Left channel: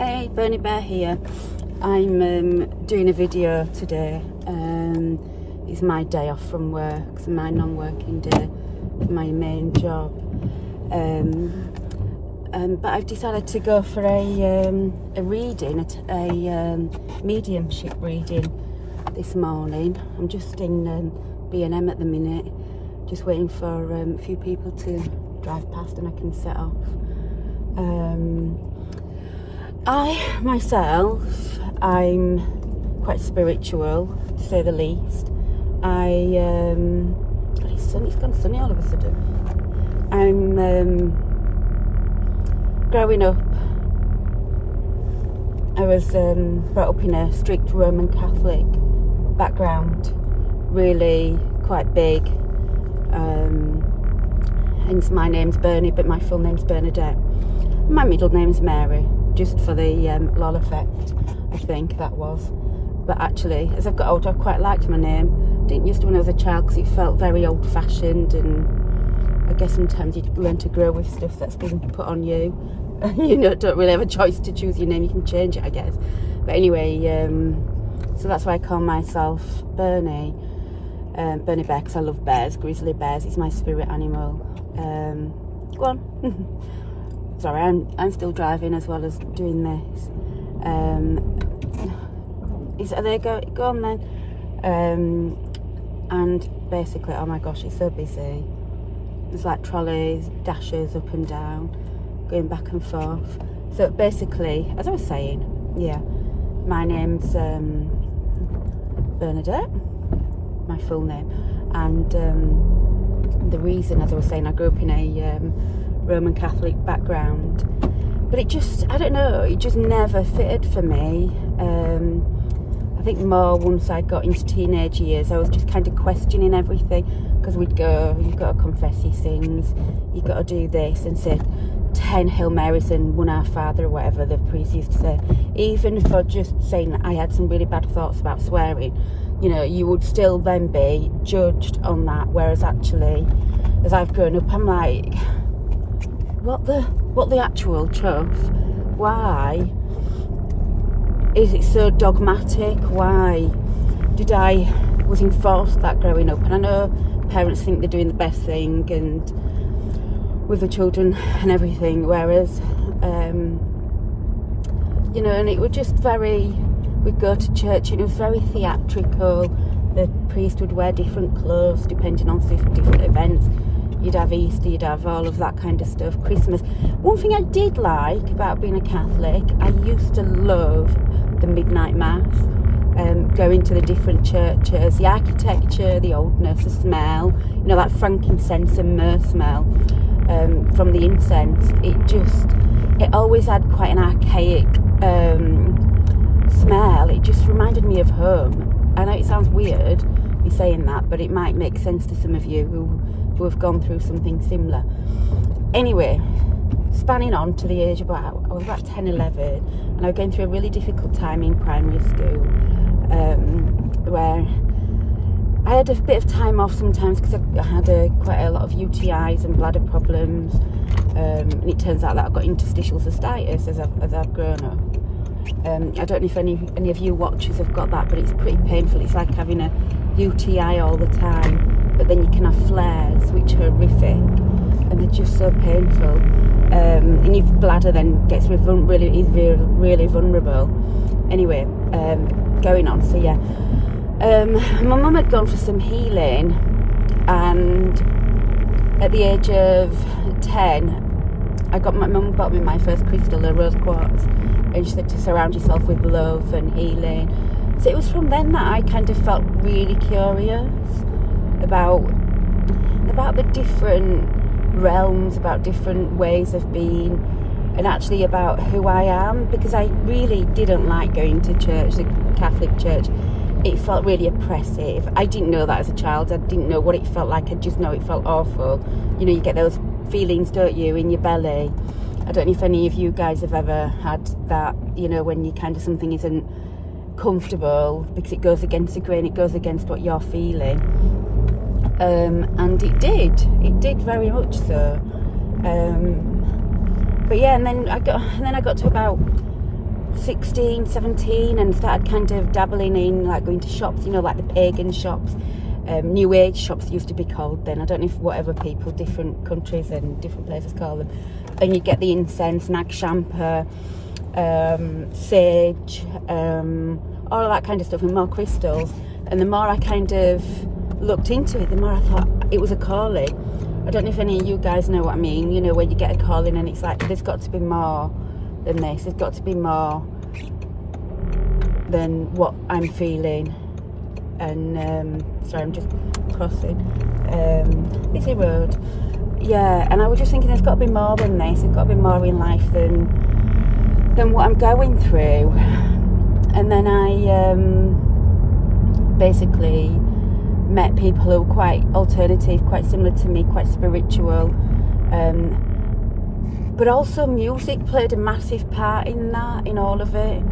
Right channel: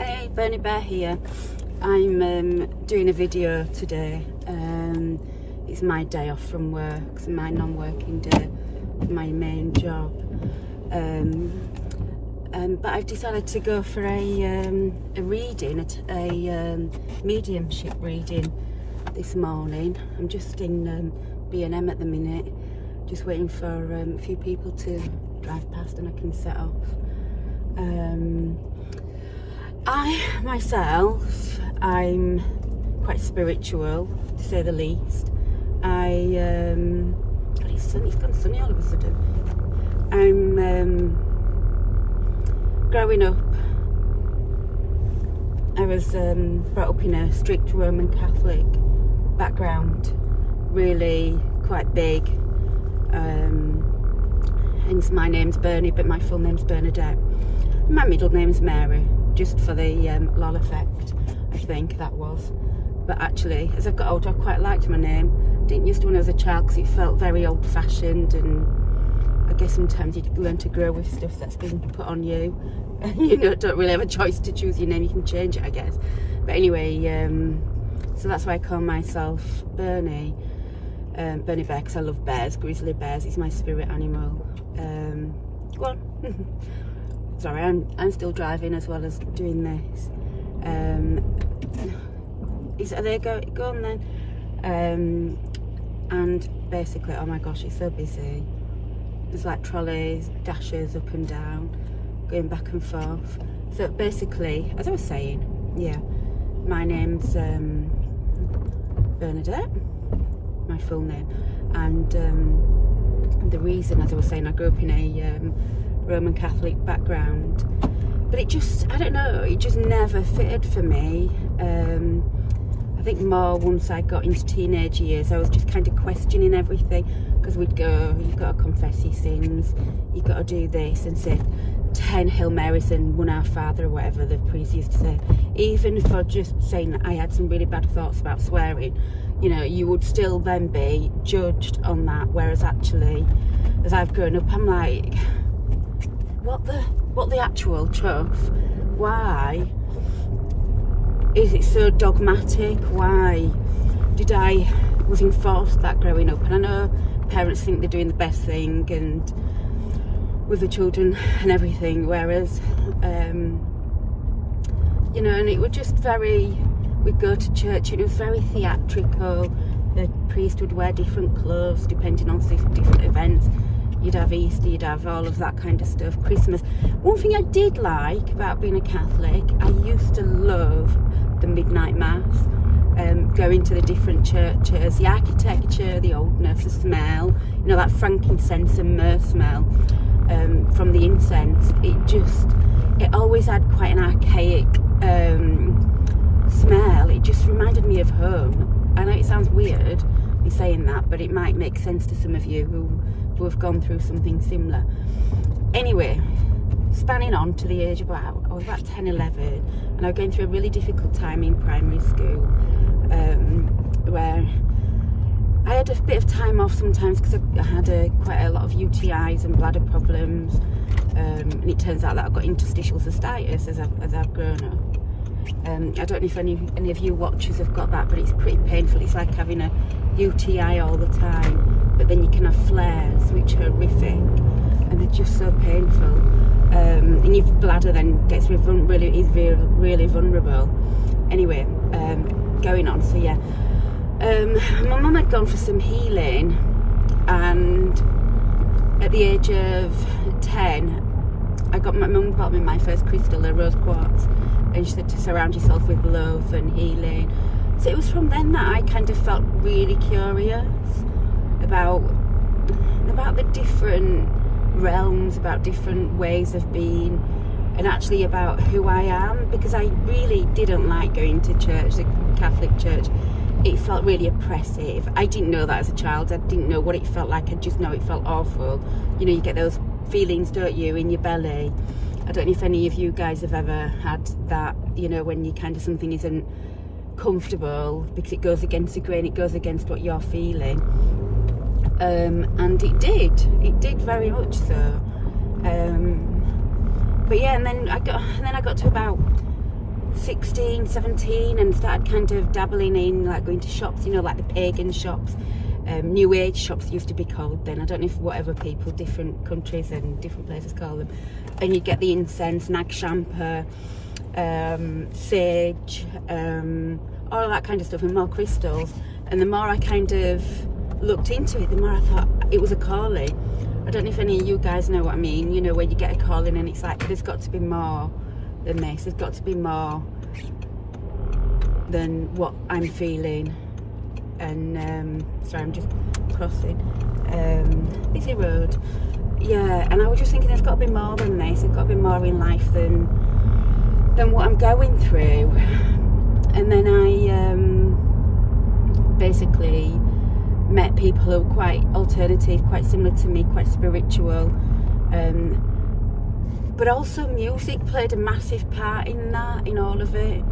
Hey, Bernie Bear here. I'm doing a video today. It's my day off from work, it's my non-working day for my main job. But I've decided to go for a reading, a mediumship reading this morning. I'm just in B&M at the minute, just waiting for a few people to drive past and I can set off. I'm quite spiritual, to say the least. It's gone sunny all of a sudden. Growing up, I was brought up in a strict Roman Catholic background, really quite big. Hence my name's Bernie, but my full name's Bernadette. My middle name's Mary, just for the lol effect, I think that was. But actually, as I've got older, I quite liked my name. Didn't used to when I was a child because it felt very old-fashioned, and I guess sometimes you learn to grow with stuff that's been put on you. You know, don't really have a choice to choose your name, you can change it, I guess. But anyway, so that's why I call myself Bernie. Bernie Bear, because I love bears, grizzly bears, it's my spirit animal. Go on. Sorry, I'm still driving as well as doing this. Go on then. And basically, oh my gosh, it's so busy. There's like trolleys, dashes up and down, going back and forth. So basically, as I was saying, yeah, my name's Bernadette, my full name, and the reason, as I was saying, I grew up in a Roman Catholic background, but it just, I don't know, it just never fitted for me. I think more once I got into teenage years, I was just kind of questioning everything, because we'd go, you've got to confess your sins, you've got to do this and say 10 Hail Marys and 1 Our Father, or whatever the priest used to say. Even for just saying that I had some really bad thoughts about swearing, you know, you would still then be judged on that. Whereas actually, as I've grown up, I'm like, what the actual chuff? Why is it so dogmatic? Why was enforced that growing up? And I know parents think they're doing the best thing and with the children and everything, whereas you know, and it was just very, we'd go to church and it was very theatrical. The priest would wear different clothes depending on different events. You'd have Easter, you'd have all of that kind of stuff, Christmas. One thing I did like about being a Catholic, I used to love the midnight mass, going to the different churches, the architecture, the oldness, the smell, you know, that frankincense and myrrh smell from the incense. It always had quite an archaic smell. It just reminded me of home. I know it sounds weird me saying that, but it might make sense to some of you who have gone through something similar. Anyway, spanning on to the age I was about 10, 11, and I was going through a really difficult time in primary school, where I had a bit of time off sometimes because I had quite a lot of UTIs and bladder problems, and it turns out that I've got interstitial cystitis as I've grown up. I don't know if any of you watchers have got that, but it's pretty painful. It's like having a UTI all the time, but then you can have flares, which are horrific, and they're just so painful. And your bladder then gets really vulnerable. Anyway, going on. So yeah, my mum had gone for some healing, and at the age of 10, my mum bought me my first crystal, a rose quartz, and she said to surround yourself with love and healing. So it was from then that I kind of felt really curious about the different realms, about different ways of being, and actually about who I am, because I really didn't like going to church, the Catholic church. It felt really oppressive. I didn't know that as a child. I didn't know what it felt like. I just know it felt awful. You know, you get those feelings, don't you, in your belly. I don't know if any of you guys have ever had that, you know, when you kind of, something isn't comfortable because it goes against the grain, it goes against what you're feeling. And it did very much so. But yeah, and then I got to about 16, 17, and started kind of dabbling in, like going to shops, you know, like the pagan shops, new age shops used to be called then. I don't know if whatever people, different countries and different places call them. And you get the incense, nag shampoo, sage, all that kind of stuff, and more crystals. And the more I kind of looked into it, the more I thought it was a calling. I don't know if any of you guys know what I mean, you know, where you get a calling and it's like, there's got to be more than this, there's got to be more than what I'm feeling. And sorry, I'm just crossing busy road. Yeah, and I was just thinking there's got to be more than this, there's got to be more in life than what I'm going through. And then I basically met people who were quite alternative, quite similar to me, quite spiritual, but also music played a massive part in that, in all of it.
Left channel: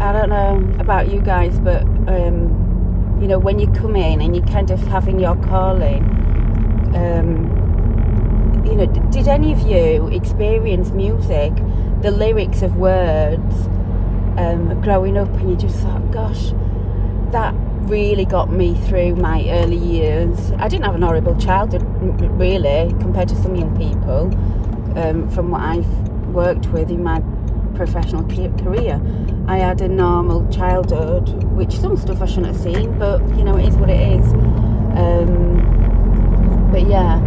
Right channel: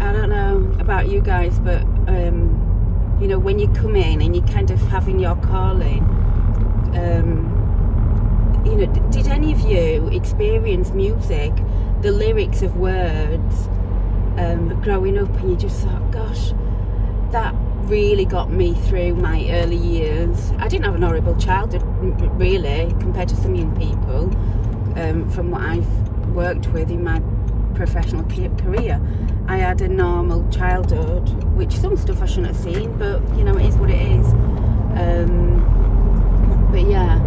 I don't know about you guys, but you know, when you come in and you kind of having your calling, you know, did any of you experience music, the lyrics of words, growing up, and you just thought, gosh, that really got me through my early years. I didn't have an horrible childhood, really, compared to some young people, from what I've worked with in my professional career. I had a normal childhood, which some stuff I shouldn't have seen, but you know, it is what it is. But yeah,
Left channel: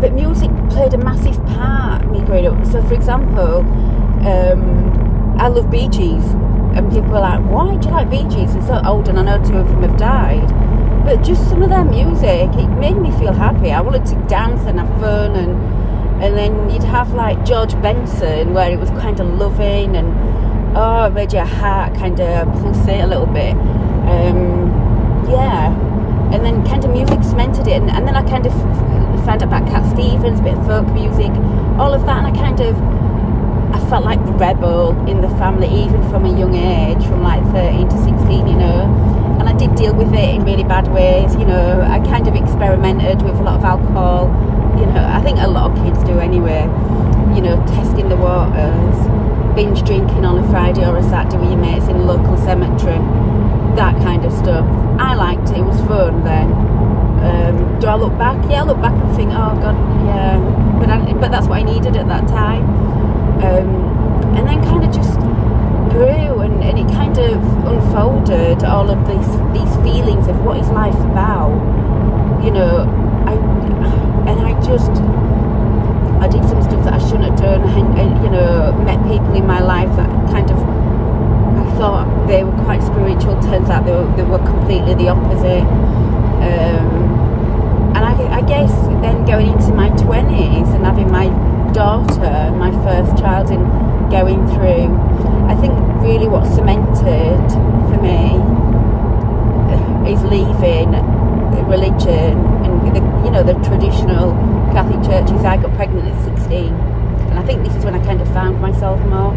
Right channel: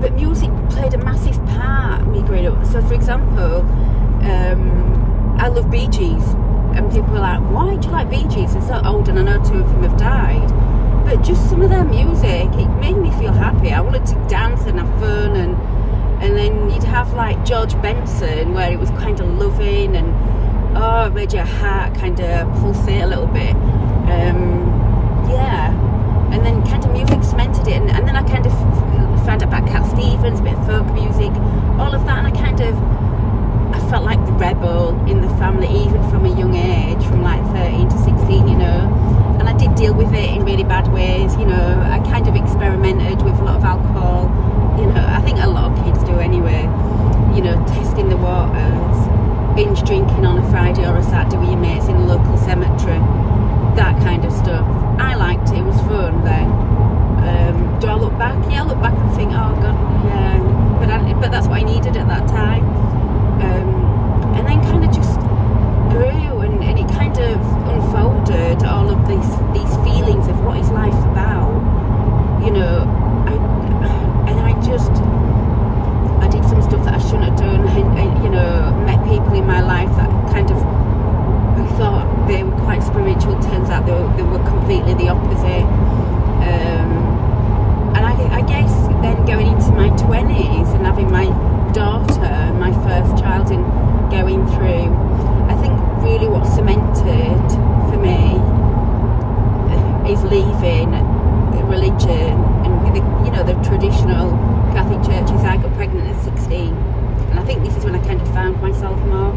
but music played a massive part in me growing up. So for example, I love Bee Gees, and people are like, why do you like Bee Gees? They're so old, and I know 2 of them have died, but just some of their music, it made me feel happy. I wanted to dance and have fun, and then you'd have like George Benson, where it was kind of loving, and oh, it made your heart kind of pulsate a little bit. Yeah, and then kind of music cemented it, and then I kind of found out about Cat Stevens, a bit of folk music, all of that, and I felt like the rebel in the family, even from a young age, from like 13 to 16, you know. And I did deal with it in really bad ways, you know. I kind of experimented with a lot of alcohol, you know. I think a lot of kids do anyway, you know, testing the waters, binge drinking on a Friday or a Saturday with your mates in a local cemetery, that kind of stuff. I liked it, it was fun then. Do I look back? Yeah, I look back and think, oh God, yeah, but that's what I needed at that time. And then kind of just grew, and it kind of unfolded all of these feelings of what is life about, you know. I did some stuff that I shouldn't have done, and you know, met people in my life that kind of, I thought they were quite spiritual, turns out they were completely the opposite. And I guess then going into my 20s and having my daughter, my first child, and going through, I think really what cemented for me is leaving religion and you know, the traditional Catholic churches. I got pregnant at 16, and I think this is when I kind of found myself more.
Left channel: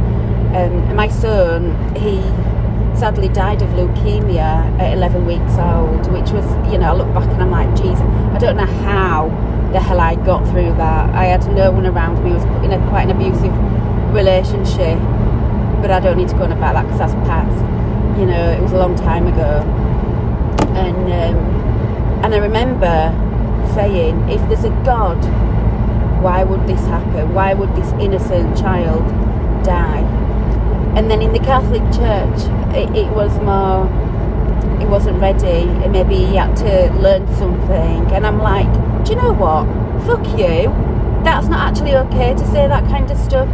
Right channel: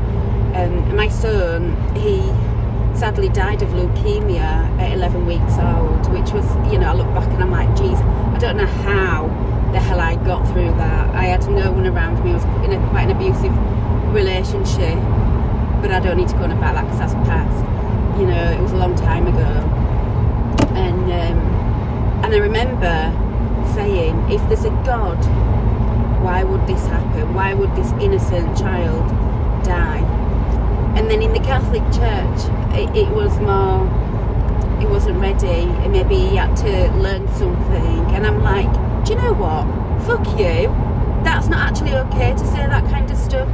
And my son, he sadly died of leukemia at 11 weeks old, which was, you know, I look back and I'm like, geez, I don't know how the hell I got through that. I had no one around me. I was in quite an abusive relationship, but I don't need to go on about that because that's past, you know. It was a long time ago. And I remember saying, if there's a God, why would this happen? Why would this innocent child die? And then in the Catholic Church, it was more, it wasn't ready, and maybe he had to learn something. And I'm like, do you know what? Fuck you. That's not actually okay to say that kind of stuff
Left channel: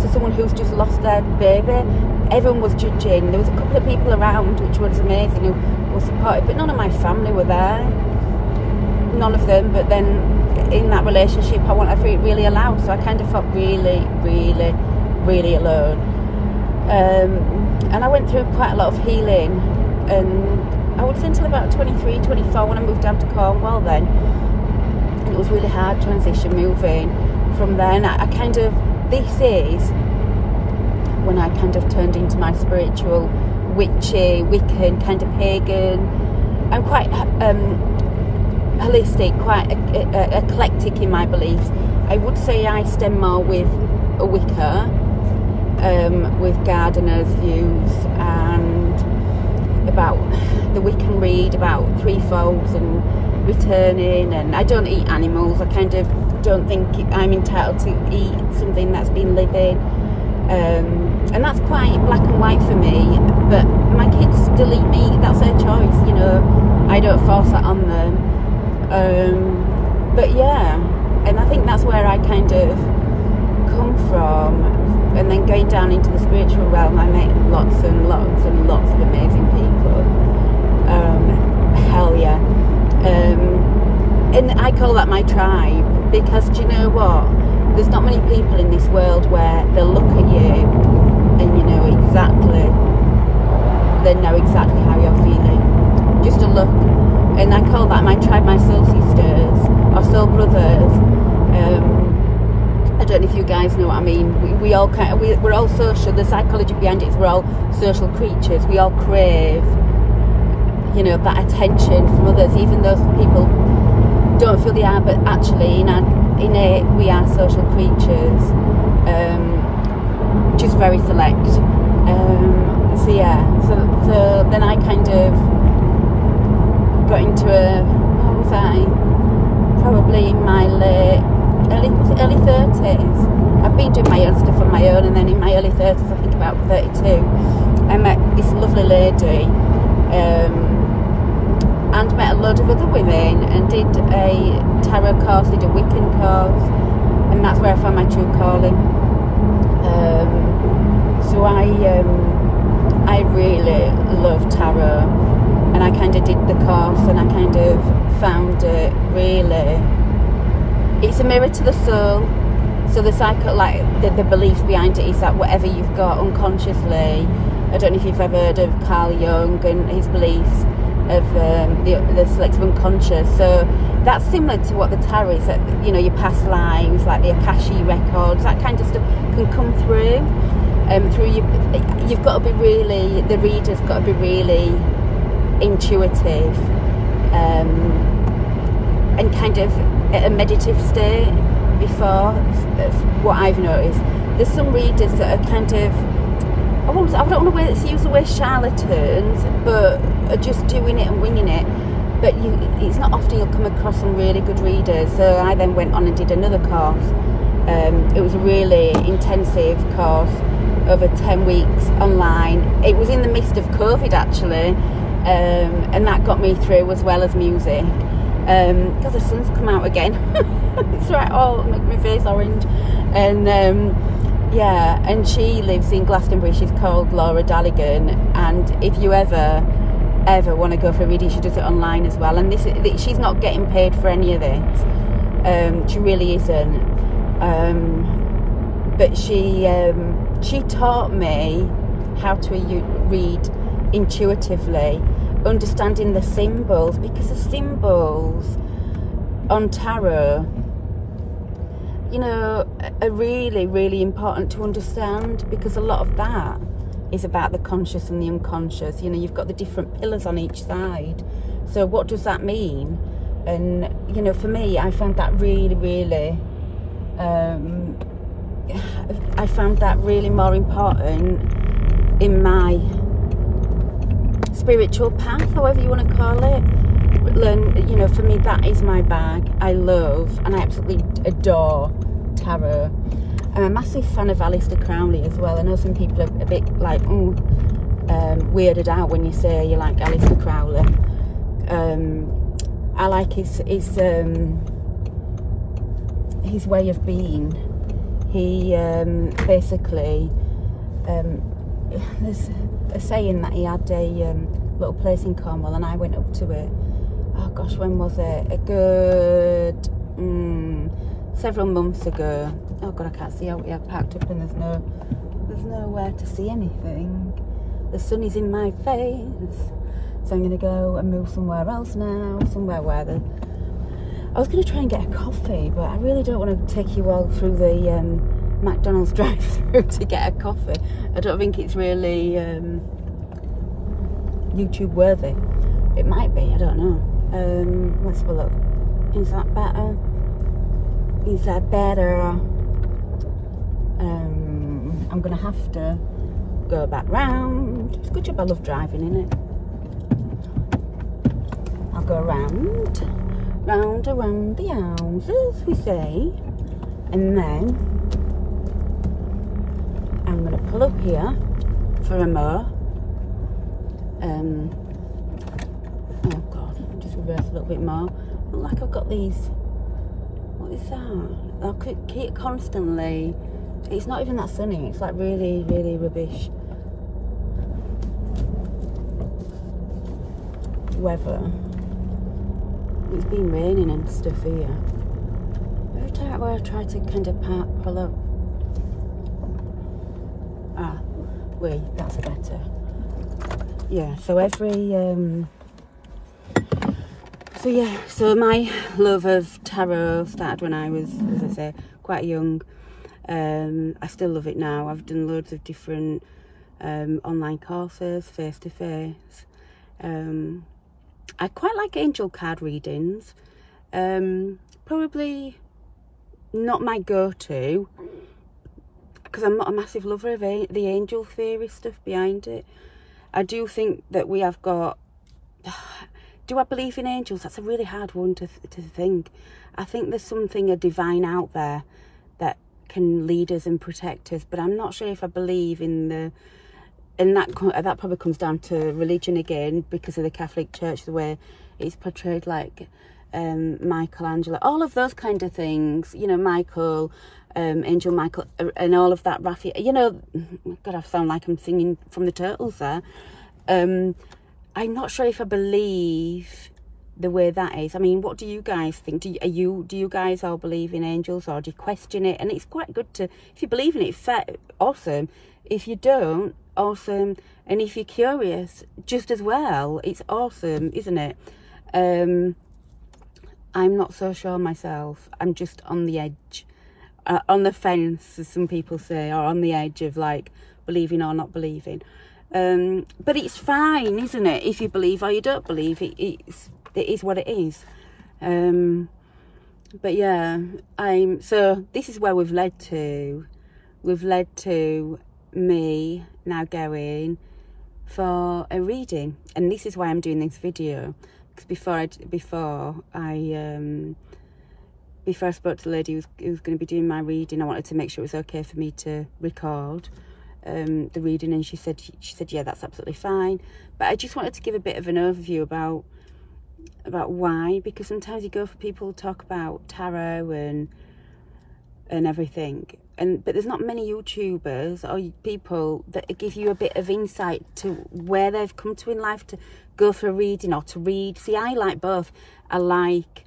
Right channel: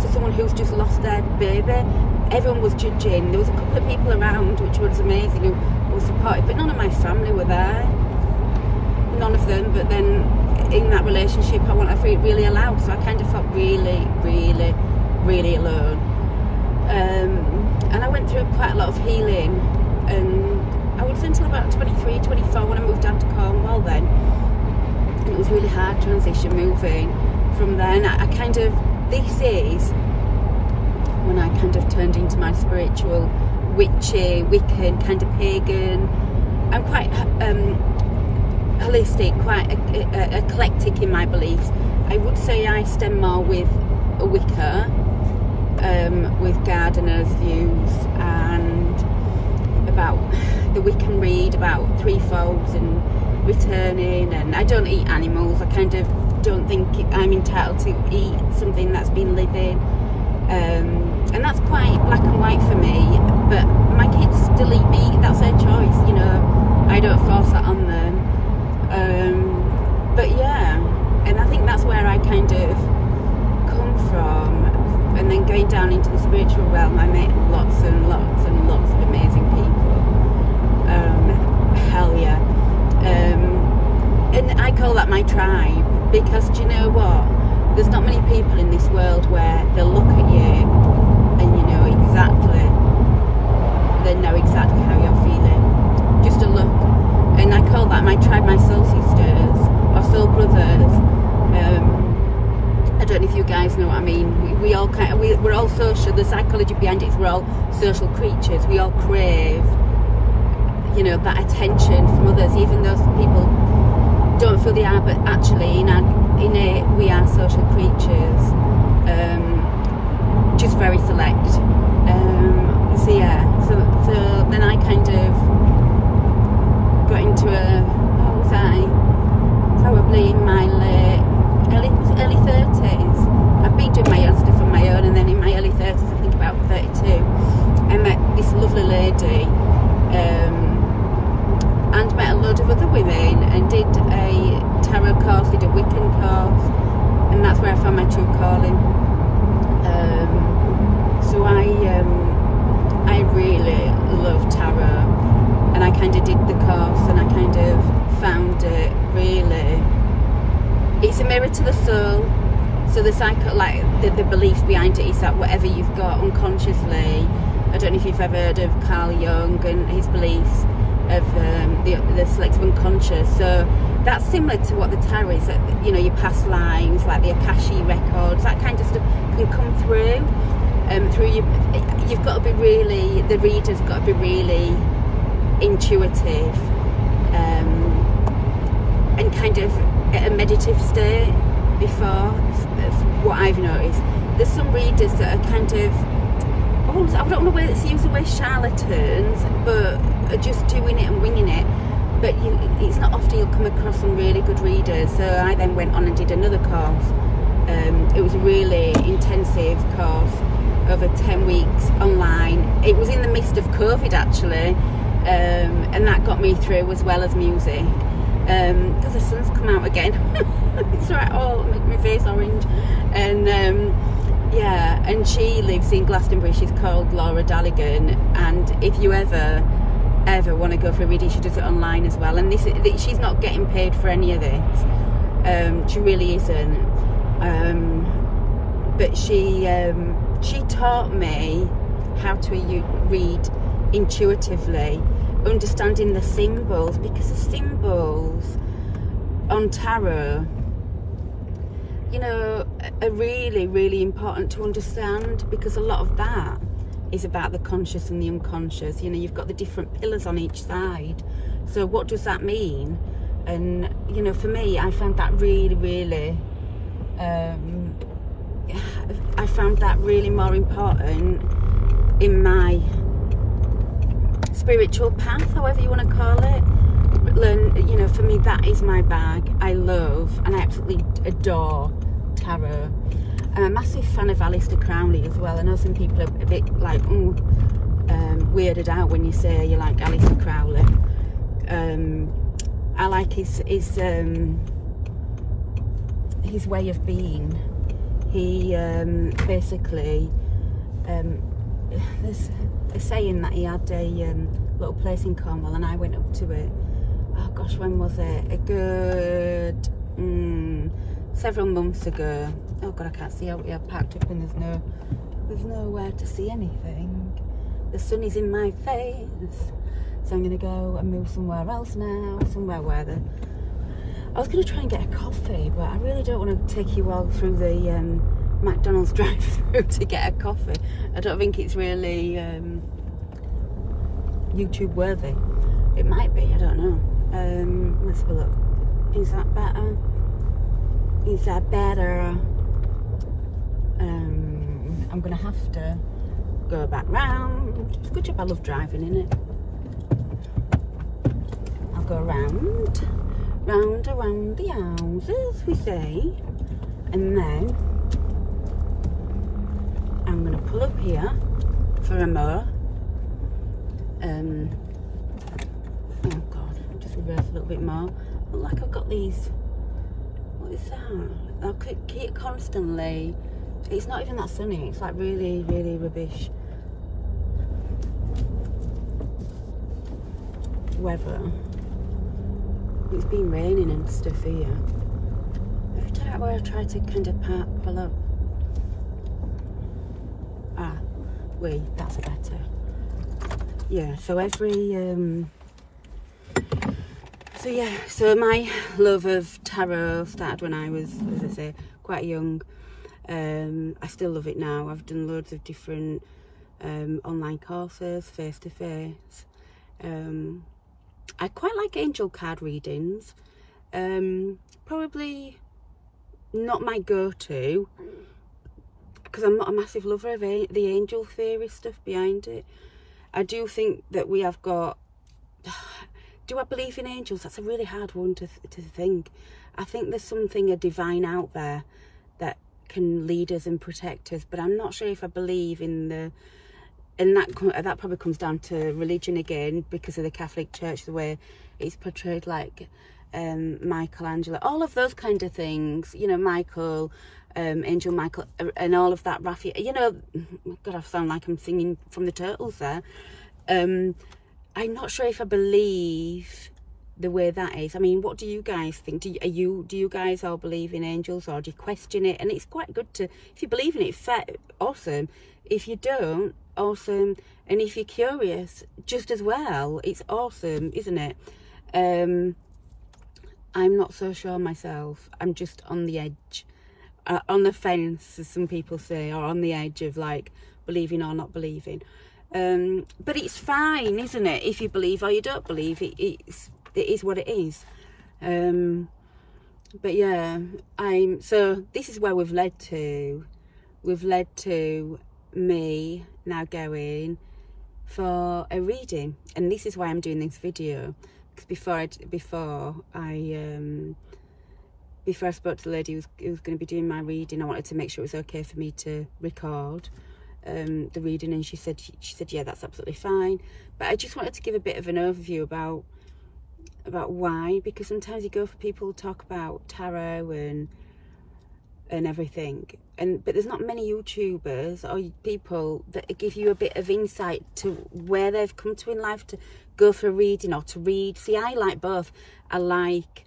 to someone who's just lost their baby. Everyone was judging. There was a couple of people around, which was amazing, who were supportive, but none of my family were there. None of them. But then in that relationship, I felt really alone. So I kind of felt really, really, really alone. And I went through quite a lot of healing, and I would say until about 23, 24 when I moved down to Cornwall then. And it was really hard transition moving from there. And I kind of, this is when I kind of turned into my spiritual, witchy, Wiccan, kind of pagan. I'm quite holistic, quite eclectic in my beliefs. I would say I stem more with a Wicca. with gardeners' views, and about that we can read about threefolds and returning. And I don't eat animals. I kind of don't think I'm entitled to eat something that's been living, and that's quite black and white for me. But my kids still eat meat. That's their choice, you know. I don't force that on them. But yeah, and I think that's where I kind of come from. And then going down into the spiritual realm, I met lots and lots and lots of amazing people. Hell yeah. And I call that my tribe, because do you know what? There's not many people in this world where they'll look at you and they know exactly how you're feeling. Just a look. And I call that my tribe, my soul sisters, or soul brothers. I don't know if you guys know what I mean. We all kind of, we're all social. The psychology behind it is we're all social creatures. We all crave, you know, that attention from others, even though people don't feel they are. But actually, in it, we are social creatures. Just very select. So yeah. So then I kind of got into how was I? Probably in my early 30s. I've been doing my own stuff on my own, and then in my early 30s, I think about 32, I met this lovely lady, and met a load of other women, and did a tarot course, did a Wiccan course, and that's where I found my true calling. So I really love tarot, and I kind of did the course, and I kind of found it really, it's a mirror to the soul. So the the belief behind it is that whatever you've got unconsciously, I don't know if you've ever heard of Carl Jung and his beliefs of the selective unconscious. So that's similar to what the tarot is, that, you know, your past lives, like the Akashic records, that kind of stuff can come through. You've got to be really, the reader's got to be really intuitive, and kind of a meditative state before. What I've noticed, there's some readers that are kind of, I don't want to use the word charlatans, but are just doing it and winging it. But it's not often you'll come across some really good readers. So I then went on and did another course. It was a really intensive course over 10 weeks online. It was in the midst of COVID actually, and that got me through, as well as music. Because the sun's come out again. It's right, oh, make my face orange. And yeah, and she lives in Glastonbury. She's called Laura Dalligan, and if you ever want to go for a reading, she does it online as well. And she's not getting paid for any of this. She really isn't. But she taught me how to read intuitively, understanding the symbols, because the symbols on tarot, you know, are really, really important to understand, because a lot of that is about the conscious and the unconscious. You know, you've got the different pillars on each side. So what does that mean? And, you know, for me, I found that really, I found that really more important in my spiritual path, however you want to call it. You know, for me, that is my bag. I love and I absolutely adore tarot. I'm a massive fan of Aleister Crowley as well. I know some people are a bit like weirded out when you say you like Aleister Crowley. I like his way of being. He basically, there's a saying that he had a little place in Cornwall, and I went up to it. Oh gosh, when was it? A good several months ago. Oh god, I can't see out here, parked up, and there's nowhere to see anything. The sun is in my face, so I'm gonna go and move somewhere else now, somewhere where I was gonna try and get a coffee, but I really don't want to take you all through the McDonald's drive-through to get a coffee. I don't think it's really YouTube worthy. It might be, I don't know. Let's have a look. Is that better? Is that better? I'm gonna have to go back round. It's a good job I love driving, innit? I'll go round around the houses, we say, and then I'm gonna pull up here for a more. Oh god, just reverse a little bit more. Look like I've got these. What is that? I'll click it constantly. It's not even that sunny. It's like really, really rubbish weather. It's been raining and stuff here. Every time where I try to kind of pull up. Ah, wait, that's better. Yeah, so so my love of tarot started when I was, as I say, quite young. I still love it now. I've done loads of different online courses, face-to-face. I quite like angel card readings. Probably not my go-to, because I'm not a massive lover of the angel theory stuff behind it. I do think that we have got... Do I believe in angels? That's a really hard one to think. I think there's something, a divine out there that can lead us and protect us, but I'm not sure if I believe in the... And that probably comes down to religion again, because of the Catholic Church, the way it's portrayed, like Michelangelo, all of those kind of things, you know, Michael, Angel Michael, and all of that, Raphael, you know. God, I sound like I'm singing from the Turtles there. I'm not sure if I believe the way that is. I mean, what do you guys think? Do you guys all believe in angels, or do you question it? And it's quite good to, if you believe in it, awesome. If you don't, awesome. And if you're curious, just as well, it's awesome, isn't it? I'm not so sure myself. I'm just on the edge, on the fence, as some people say, or on the edge of like believing or not believing. But it's fine, isn't it? If you believe or you don't believe, it is what it is. But yeah, so this is where we've led to. We've led to me now going for a reading, and this is why I'm doing this video, because before I spoke to the lady who was going to be doing my reading, I wanted to make sure it was okay for me to record the reading, and she said yeah, that's absolutely fine. But I just wanted to give a bit of an overview about why, because sometimes you go for people who talk about tarot and everything, but there's not many YouTubers or people that give you a bit of insight to where they've come to in life to go for a reading or to read. See, I like both. I like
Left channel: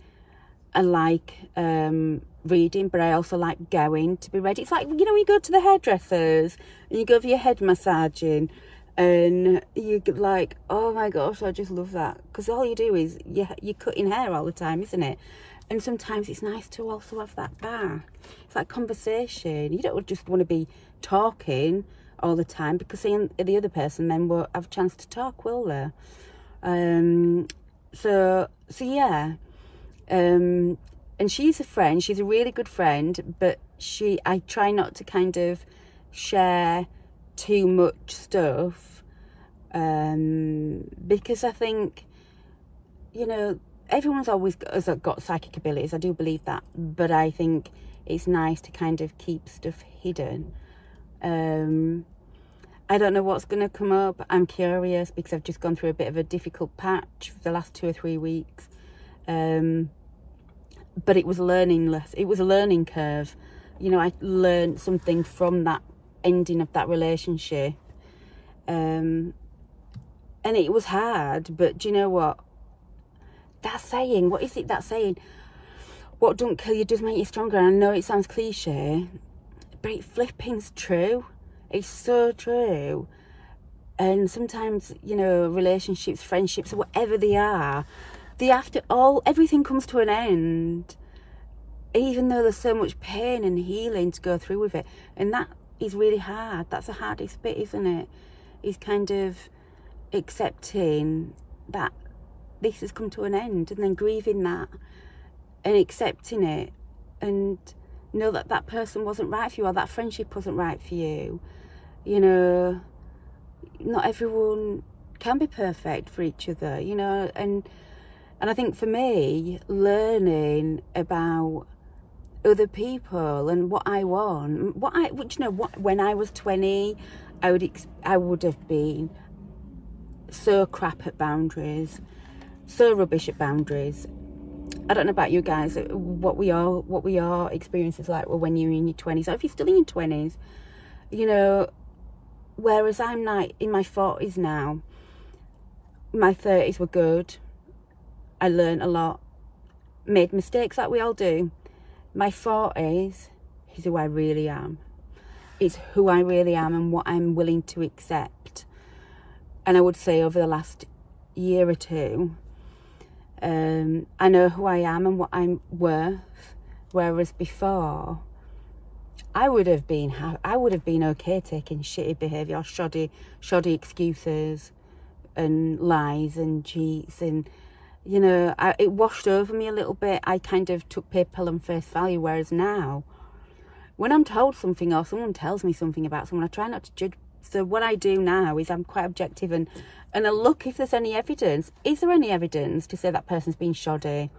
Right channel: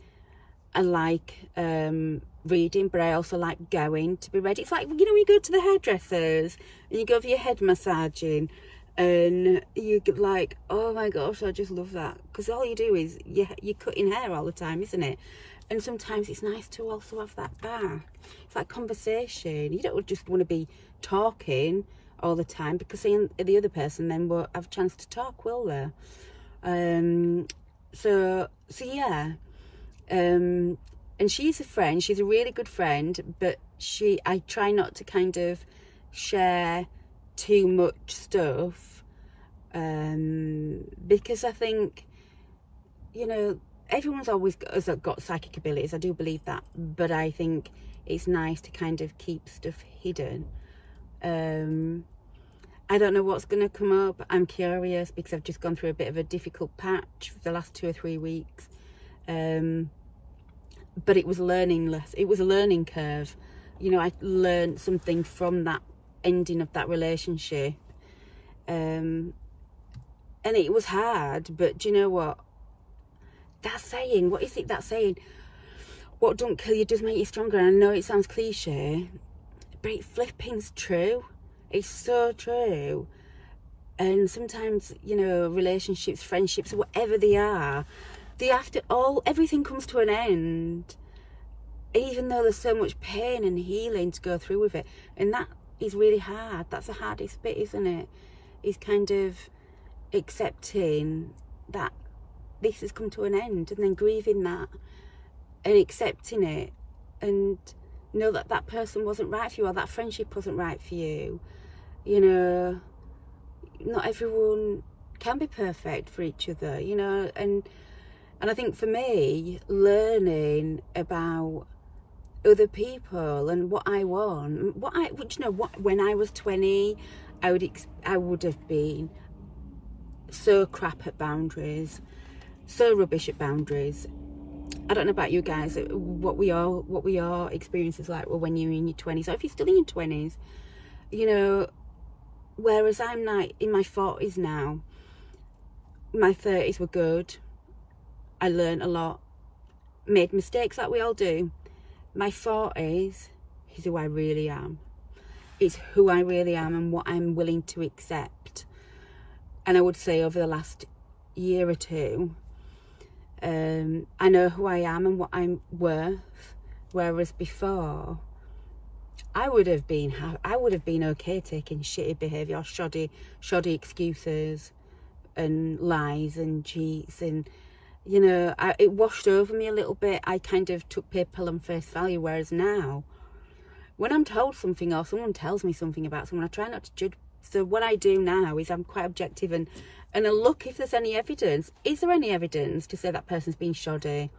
reading, but I also like going to be read. It's like, you know, you go to the hairdressers and you go for your head massaging, and you're like, oh my gosh, I just love that, because all you do is you're cutting hair all the time, isn't it? And sometimes it's nice to also have that back. It's like conversation. You don't just want to be talking all the time, because the other person then won't have a chance to talk, will they? So yeah. And she's a friend. She's a really good friend, but I try not to kind of share too much stuff, because I think, you know, everyone's always got psychic abilities. I do believe that, but I think it's nice to kind of keep stuff hidden. I don't know what's going to come up. I'm curious, because I've just gone through a bit of a difficult patch for the last 2 or 3 weeks. But it was a learning curve. You know, I learned something from that ending of that relationship. And it was hard, but do you know what? That saying, what is it, that saying? What don't kill you does make you stronger. And I know it sounds cliche, but it flipping's true. It's so true. And sometimes, you know, relationships, friendships, whatever they are, everything comes to an end, even though there's so much pain and healing to go through with it. And that is really hard. That's the hardest bit, isn't it? Is kind of accepting that this has come to an end, and then grieving that and accepting it, and know that that person wasn't right for you, or that friendship wasn't right for you. You know, not everyone can be perfect for each other, you know, and I think for me, learning about other people and what I want, when I was 20, I would have been so crap at boundaries, so rubbish at boundaries. I don't know about you guys, what we are experiences like when you're in your 20s, or if you're still in your 20s, you know, whereas I'm like in my 40s now. My 30s were good. I learned a lot, made mistakes like we all do. My 40s is who I really am. It's who I really am and what I'm willing to accept. And I would say over the last year or two, I know who I am and what I'm worth. Whereas before, I would have been okay taking shitty behaviour or shoddy excuses and lies and cheats, and you know, it washed over me a little bit. I kind of took paper on face value, whereas now, when I'm told something or someone tells me something about someone, I try not to judge. So what I do now is I'm quite objective and I look if there's any evidence. Is there any evidence to say that person's been shoddy?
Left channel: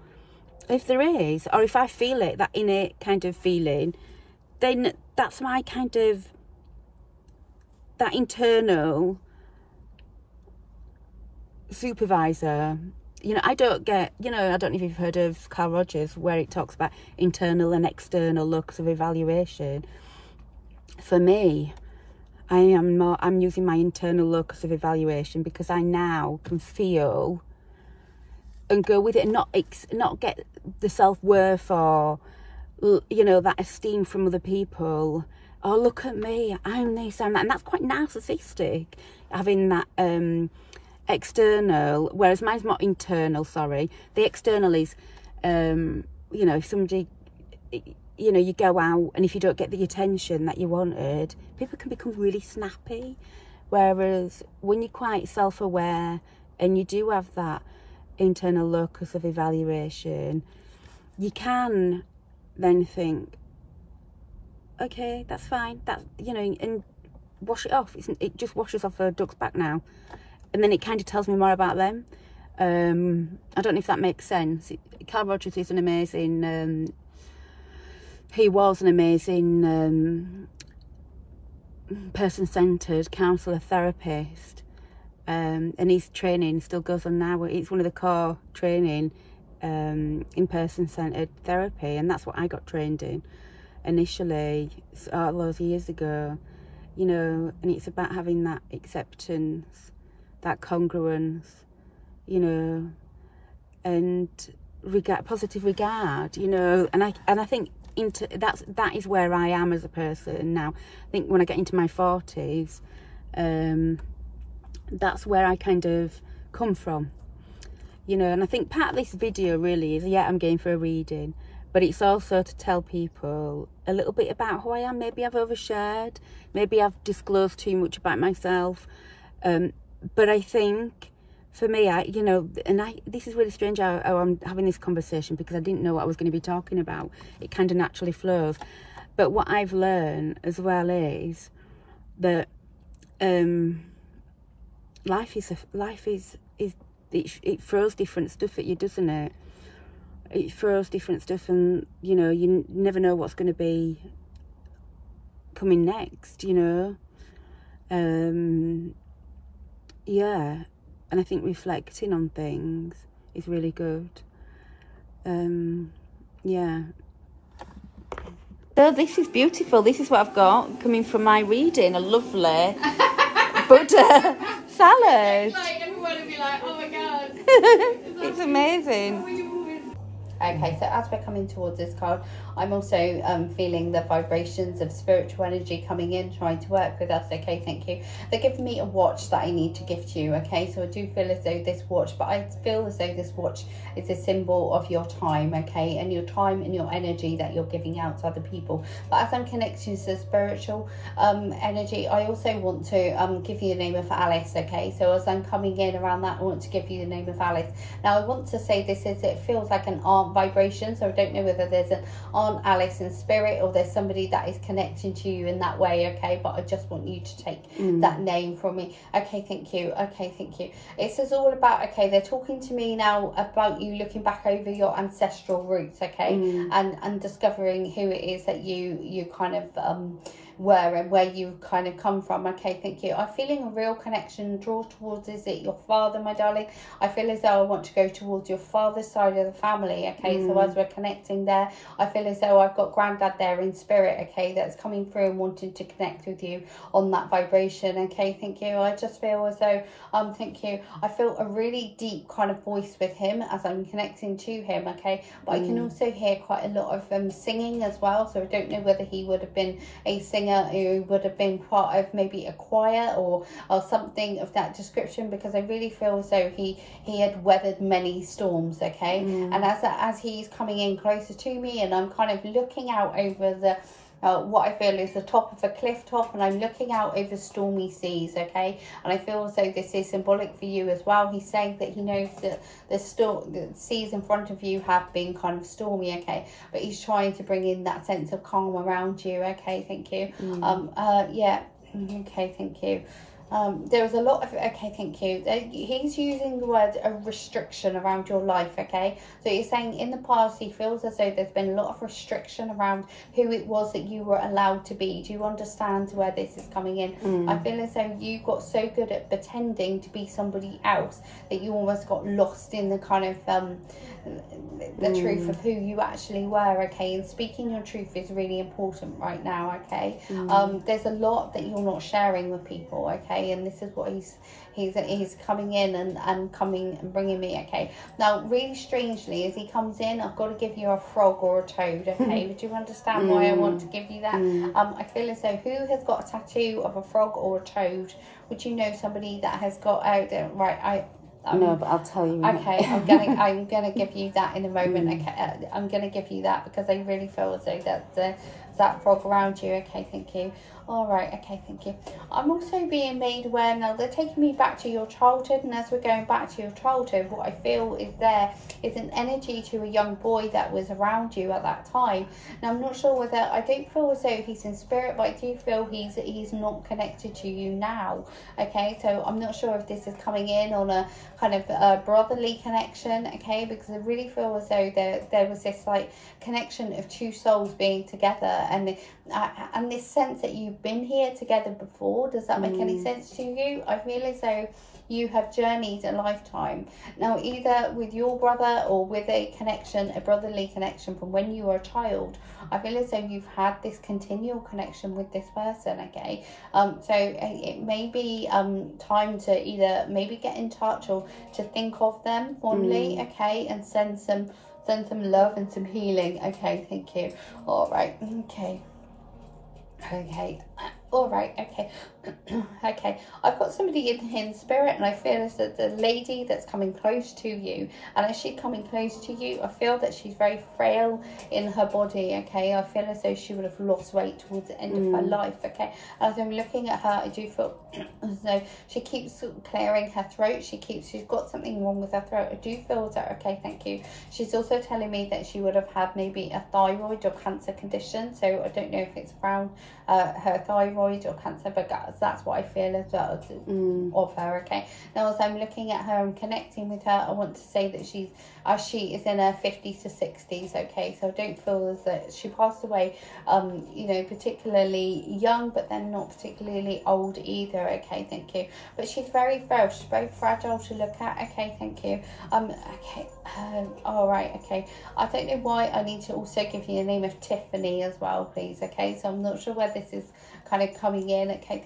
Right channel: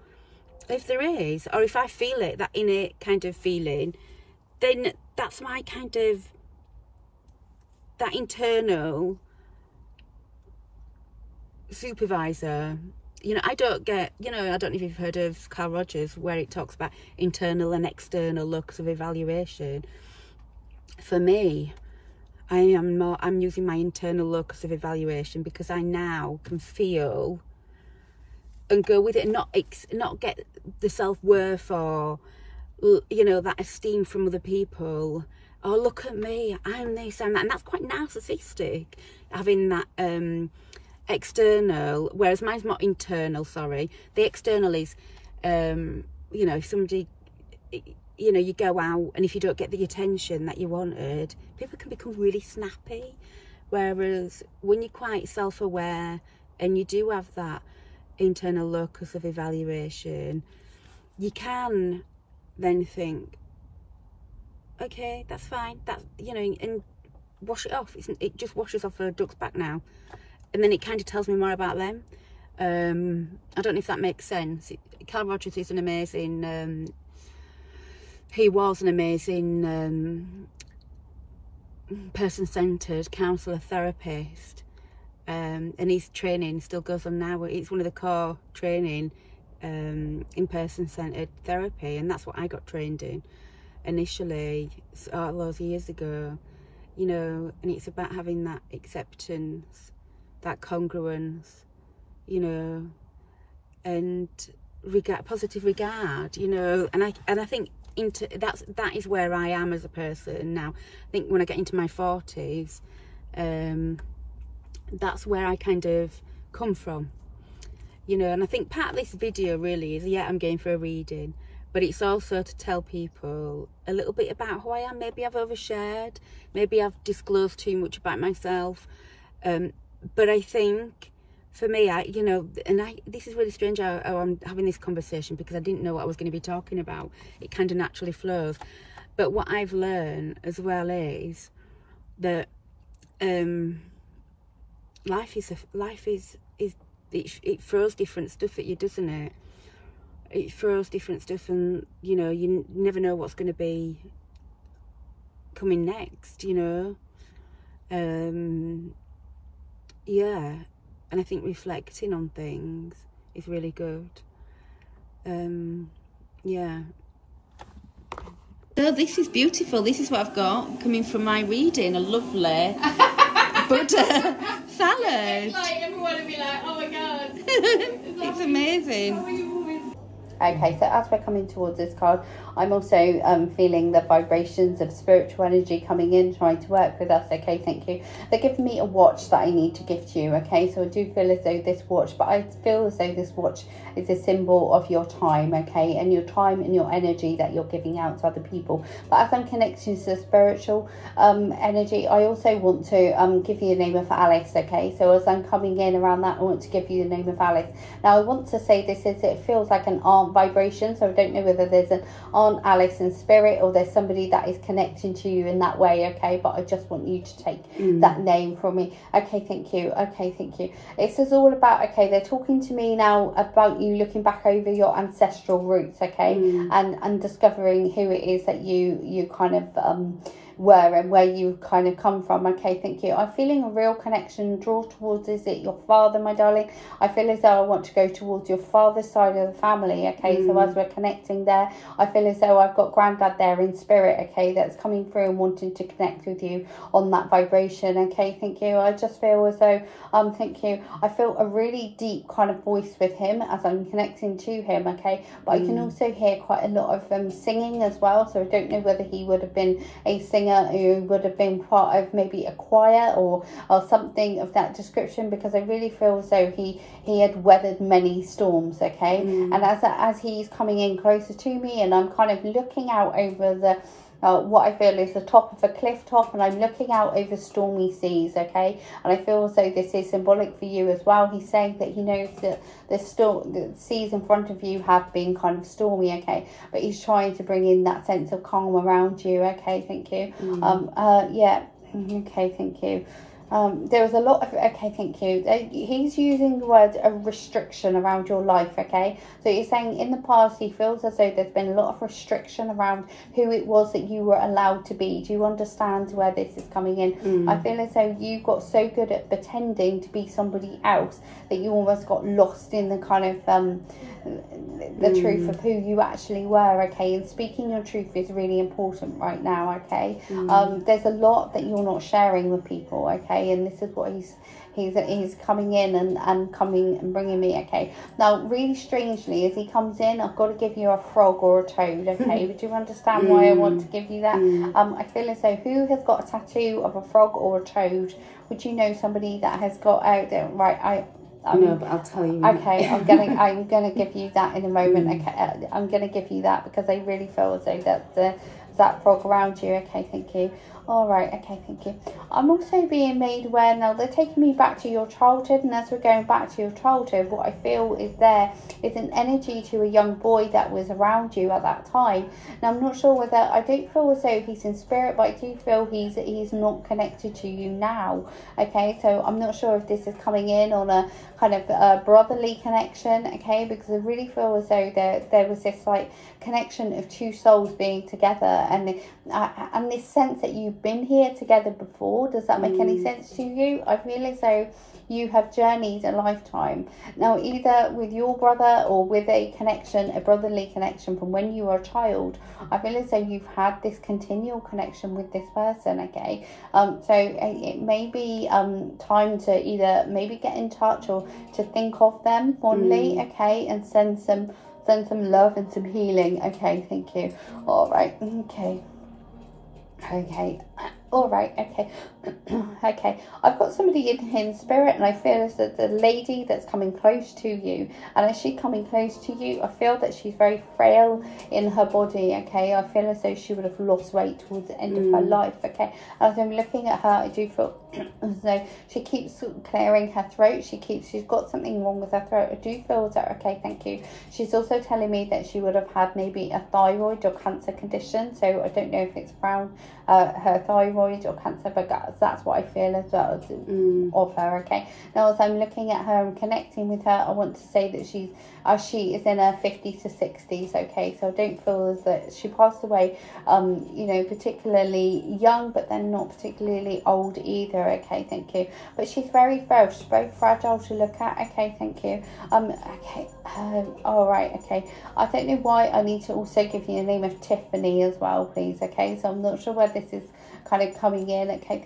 If there is, or if I feel it, that innate kind of feeling, then that's my kind of, that internal supervisor. You know, I don't get, you know, I don't know if you've heard of Carl Rogers, where it talks about internal and external locus of evaluation. For me, I'm using my internal locus of evaluation, because I now can feel and go with it, and not get the self-worth or, you know, that esteem from other people. Oh, look at me, I'm this, I'm that. And that's quite narcissistic, having that external, whereas mine's not internal. Sorry, the external is you know, if somebody, you know, you go out and if you don't get the attention that you wanted, people can become really snappy. Whereas when you're quite self-aware and you do have that internal locus of evaluation, you can then think, okay, that's fine, that's, you know, and wash it off. It just washes off a duck's back now. And then it kind of tells me more about them. I don't know if that makes sense. Carl Rogers is an amazing, he was an amazing person-centred counsellor, therapist. And his training still goes on now. It's one of the core training in person-centred therapy. And that's what I got trained in initially, all those years ago. You know, and it's about having that acceptance, that congruence, you know, and positive regard, you know. And I think that is where I am as a person now. I think when I get into my 40s, that's where I kind of come from, you know. And I think part of this video really is, yeah, I'm going for a reading, but it's also to tell people a little bit about who I am. Maybe I've overshared, maybe I've disclosed too much about myself, but I think for me, you know, and this is really strange how I'm having this conversation, because I didn't know what I was going to be talking about. It kind of naturally flows. But what I've learned as well is that life is it throws different stuff at you, doesn't it? It throws different stuff, and you know, you never know what's going to be coming next, you know. Yeah, and I think reflecting on things is really good. Yeah. So this is beautiful. This is what I've got coming from my reading. A lovely Buddha salad. Like everyone would be like, oh my god. It's amazing. Okay, so as we're coming towards this card, I'm also feeling the vibrations of spiritual energy coming in, trying to work with us. Okay, thank you. They're giving me a watch that I need to gift you. Okay, so I do feel as though this watch, but I feel as though this watch is a symbol of your time, okay, and your time and your energy that you're giving out to other people. But as I'm connecting to the spiritual energy, I also want to give you the name of Alice. Okay, so as I'm coming in around that, I want to give you the name of Alice. Now I want to say this is, it feels like an aunt vibration, so I don't know whether there's an aunt want Alice in spirit, or there's somebody that is connecting to you in that way, okay? But I just want you to take that name from me. Okay, thank you. Okay, thank you. This is all about, okay, they're talking to me now about you looking back over your ancestral roots, okay? And discovering who it is that you kind of were and where you kind of come from. Okay, thank you. I'm feeling a real connection, draw towards, is it your father, my darling? I feel as though I want to go towards your father's side of the family, okay? So as we're connecting there, I feel as though I've got granddad there in spirit, okay, that's coming through and wanting to connect with you on that vibration. Okay, thank you. I just feel as though thank you, I feel a really deep kind of voice with him as I'm connecting to him, okay? But I can also hear quite a lot of singing as well, so I don't know whether he would have been a singer who would have been part of maybe a choir or something of that description, because I really feel as though he had weathered many storms, okay? And as he's coming in closer to me, and I'm kind of looking out over the what I feel is the top of a cliff top, and I'm looking out over stormy seas, okay? And I feel as though this is symbolic for you as well. He's saying that he knows that the seas in front of you have been kind of stormy, okay? But he's trying to bring in that sense of calm around you, okay? Thank you. Yeah, okay, thank you. There was a lot of, okay, thank you. He's using the word a restriction around your life, okay? So you're saying in the past he feels as though there's been a lot of restriction around who it was that you were allowed to be. Do you understand where this is coming in? I feel as though you got so good at pretending to be somebody else that you almost got lost in the kind of the truth of who you actually were, okay? And speaking your truth is really important right now, okay? There's a lot that you're not sharing with people, okay? And this is what he's coming in and coming and bringing me, okay? Now, really strangely, as he comes in, I've got to give you a frog or a toad, okay? But do you understand why I want to give you that? I feel as though, who has got a tattoo of a frog or a toad? Would you know somebody that has got out there? Right, no, but I'll tell you. Okay, I'm gonna give you that in a moment. Okay, I'm gonna give you that because I really feel as though that frog around you. Okay, thank you. All right, okay, thank you. I'm also being made aware now, they're taking me back to your childhood, and as we're going back to your childhood, what I feel is there is an energy to a young boy that was around you at that time. Now, I'm not sure whether, I don't feel as though he's in spirit, but I do feel he's not connected to you now, okay? So I'm not sure if this is coming in on a kind of a brotherly connection, okay? Because I really feel as though there was this like connection of two souls being together, and this sense that you've been here together before. Does that make any sense to you? I feel as though you have journeyed a lifetime now, either with your brother or with a connection, a brotherly connection from when you were a child. I feel as though you've had this continual connection with this person, okay? So it may be time to either maybe get in touch or to think of them fondly, okay, and send some love and some healing, okay? Thank you. All right, okay. All right, okay. Okay, I've got somebody in spirit, and I feel as that the lady that's coming close to you, and as she's coming close to you, I feel that she's very frail in her body, okay? I feel as though she would have lost weight towards the end of her life, okay? As I'm looking at her, I do feel as though she keeps clearing her throat. She's got something wrong with her throat. I do feel that, okay, thank you. She's also telling me that she would have had maybe a thyroid or cancer condition, so I don't know if it's around her thyroid or cancer, but that's what I feel as well of her, okay? Now, as I'm looking at her and connecting with her, I want to say that she is in her 50s to 60s, okay? So I don't feel as that she passed away, you know, particularly young, but then not particularly old either, okay? Thank you. But she's very frail. She's very fragile to look at, okay? Thank you. Okay. All right, okay. I don't know why I need to also give you the name of Tiffany as well, please, okay? So I'm not sure where this is kind of coming in, okay?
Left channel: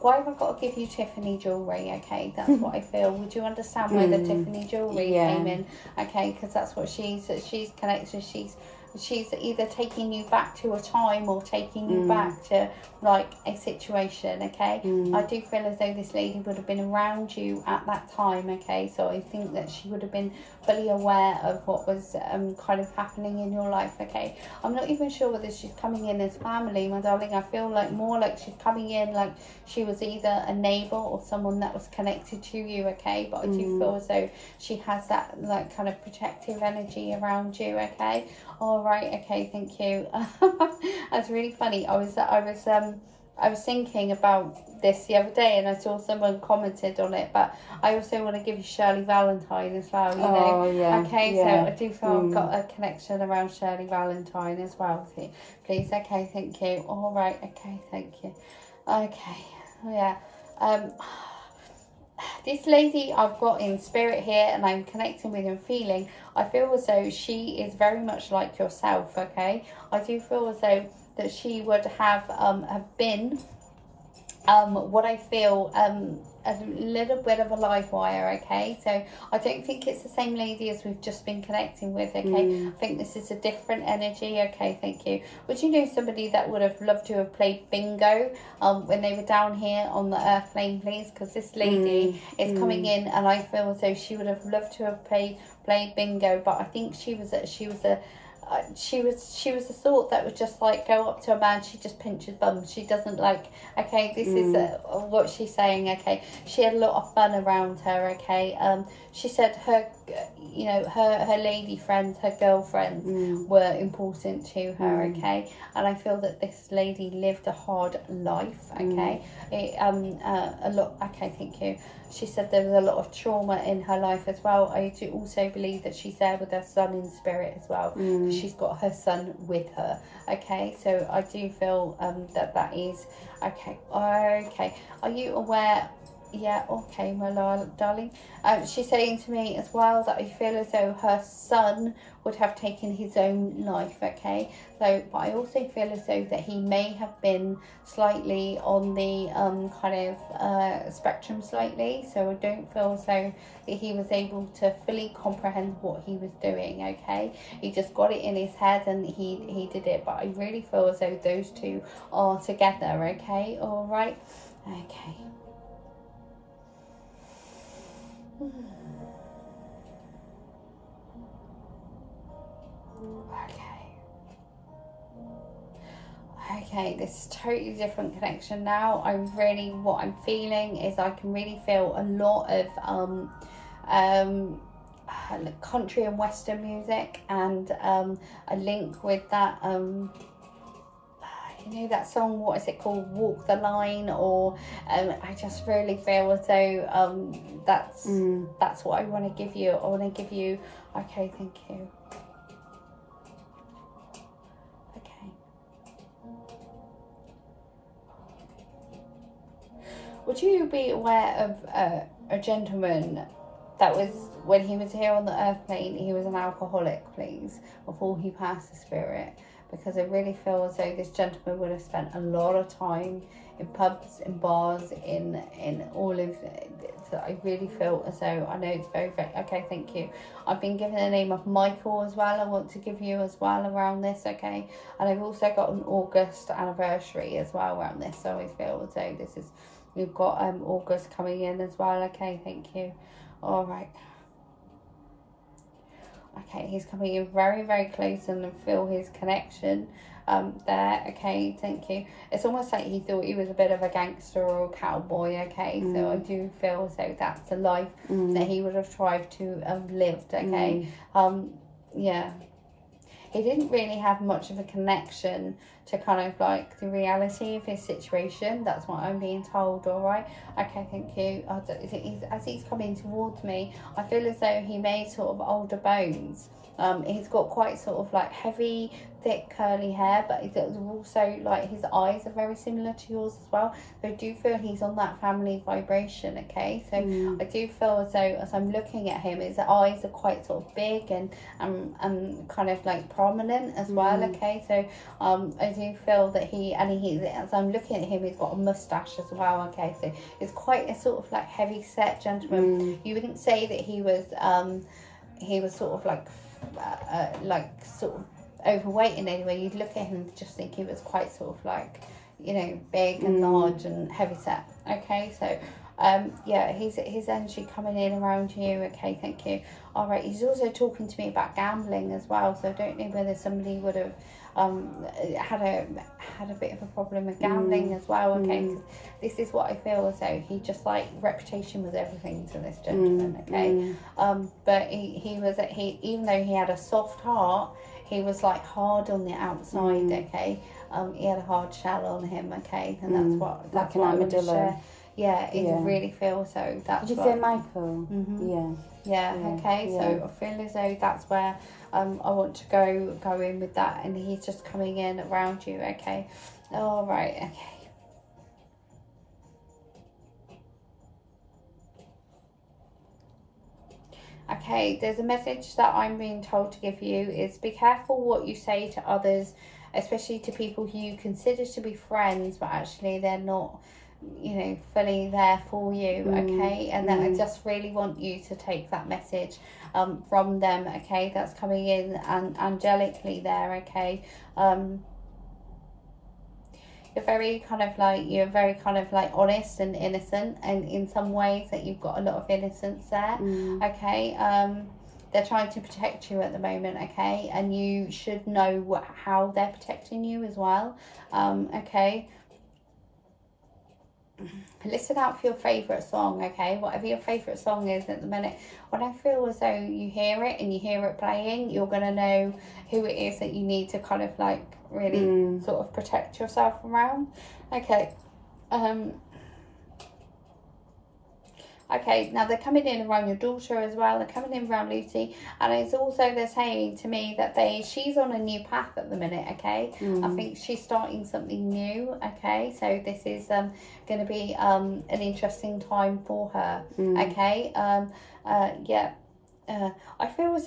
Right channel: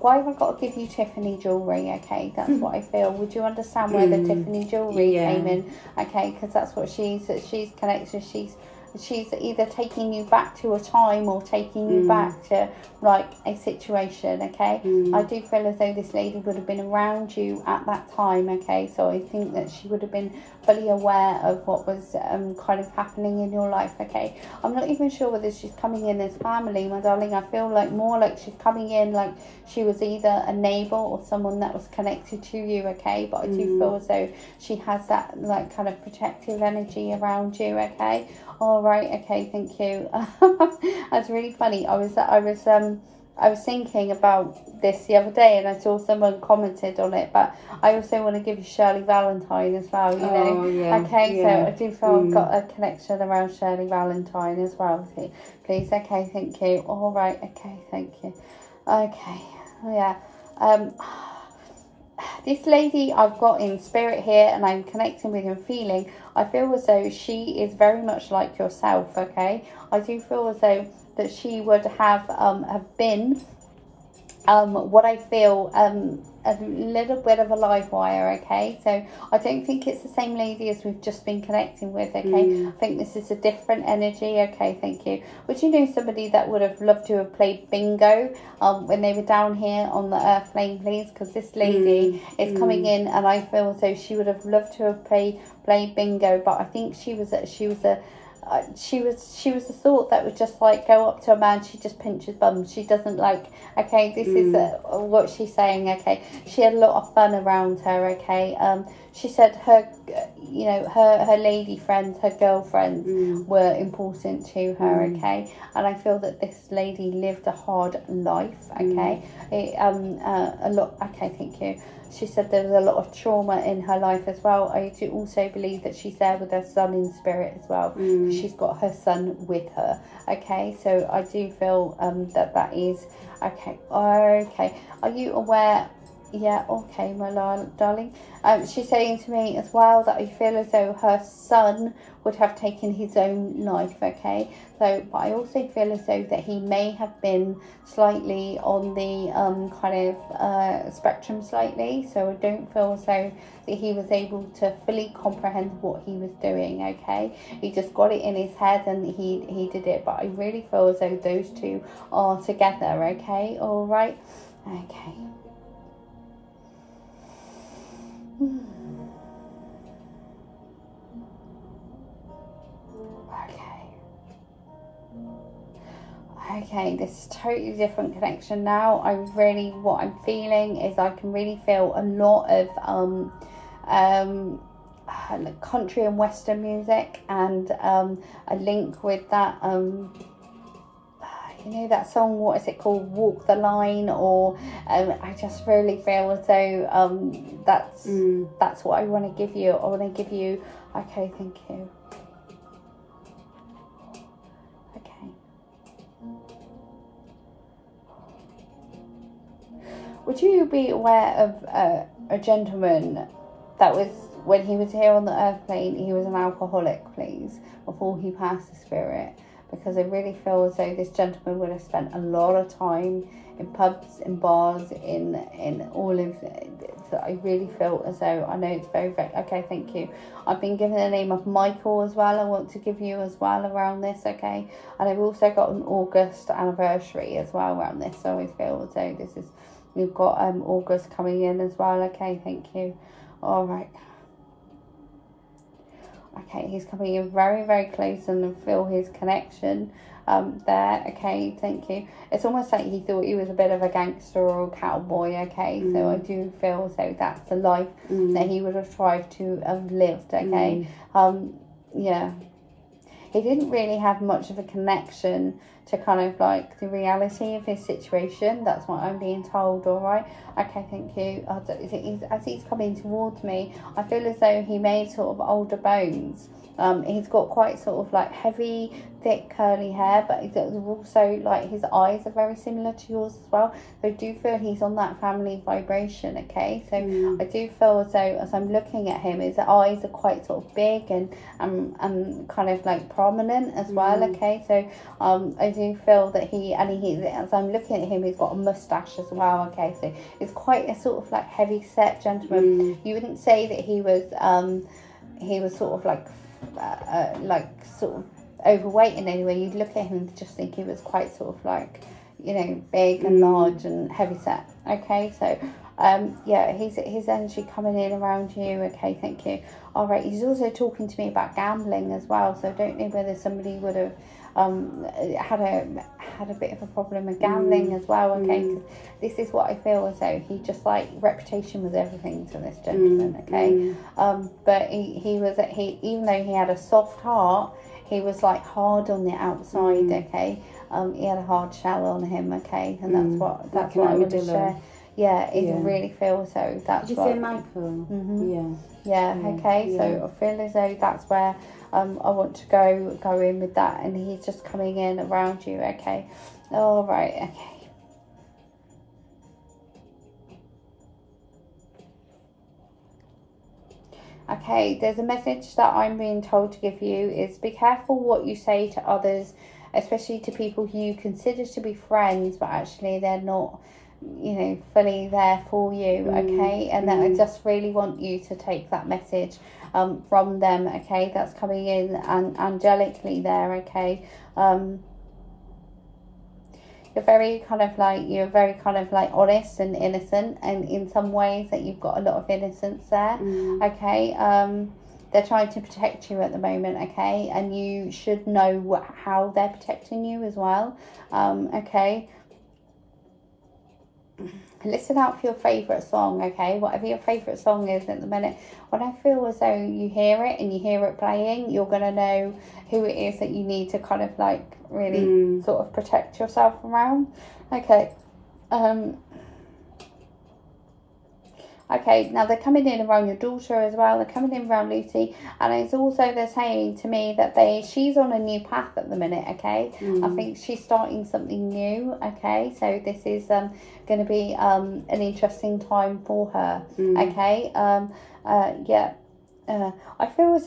Why have I got to give you Tiffany jewellery, okay? That's what I feel. Would you understand where the Tiffany jewellery came in, okay? Because that's what she's connected. She's either taking you back to a time or taking you back to like a situation, okay? I do feel as though this lady would have been around you at that time, okay? So I think that she would have been fully aware of what was kind of happening in your life, okay? I'm not even sure whether she's coming in as family, my darling. I feel like more like she's coming in like she was either a neighbour or someone that was connected to you, okay? But I do feel as though she has that like kind of protective energy around you, okay? All right, okay, thank you. That's really funny. I was thinking about this the other day, and I saw someone commented on it, but I also want to give you Shirley Valentine as well, you know. Oh, yeah. Okay, yeah. so I do feel I've got a connection around Shirley Valentine as well. Please, okay, thank you. All right, okay, thank you. Okay, yeah. This lady I've got in spirit here, and I'm connecting with and feeling, I feel as though she is very much like yourself, okay? I do feel as though that she would have been what I feel a little bit of a live wire, okay? So I don't think it's the same lady as we've just been connecting with, okay? I think this is a different energy, okay? Thank you. Would you know somebody that would have loved to have played bingo when they were down here on the earth plane, please? Because this lady is coming in, and I feel as though she would have loved to have played bingo, but I think she was the sort that would just like go up to a man, she just pinch his bum. She doesn't like, okay, this is what she's saying, okay? She had a lot of fun around her, okay? She said her, you know, her lady friends, her girlfriends were important to her, okay? And I feel that this lady lived a hard life, okay? A lot, okay, thank you. She said there was a lot of trauma in her life as well. I do also believe that she's there with her son in spirit as well. She's got her son with her, okay? So I do feel that is, okay, okay. Are you aware? Yeah, okay, my darling. She's saying to me as well that I feel as though her son would have taken his own life, okay? So, but I also feel as though that he may have been slightly on the kind of spectrum slightly. So I don't feel as though that he was able to fully comprehend what he was doing, okay? He just got it in his head and he did it. But I really feel as though those two are together, okay? All right, okay. Okay, this is totally different connection now. What I'm feeling is I can really feel a lot of country and western music, and a link with that you know that song, what is it called, Walk the Line, or I just really feel as though that's what I want to give you. I want to give you, okay, thank you. Would you be aware of a gentleman that was, when he was here on the earth plane, he was an alcoholic, please, before he passed the spirit? Because I really feel as though this gentleman would have spent a lot of time in pubs, in bars, in all of that. I really feel as though, I know it's very, very, okay, thank you. I've been given the name of Michael as well. I want to give you as well around this, okay? And I've also got an August anniversary as well around this. So I feel as though this is, we've got August coming in as well, okay, thank you. All right. Okay, he's coming in very, very close, and I feel his connection there, okay, thank you. It's almost like he thought he was a bit of a gangster or a cowboy, okay? So I do feel as though that's the life that he would have tried to have lived, okay? Yeah. He didn't really have much of a connection to kind of like the reality of his situation. That's what I'm being told, all right? Okay, thank you. As he's coming towards me, I feel as though he made sort of older bones. He's got quite sort of like heavy, thick, curly hair, but also like his eyes are very similar to yours as well. So I do feel he's on that family vibration, okay? So I do feel as though, as I'm looking at him, his eyes are quite sort of big and kind of like prominent as well, okay? So I do feel that as I'm looking at him, he's got a mustache as well, okay? So it's quite a sort of like heavy set gentleman. You wouldn't say that he was sort of like sort of overweight in any way. You'd look at him and just think he was quite sort of like, you know, big and large and heavy set, okay? So yeah, his energy coming in around you, okay, thank you. All right, he's also talking to me about gambling as well, so I don't know whether somebody would have had a bit of a problem with gambling as well, okay? This is what I feel as though he just like, reputation was everything to this gentleman, okay? But he even though he had a soft heart, he was like hard on the outside, okay. He had a hard shell on him, okay, and that's what like an armadillo. Yeah, it really feels so. That's Did you say Michael? Yeah, okay. So I feel as though that's where I want to go in with that, and he's just coming in around you, okay. All right, okay. Okay, there's a message that I'm being told to give you is be careful what you say to others, especially to people who you consider to be friends, but actually they're not, you know, fully there for you, okay. And then I just really want you to take that message from them, okay, that's coming in and angelically there, okay. You're very kind of like honest and innocent, and in some ways that you've got a lot of innocence there, okay. They're trying to protect you at the moment, okay, and you should know how they're protecting you as well, okay. Listen out for your favourite song, okay, whatever your favourite song is at the minute. When I feel as though you hear it and you hear it playing, you're going to know who it is that you need to kind of like really sort of protect yourself around, okay. Okay, now they're coming in around your daughter as well. They're coming in around Lucy, and it's also, they're saying to me that she's on a new path at the minute, okay. I think she's starting something new, okay. So this is going to be an interesting time for her, okay. I feel as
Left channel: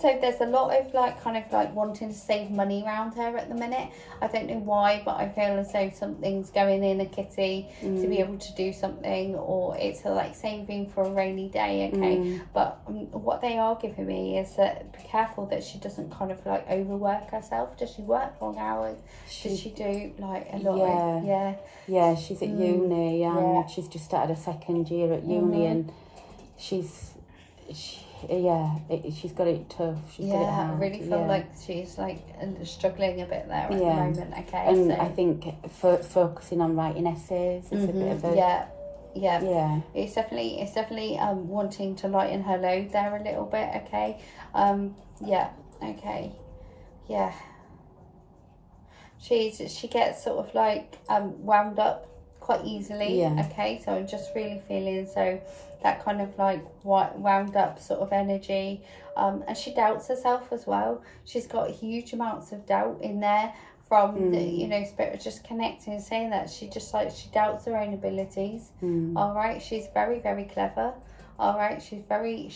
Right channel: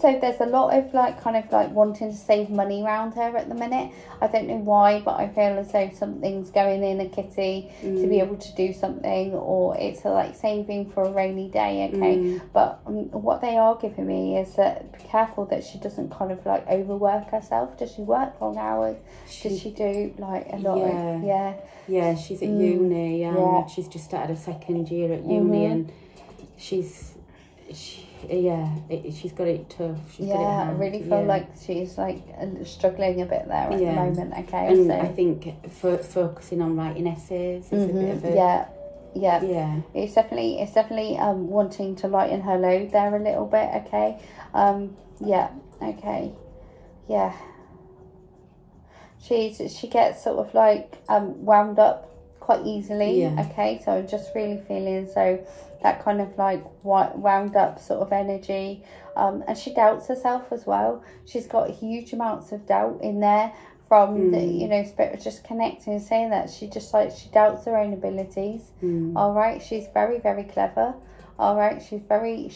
though there's a lot of like kind of like wanting to save money around her at the minute. I don't know why, but I feel as though something's going in a kitty to be able to do something, or it's like saving for a rainy day, okay. But what they are giving me is that be careful that she doesn't kind of like overwork herself. Does she work long hours? Does she do like a lot? Yeah, she's at uni, and she's just started a second year at uni, and she's got it tough. She's got it hard. I really feel like she's like struggling a bit there at the moment, okay. And so I think focusing on writing essays is a bit of a it's definitely wanting to lighten her load there a little bit, okay. She gets sort of like wound up quite easily, okay. So I'm just really feeling so that kind of like wound up sort of energy, and she doubts herself as well. She's got huge amounts of doubt in there from the, you know, spirit just connecting and saying that she doubts her own abilities. All right, she's very, very clever. All right, she's very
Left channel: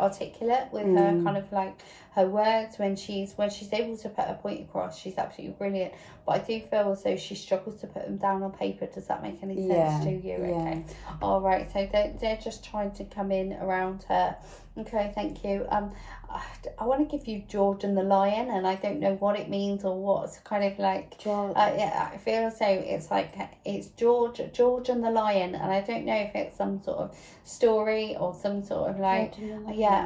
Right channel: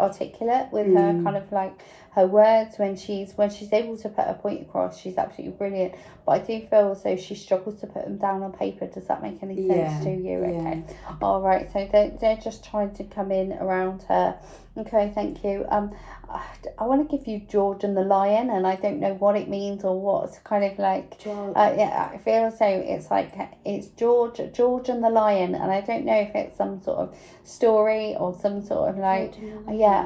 articulate with her kind of like her words. When she's able to put a point across, she's absolutely brilliant. But I do feel as though she struggles to put them down on paper. Does that make any sense to you? Okay. All right, so they're just trying to come in around her. Okay, thank you. I want to give you George and the Lion, and I don't know what it means or what's kind of like George. I feel as though it's like it's George and the Lion, and I don't know if it's some sort of story or some sort of like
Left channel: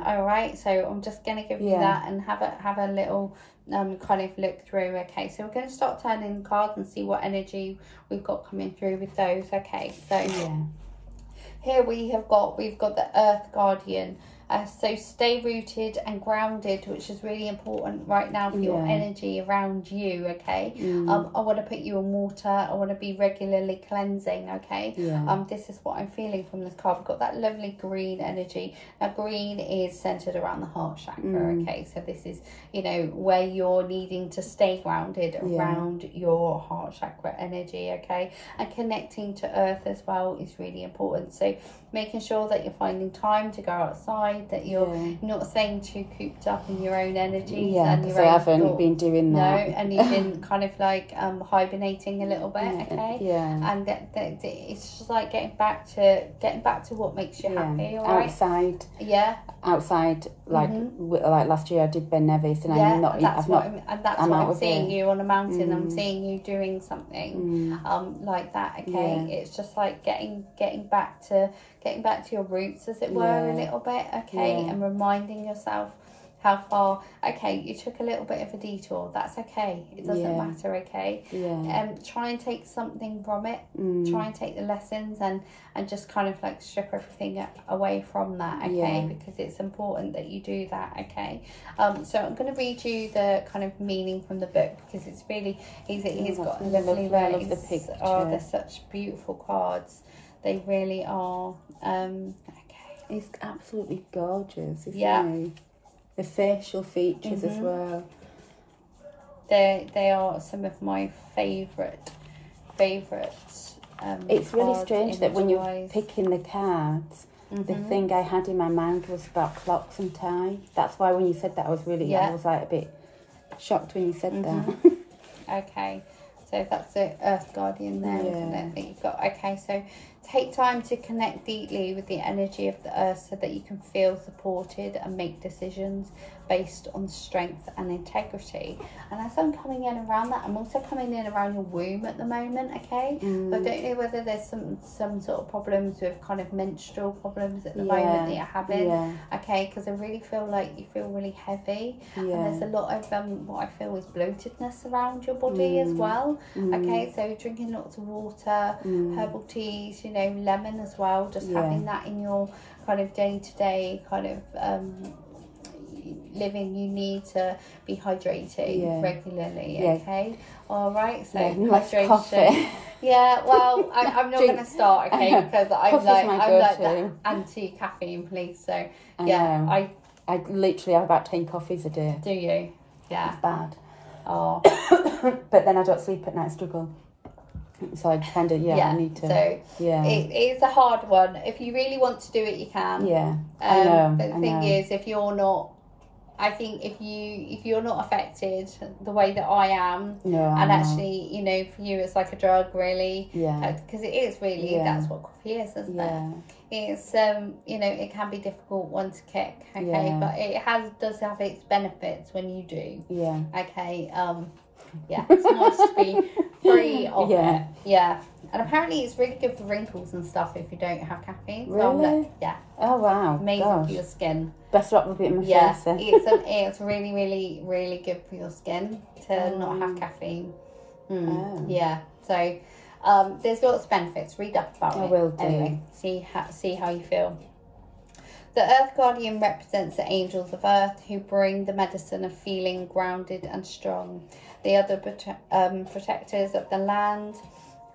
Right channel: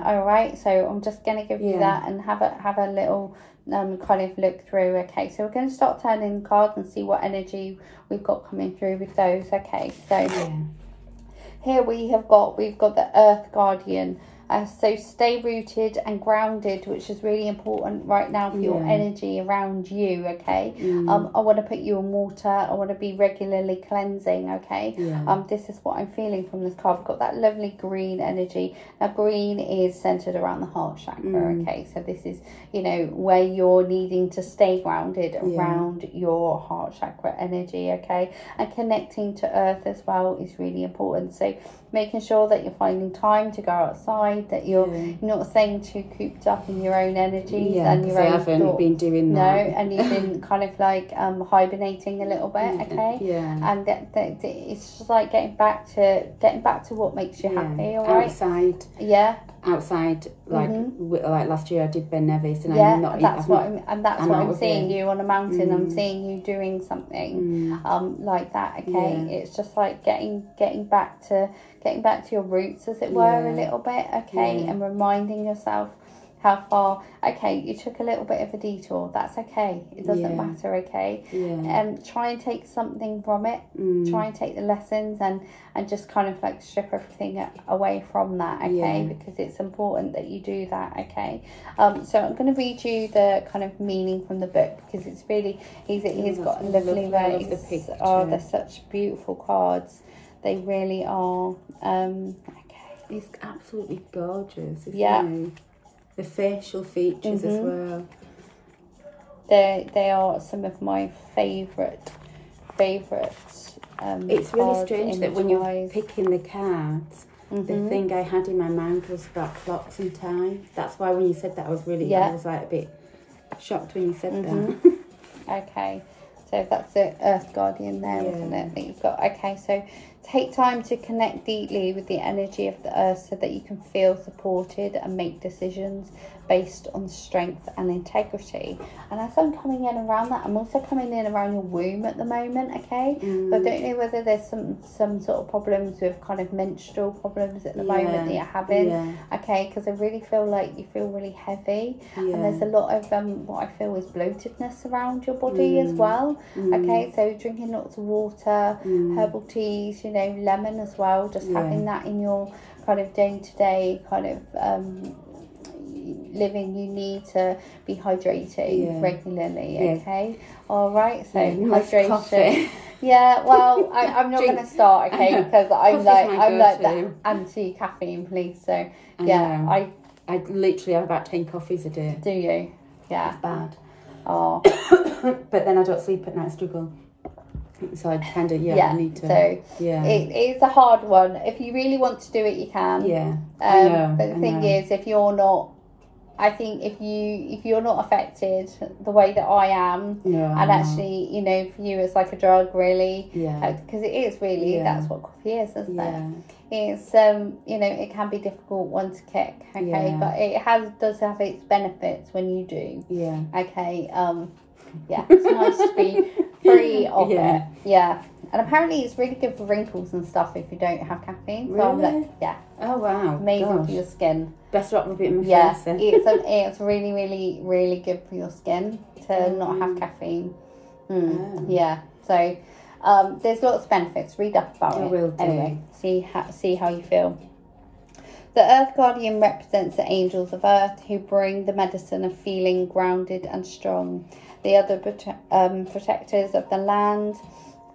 all right. So I'm just gonna give you that and have a little kind of look through. Okay, so we're going to start turning the cards and see what energy we've got coming through with those. Okay, so here we've got the Earth Guardian. So stay rooted and grounded, which is really important right now for your energy around you, okay. I want to put you in water. I want to be regularly cleansing, okay. This is what I'm feeling from this card. We've got that lovely green energy. Now green is centered around the heart chakra, okay. So this is, you know, where you're needing to stay grounded around your heart chakra energy, okay. And connecting to earth as well is really important. So making sure that you're finding time to go outside, that you're not staying too cooped up in your own energies. And your I haven't been doing that. No, and you've been kind of like hibernating a little bit, okay. And it's just like getting back to what makes you happy. All right. Outside, like like last year I did Ben Nevis, and that's what I'm seeing you on a mountain. I'm seeing you doing something like that, okay. It's just like getting back to your roots, as it were, a little bit, okay. And reminding yourself How far? Okay, you took a little bit of a detour. That's okay. It doesn't matter, okay? Try and take something from it. Try and take the lessons and just kind of like strip everything away from that, okay? Because it's important that you do that, okay? So I'm going to read you the kind of meaning from the book, because it's really, he's got a lovely way. I love the picture. Oh, they're such beautiful cards. They really are. Okay. It's absolutely gorgeous, isn't it? The facial features as well. They are some of my favourite. It's really strange that when you're picking the cards, the thing I had in my mind was about clocks and time. That's why when you said that, I was really, I was like a bit shocked when you said that. Okay, so that's the Earth Guardian there, isn't it? That you've got. Okay, so take time to connect deeply with the energy of the Earth so that you can feel supported and make decisions based on strength and integrity. And as I'm coming in around that, I'm also coming in around your womb at the moment, okay? So I don't know whether there's some sort of problems with kind of menstrual problems at the moment that you're having, okay? Because I really feel like you feel really heavy, and there's a lot of what I feel is bloatedness around your body as well, okay? So drinking lots of water, herbal teas, you know, lemon as well, just having that in your kind of day-to-day kind of living. You need to be hydrating regularly, okay? All right, so hydration. Coffee. Well, I'm not going to start, okay? Because I'm like that anti-caffeine police. So I literally have about 10 coffees a day. Do you? Yeah, it's bad. Oh, but then I don't sleep at night. Struggle. So I kind of I need to. So it's a hard one. If you really want to do it, you can. I know. But the thing is, if you're not, I think if you're not affected the way that I am, actually, you know, for you it's like a drug, really. Because it is really that's what coffee is, isn't it? It's you know, it can be a difficult one to kick, okay, but it does have its benefits when you do. Okay. It's nice to be free of it. And apparently it's really good for wrinkles and stuff if you don't have caffeine. So really? Oh wow. Amazing for your skin. Better up a bit in my face then. It's really, really, really good for your skin to not have caffeine. So there's lots of benefits. Read up about it. I will do. Anyway, see how you feel. The Earth Guardian represents the angels of Earth who bring the medicine of feeling grounded and strong. They are the protectors of the land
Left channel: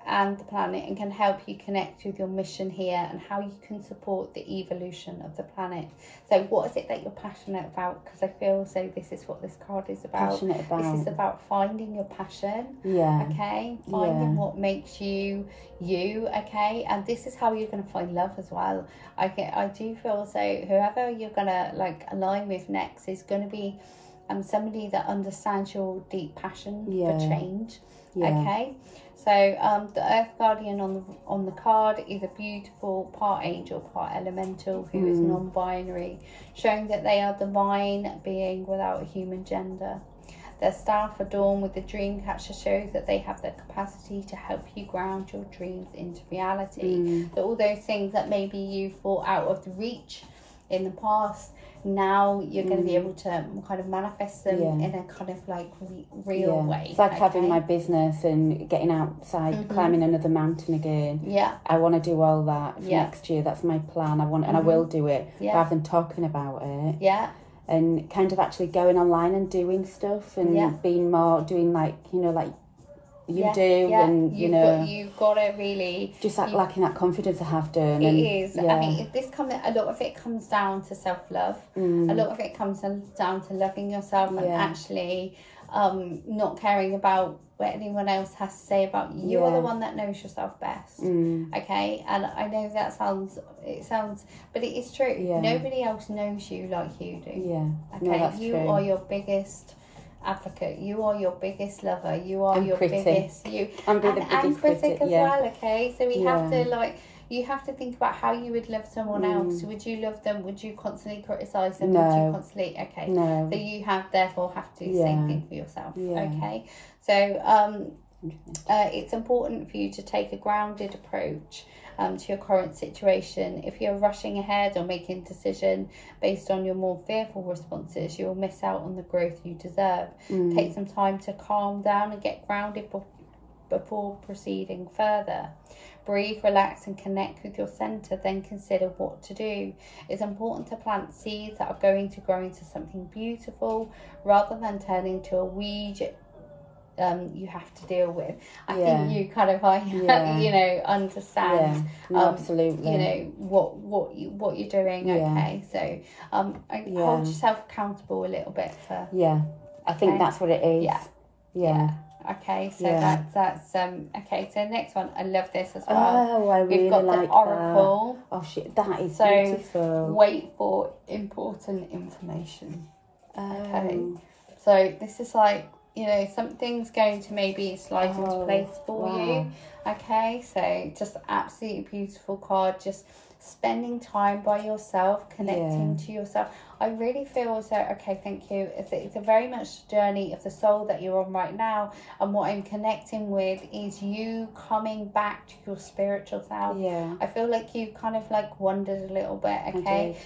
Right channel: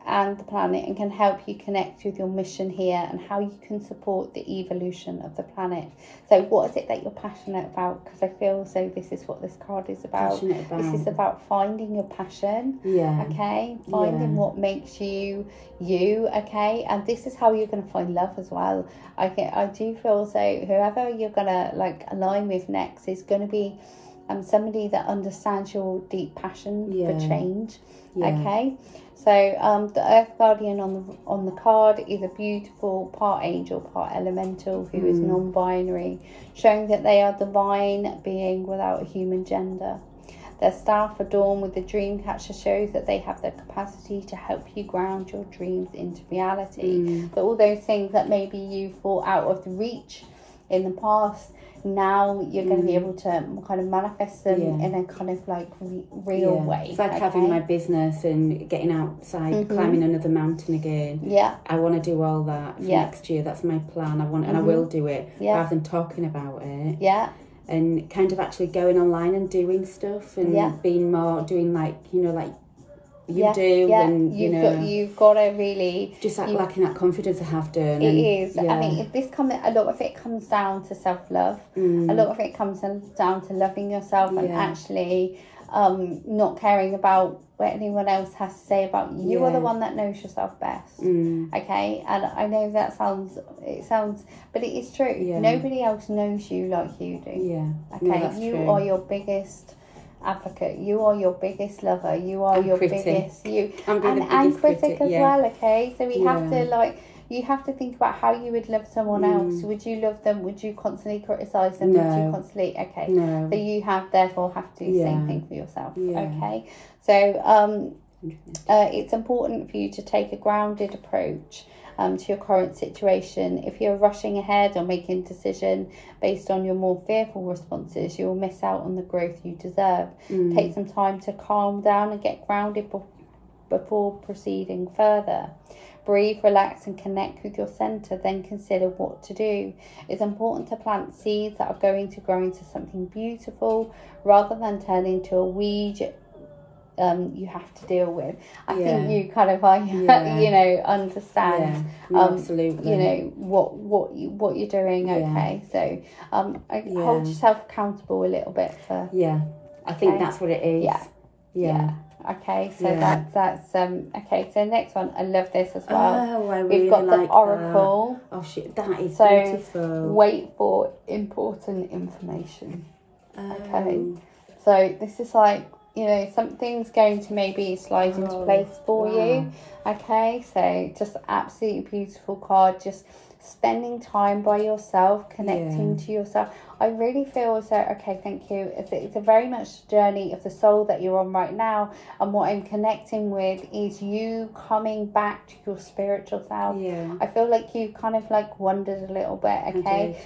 and the planet and can help you connect with your mission here and how you can support the evolution of the planet. So what is it that you're passionate about? Because I feel so this is what this card is about. This is about finding your passion. Okay, finding what makes you you, okay? And this is how you're going to find love as well. I do feel so whoever you're going to like align with next is going to be somebody that understands your deep passion for change. Okay, so the Earth Guardian on the card is a beautiful part angel, part elemental, who is non-binary, showing that they are divine being without a human gender. Their staff adorned with the dream catcher shows that they have the capacity to help you ground your dreams into reality. So all those things that maybe you thought out of the reach in the past, now you're going to be able to kind of manifest them in a kind of like real way. It's like having my business and getting outside, climbing another mountain again. I want to do all that for next year. That's my plan. I want, and I will do it rather than talking about it. And kind of actually going online and doing stuff and being more doing like, you know, like you do, and you've got to really just like lacking that confidence I have done. It is. I mean, a lot of it comes down to self-love. A lot of it comes down to loving yourself and actually not caring about what anyone else has to say about you. You are the one that knows yourself best. Okay, and I know that sounds, but it is true. Nobody else knows you like you do. Okay, you are your biggest advocate, you are your biggest lover, you are your biggest I'm the biggest critic as well. Okay, so we have to like, you have to think about how you would love someone else. Would you love them? Would you constantly criticize them? Would you constantly so you therefore have to do the same thing for yourself. Okay, so It's important for you to take a grounded approach to your current situation. If you're rushing ahead or making a decision based on your more fearful responses, you'll miss out on the growth you deserve. Take some time to calm down and get grounded before proceeding further. Breathe, relax and connect with your centre, then consider what to do. It's important to plant seeds that are going to grow into something beautiful rather than turn into a weed you have to deal with. I think you kind of you know, understand absolutely, you know, what you're doing. Okay, so hold yourself accountable a little bit for I think that's what it is. Okay, so that's okay. So next one, I love this as well. Oh, I really We've got like the oracle. that. Oh shit, that is so beautiful. Wait for important information. Oh. Okay, so this is like, you know, something's going to maybe slide into place for you. Okay, so just absolutely beautiful card. Just spending time by yourself, connecting to yourself. I really feel as though, okay, thank you, it's a very much journey of the soul that you're on right now, and what I'm connecting with is you coming back to your spiritual self. I feel like you kind of like wandered a little bit. Okay,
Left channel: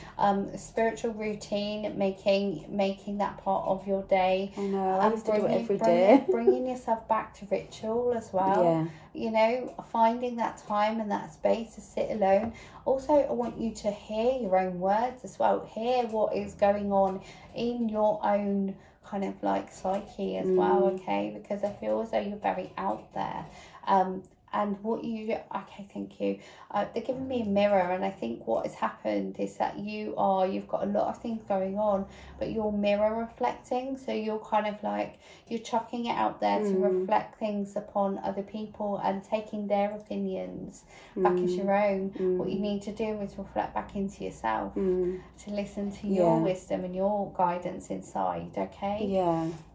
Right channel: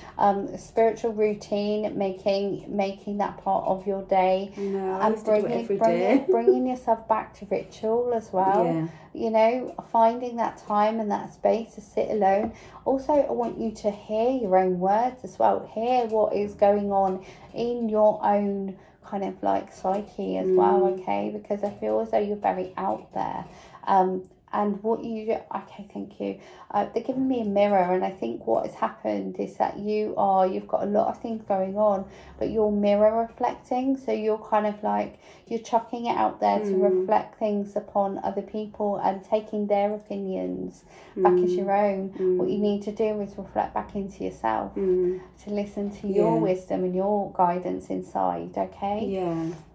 spiritual routine, making that part of your day. I know, I used to do it every day. Bringing yourself back to ritual as well. You know, finding that time and that space to sit alone. Also, I want you to hear your own words as well. Hear what is going on in your own kind of like psyche as well, okay? Because I feel as though you're very out there. And what you do, okay, thank you. They're giving me a mirror, and I think what has happened is that you've got a lot of things going on, but you're mirror reflecting. So you're kind of like, you're chucking it out there to reflect things upon other people and taking their opinions back as your own. What you need to do is reflect back into yourself, to listen to your wisdom and your guidance inside, okay?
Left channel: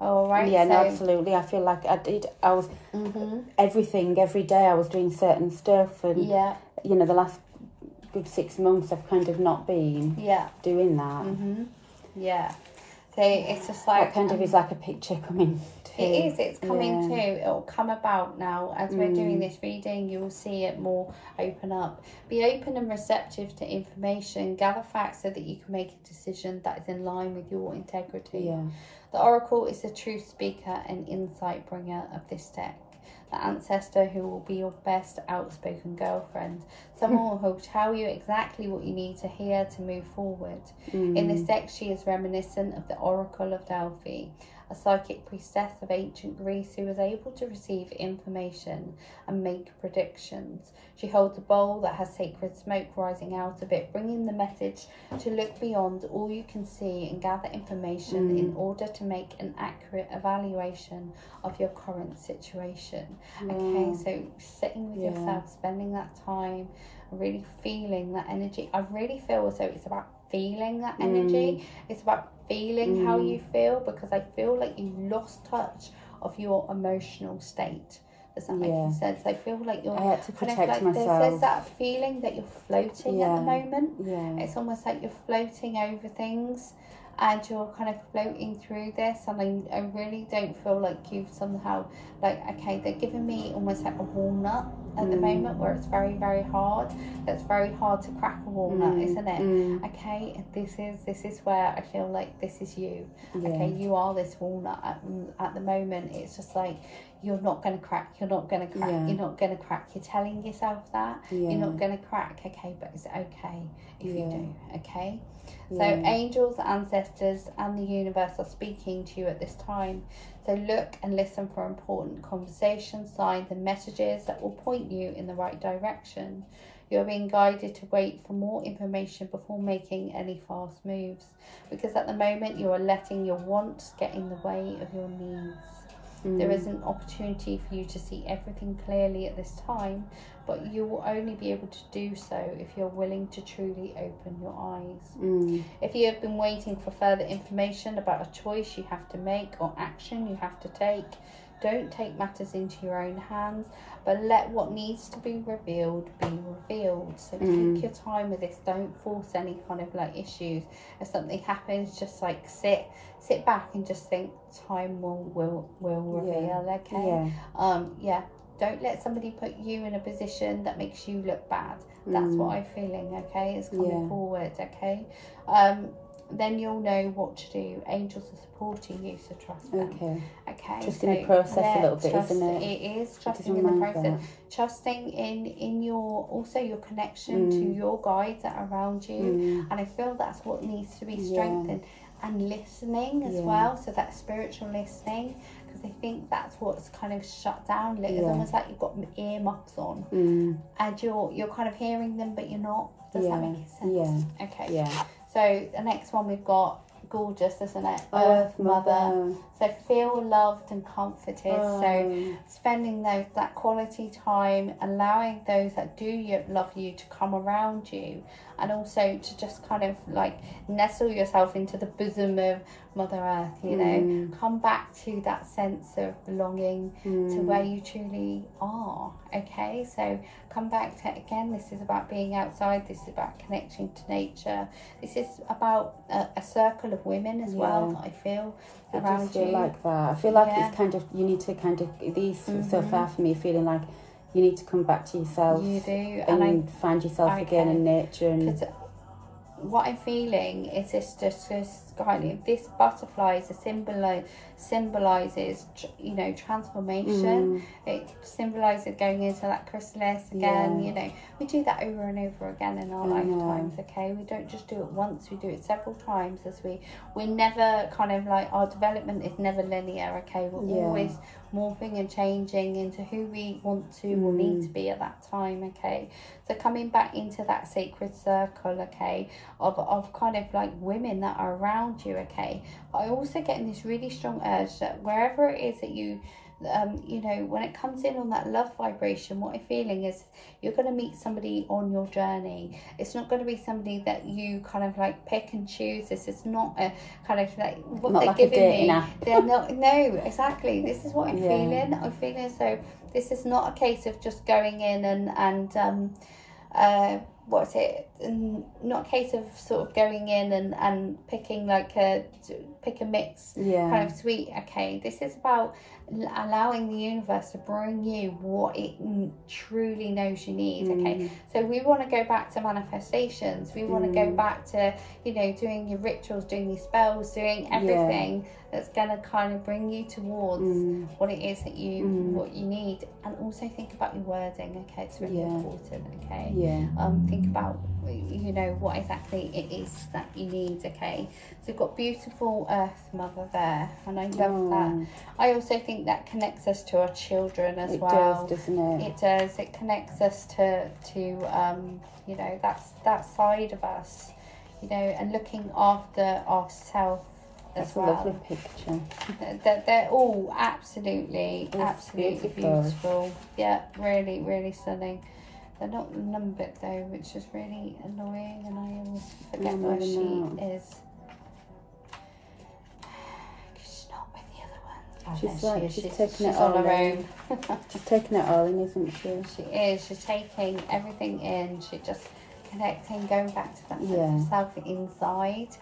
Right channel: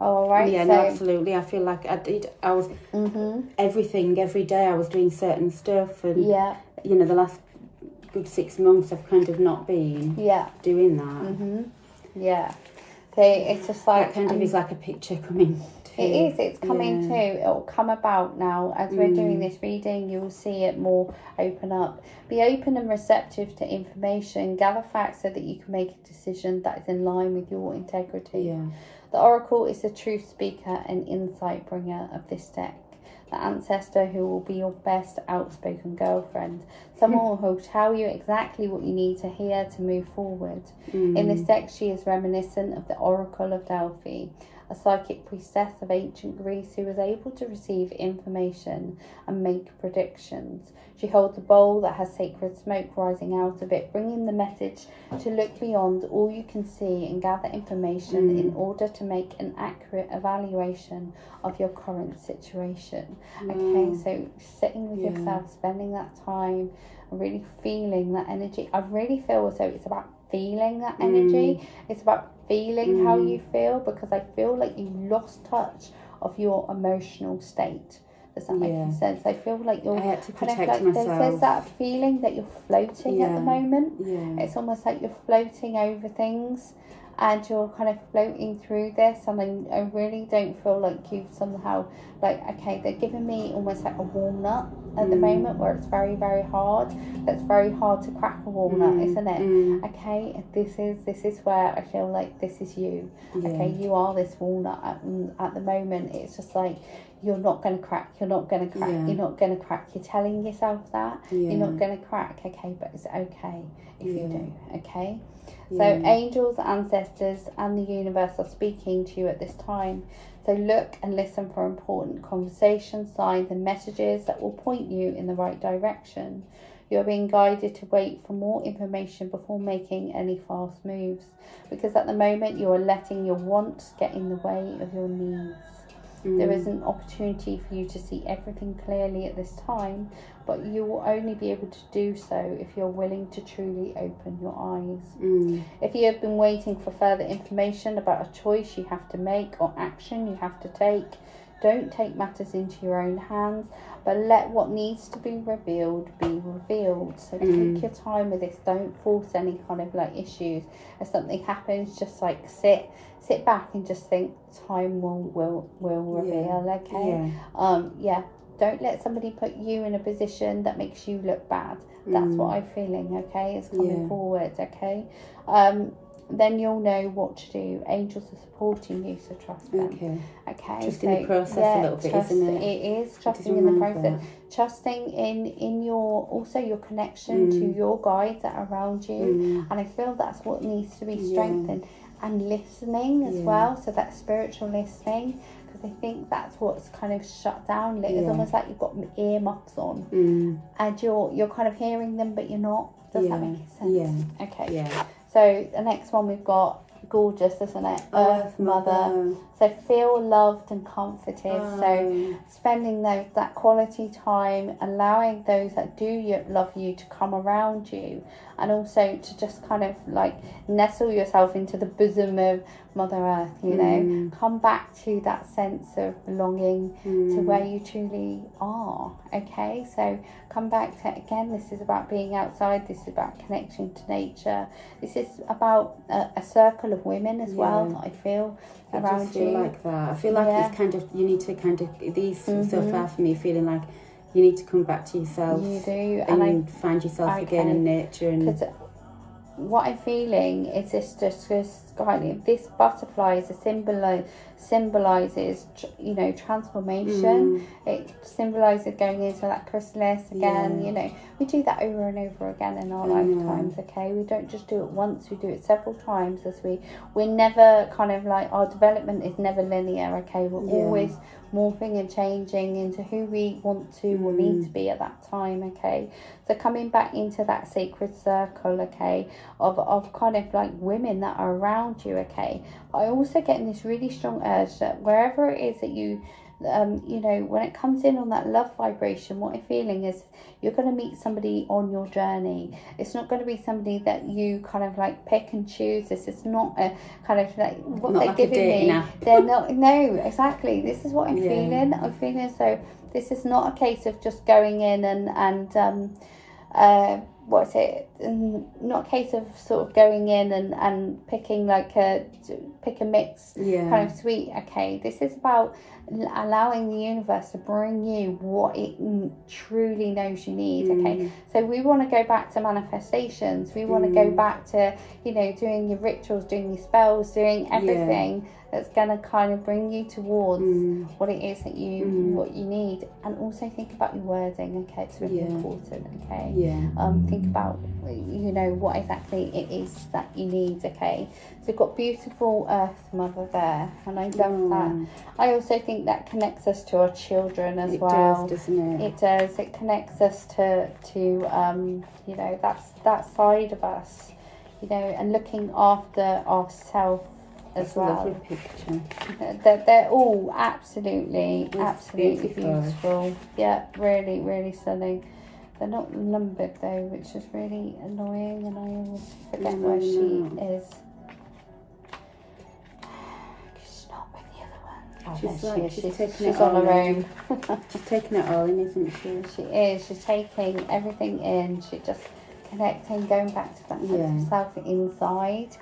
All right. No, absolutely. I feel like I was everything, every day I was doing certain stuff, and you know, the last good 6 months I've kind of not been doing that. So it's just like, that kind of is like a picture coming to. It is, it's coming to, it will come about now as we're doing this reading. You will see it more open up. Be open and receptive to information, gather facts so that you can make a decision that is in line with your integrity. The oracle is the truth speaker and insight bringer of this deck. The ancestor who will be your best outspoken girlfriend. Someone who will tell you exactly what you need to hear to move forward. In this deck, she is reminiscent of the Oracle of Delphi, a psychic priestess of ancient Greece who was able to receive information and make predictions. She holds a bowl that has sacred smoke rising out of it, bringing the message to look beyond all you can see and gather information in order to make an accurate evaluation of your current situation. Okay, so sitting with yourself, spending that time, and really feeling that energy. I really feel as though it's about feeling that energy. It's about feeling how you feel, because I feel like you lost touch of your emotional state. Does that make sense? I feel like you're, I had to protect kind of like, myself. There's that feeling that you're floating at the moment. It's almost like you're floating over things, and you're kind of floating through this, and I really don't feel like you've somehow, like, okay, they're giving me almost like a walnut at the moment, where it's very, very hard. That's very hard to crack a walnut, isn't it? Okay, this is where I feel like this is you. Okay, you are this walnut at the moment. It's just like, you're not going to crack, you're not going to crack, you're not going to crack. You're telling yourself that you're not going to crack, okay, but it's okay if you do, okay? So angels, ancestors and the universe are speaking to you at this time. So look and listen for important conversations, signs and messages that will point you in the right direction. You're being guided to wait for more information before making any fast moves, because at the moment you are letting your wants get in the way of your needs. There is an opportunity for you to see everything clearly at this time, but you will only be able to do so if you're willing to truly open your eyes. If you have been waiting for further information about a choice you have to make or action you have to take, don't take matters into your own hands, but let what needs to be revealed be revealed. So take your time with this. Don't force any kind of like issues. If something happens, just like sit back and just think time will reveal. Okay. Yeah. Don't let somebody put you in a position that makes you look bad. That's what I'm feeling. Okay, it's coming forward. Okay. Then you'll know what to do. Angels are supporting you, so trust them. Okay. Trusting the process a little bit, isn't it? It is trusting in the process. Trusting in your connection to your guides that are around you. And I feel that's what needs to be strengthened. And listening as well. So that spiritual listening. I think that's what's kind of shut down. It's almost like you've got earmuffs on and you're kind of hearing them but you're not. Does that make sense? Okay. So the next one we've got, gorgeous, isn't it? Earth Mother. So feel loved and comforted. So spending that quality time, allowing those that do love you to come around you, and also to just kind of like nestle yourself into the bosom of Mother Earth, you know. Come back to that sense of belonging to where you truly are. Okay, so come back to, again, this is about being outside, this is about connection to nature, this is about a circle of women as well, I feel. I just feel like that. I feel like it's kind of, you need to kind of, these so far for me, feeling like you need to come back to yourself. You do. And find yourself again in nature. And what I'm feeling is this butterfly is a symbolizes, you know, transformation. It symbolizes going into that chrysalis again. You know, we do that over and over again in our lifetimes. Okay, we don't just do it once, we do it several times. As we're never kind of like, our development is never linear. Okay, we're always morphing and changing into who we want to or need to be at that time. Okay, so coming back into that sacred circle, okay, of kind of like women that are around you. Okay, but I also get this really strong urge that wherever it is that you you know, when it comes in on that love vibration, what I'm feeling is you're going to meet somebody on your journey. It's not going to be somebody that you kind of like pick and choose. This is not a kind of like what not they're like giving me. Nap. They're not. No, exactly. This is what I'm feeling. I'm feeling as though this is not a case of just going in and what's it? Not a case of sort of going in and picking like pick a mix kind of sweet. Okay, this is about allowing the universe to bring you what it truly knows you need. Okay, so we want to go back to manifestations. We want to go back to, you know, doing your rituals, doing your spells, doing everything that's going to kind of bring you towards what it is that you what you need. And also think about your wording. Okay, it's really important. Okay, think about, you know, what exactly it is that you need. Okay, so we've got beautiful Earth Mother there, and I love that. I also think that connects us to our children as well. It does, doesn't it? It does. It connects us to you know, that side of us, you know, and looking after ourselves as well. That's a lovely picture. They're all absolutely beautiful. Yeah, really, really stunning. They're not numbered though, which is really annoying, and I always forget where she is. She's not with the other one. She's taking it all in. She's taking it all in, isn't she? She is. She's taking everything in. She's just connecting, going back to that sense of self inside.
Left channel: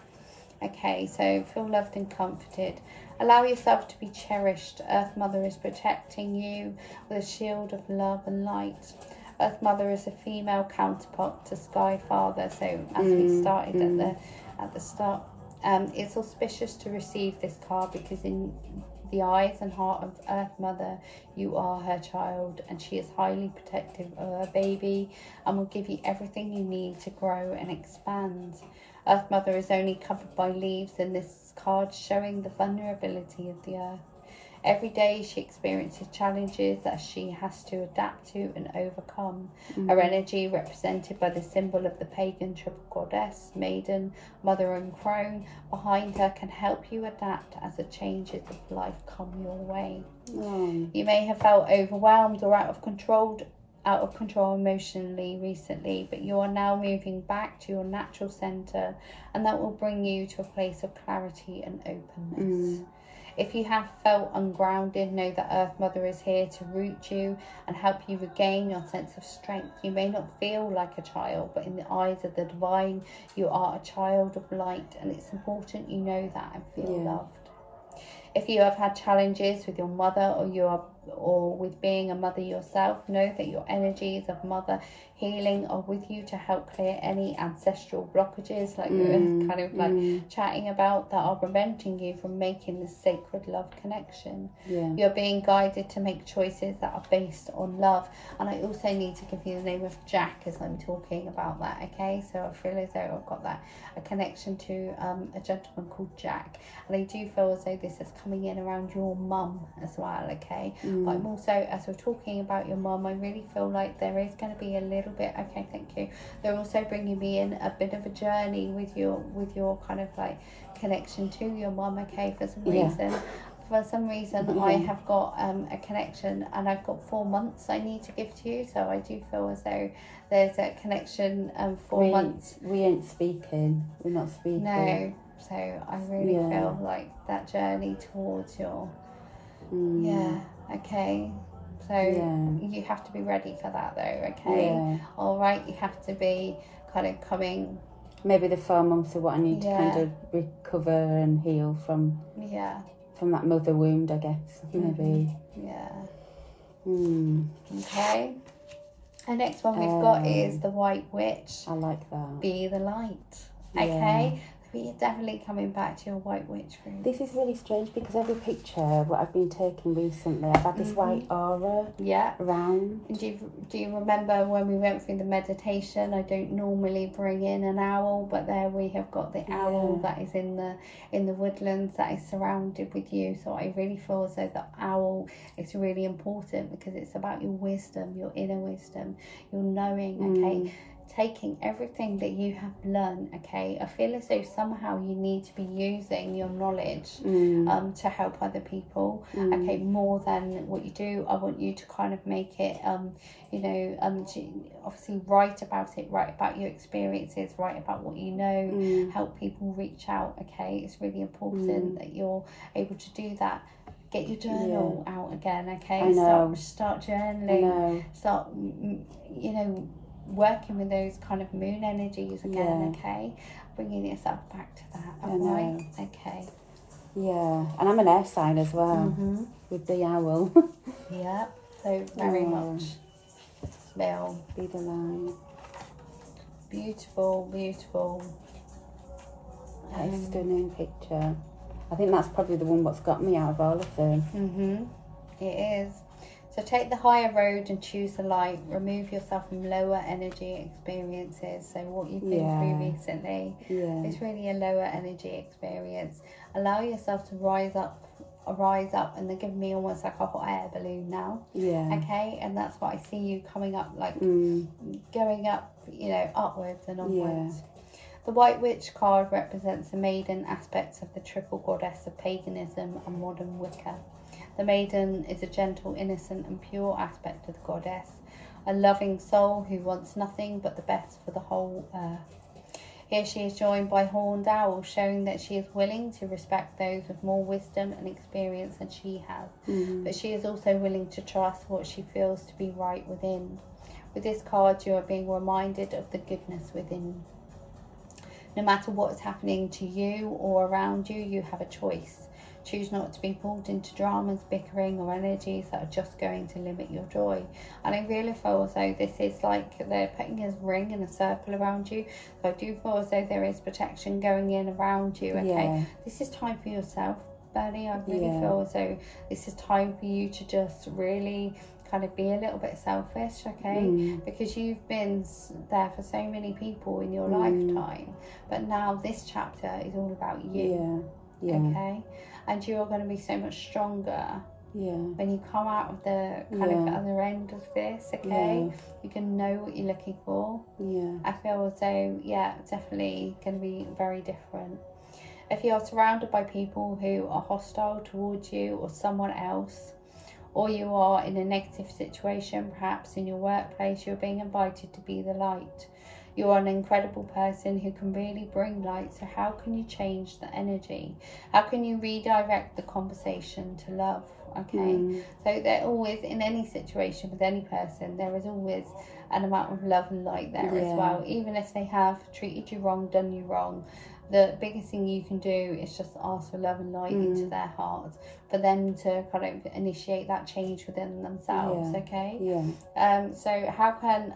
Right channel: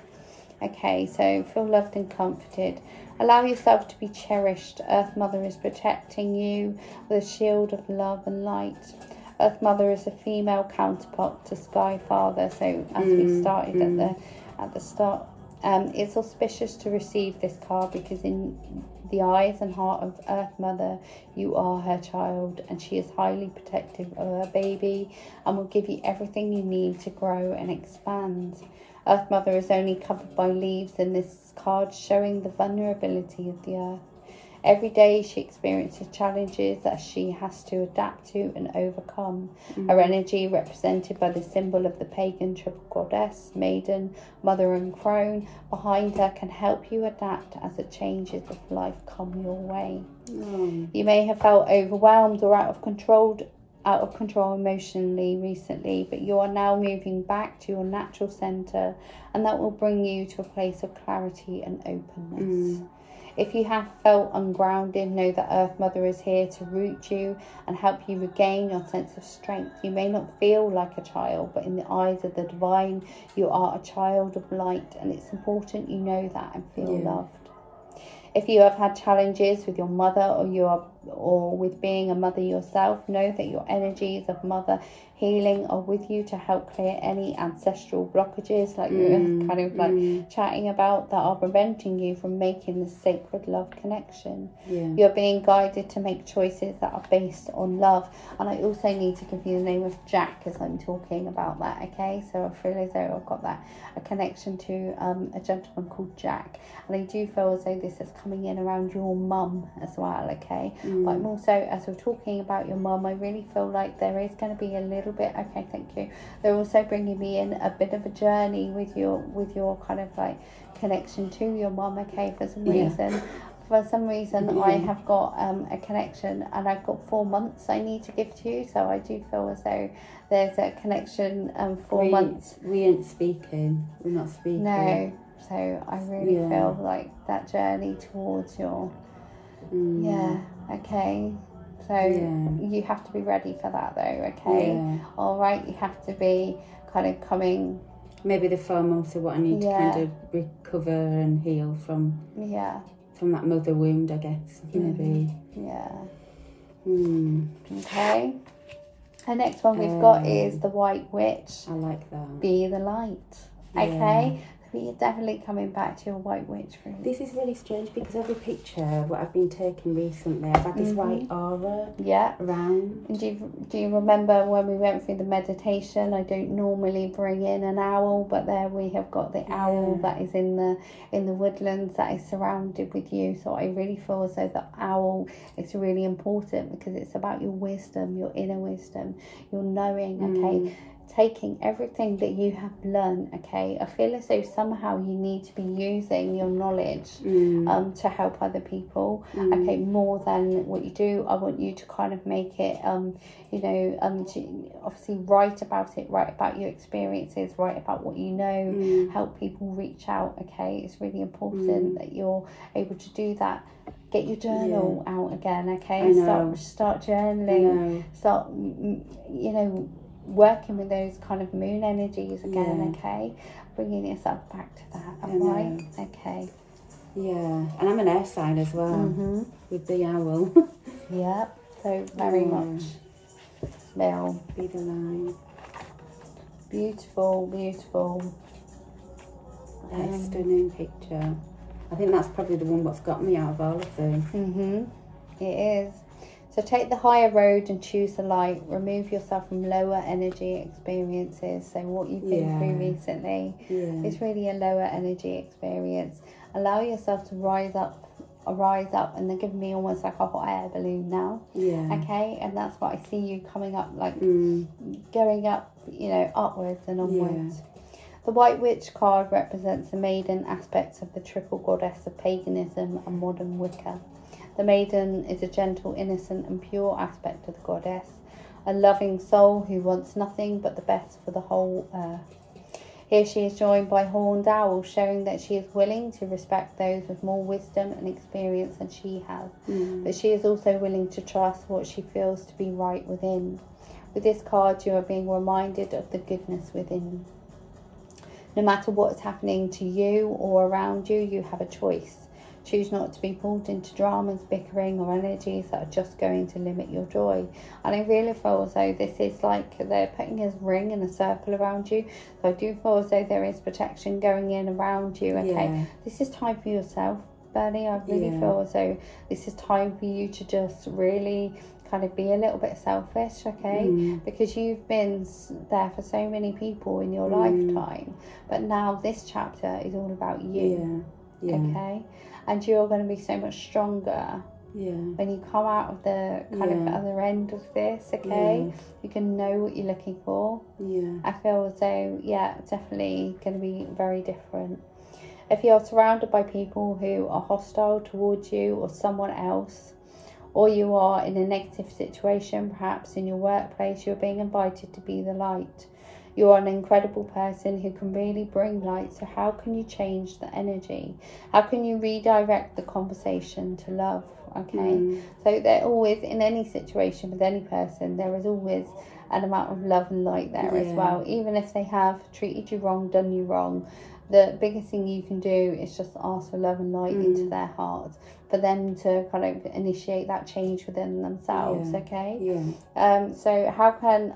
Okay, so feel loved and comforted. Allow yourself to be cherished. Earth Mother is protecting you with a shield of love and light. Earth Mother is a female counterpart to Sky Father. So as we started at the start, it's auspicious to receive this card because in the eyes and heart of Earth Mother, you are her child, and she is highly protective of her baby and will give you everything you need to grow and expand. Earth Mother is only covered by leaves in this card, showing the vulnerability of the earth. Every day she experiences challenges that she has to adapt to and overcome. Her energy, represented by the symbol of the pagan triple goddess, maiden, mother and crone, behind her can help you adapt as the changes of life come your way. You may have felt overwhelmed or out of control emotionally recently, but you are now moving back to your natural center, and that will bring you to a place of clarity and openness. If you have felt ungrounded, know that Earth Mother is here to root you and help you regain your sense of strength. You may not feel like a child, but in the eyes of the divine, you are a child of light, and it's important you know that and feel loved. If you have had challenges with your mother or with being a mother yourself, know that your energies of mother healing are with you to help clear any ancestral blockages, like we were kind of like chatting about, that are preventing you from making the sacred love connection. You're being guided to make choices that are based on love. And I also need to give you the name of Jack as I'm talking about that, okay? So I feel as though I've got a connection to a gentleman called Jack, and I do feel as though this is coming in around your mum as well, okay? But I'm also, as we're talking about your mum, I really feel like there is going to be a little bit, okay, thank you, they're also bringing me in a bit of a journey with your kind of like connection to your mum, okay? For some reason I have got a connection, and I've got 4 months I need to give to you, so I do feel as though there's a connection 4 months. We ain't speaking, we're not speaking. No, so I really feel like that journey towards your okay, so you have to be ready for that though, okay? All right, you have to be kind of coming, maybe the 4 months are what I need to kind of recover and heal from that mother wound, I guess, maybe. Okay, the next one we've got is the White Witch. I like that. Be the light, okay? But you're definitely coming back to your White Witch group. This is really strange because every picture what I've been taking recently, I've had this white aura around. Do you remember when we went through the meditation? I don't normally bring in an owl, but there we have got the owl that is in the woodlands, that is surrounded with you. So I really feel as though the owl is really important because it's about your wisdom, your inner wisdom, your knowing, okay? Taking everything that you have learned, okay? I feel as though somehow you need to be using your knowledge to help other people, okay, more than what you do. I want you to kind of make it, you know, obviously write about it, write about your experiences, write about what you know, help people reach out, okay? It's really important that you're able to do that. Get your journal out again, okay? Start journaling, start, you know, working with those kind of moon energies again, okay? Bringing yourself back to that, alright? Okay. Yeah, and I'm an air sign as well, with the owl. So very much male. Be the light. Beautiful, beautiful. That is a stunning picture. I think that's probably the one what's got me out of all of them. It is. So take the higher road and choose the light. Remove yourself from lower energy experiences. So what you've been through recently is really a lower energy experience. Allow yourself to rise up, and they're giving me almost like a hot air balloon now. Okay, and that's what I see you coming up, like going up, you know, upwards and onwards. The White Witch card represents the maiden aspects of the triple goddess of paganism and modern Wicca. The maiden is a gentle, innocent and pure aspect of the goddess, a loving soul who wants nothing but the best for the whole earth. Here she is joined by horned owls, showing that she is willing to respect those with more wisdom and experience than she has. But she is also willing to trust what she feels to be right within. With this card, you are being reminded of the goodness within. No matter what is happening to you or around you, you have a choice. Choose not to be pulled into dramas, bickering or energies that are just going to limit your joy. And I really feel as though this is like they're putting a ring and a circle around you. So I do feel as though there is protection going in around you, okay? This is time for yourself, Bernie. I really feel as though this is time for you to just really kind of be a little bit selfish, okay? Because you've been there for so many people in your lifetime. But now this chapter is all about you, okay? And you're going to be so much stronger when you come out of the kind of other end of this, okay? You can know what you're looking for. I feel as though, definitely going to be very different. If you're surrounded by people who are hostile towards you or someone else, or you are in a negative situation, perhaps in your workplace, you're being invited to be the light. You're an incredible person who can really bring light. So how can you change the energy? How can you redirect the conversation to love? Okay, so they're always, in any situation with any person, there is always an amount of love and light there as well. Even if they have treated you wrong, done you wrong, the biggest thing you can do is just ask for love and light into their hearts, for them to kind of initiate that change within themselves. Okay. So how can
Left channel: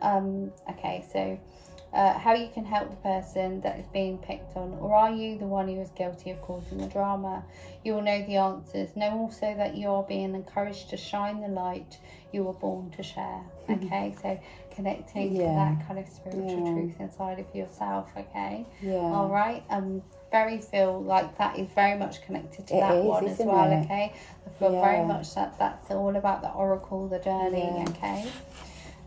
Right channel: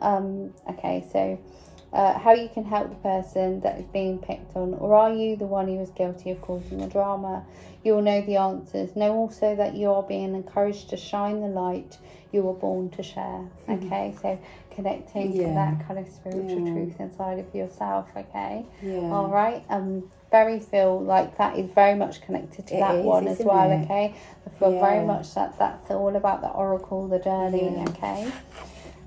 how you can help the person that is being picked on, or are you the one who is guilty of causing the drama? You will know the answers. Know also that you are being encouraged to shine the light you were born to share. Okay, so connecting to that kind of spiritual truth inside of yourself. Okay, all right. Very feel like that is very much connected to that one as well. Okay, I feel very much that that's all about the oracle, the journey. Okay.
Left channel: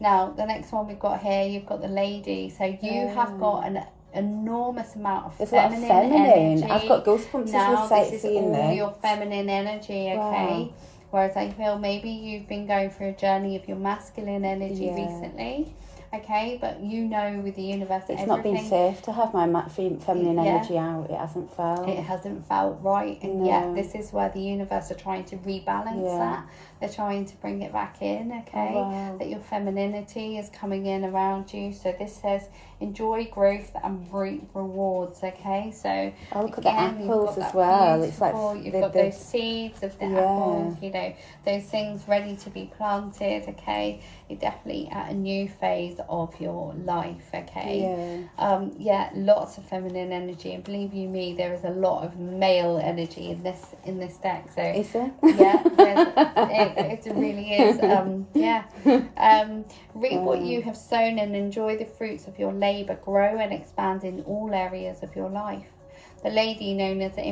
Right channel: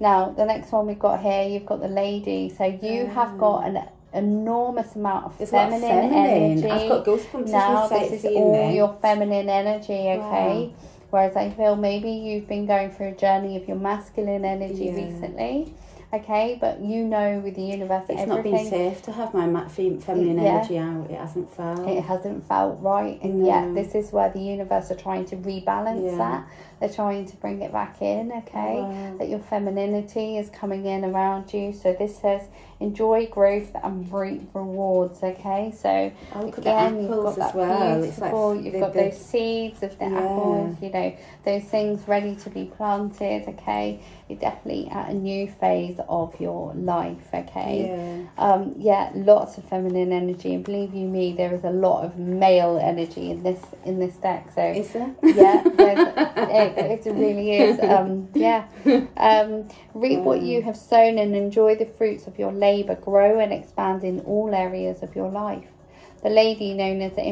Now, the next one we've got here, you've got the lady. So you have got an enormous amount of feminine energy. I've got goosebumps. Now, this is all your feminine energy, okay? Whereas I feel maybe you've been going through a journey of your masculine energy recently. Okay, but you know with the universe, it's not been safe to have my feminine energy out. It hasn't felt. It hasn't felt right, and yet this is where the universe are trying to rebalance that. They're trying to bring it back in. Okay, that your femininity is coming in around you. So this says enjoy growth and reap rewards. Okay, so look at the apples as well. It's like you've got those seeds of the apples. You know, those things ready to be planted. Okay, you're definitely at a new phase of your life. Okay, lots of feminine energy, and believe you me, there is a lot of male energy in this deck. So is there? Yeah, it really is. Reap what you have sown and enjoy the fruits of your labour. Grow and expand in all areas of your life. The lady, known as the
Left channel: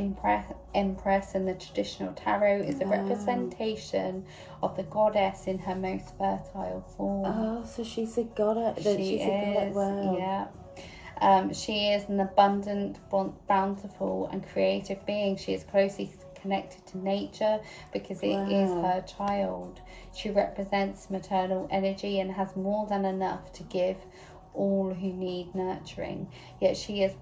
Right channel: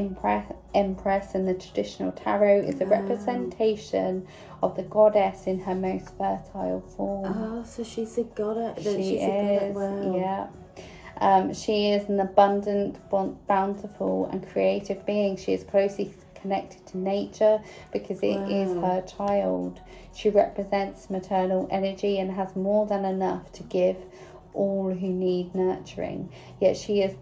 Empress in the traditional tarot, is a representation of the goddess in her most fertile form. Oh, so she's a goddess. She is an abundant, bountiful and creative being. She is closely connected to nature because it is her child. She represents maternal energy and has more than enough to give all who need nurturing. Yet she is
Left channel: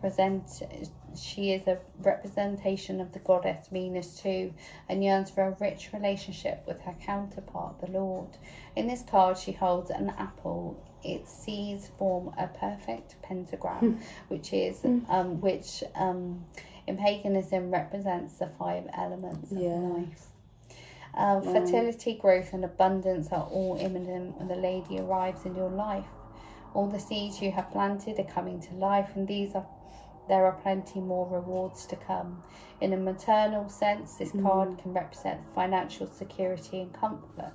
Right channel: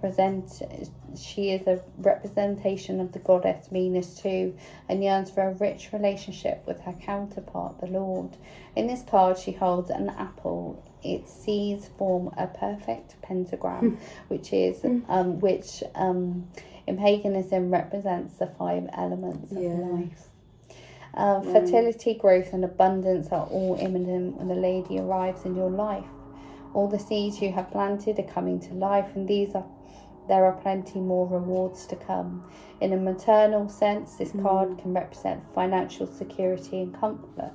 a representation of the goddess Venus too, and yearns for a rich relationship with her counterpart, the Lord. In this card, she holds an apple. Its seeds form a perfect pentagram, which in paganism represents the 5 elements of life. Fertility, growth and abundance are all imminent when the lady arrives in your life. All the seeds you have planted are coming to life, and there are plenty more rewards to come. In a maternal sense, this card can represent financial security and comfort.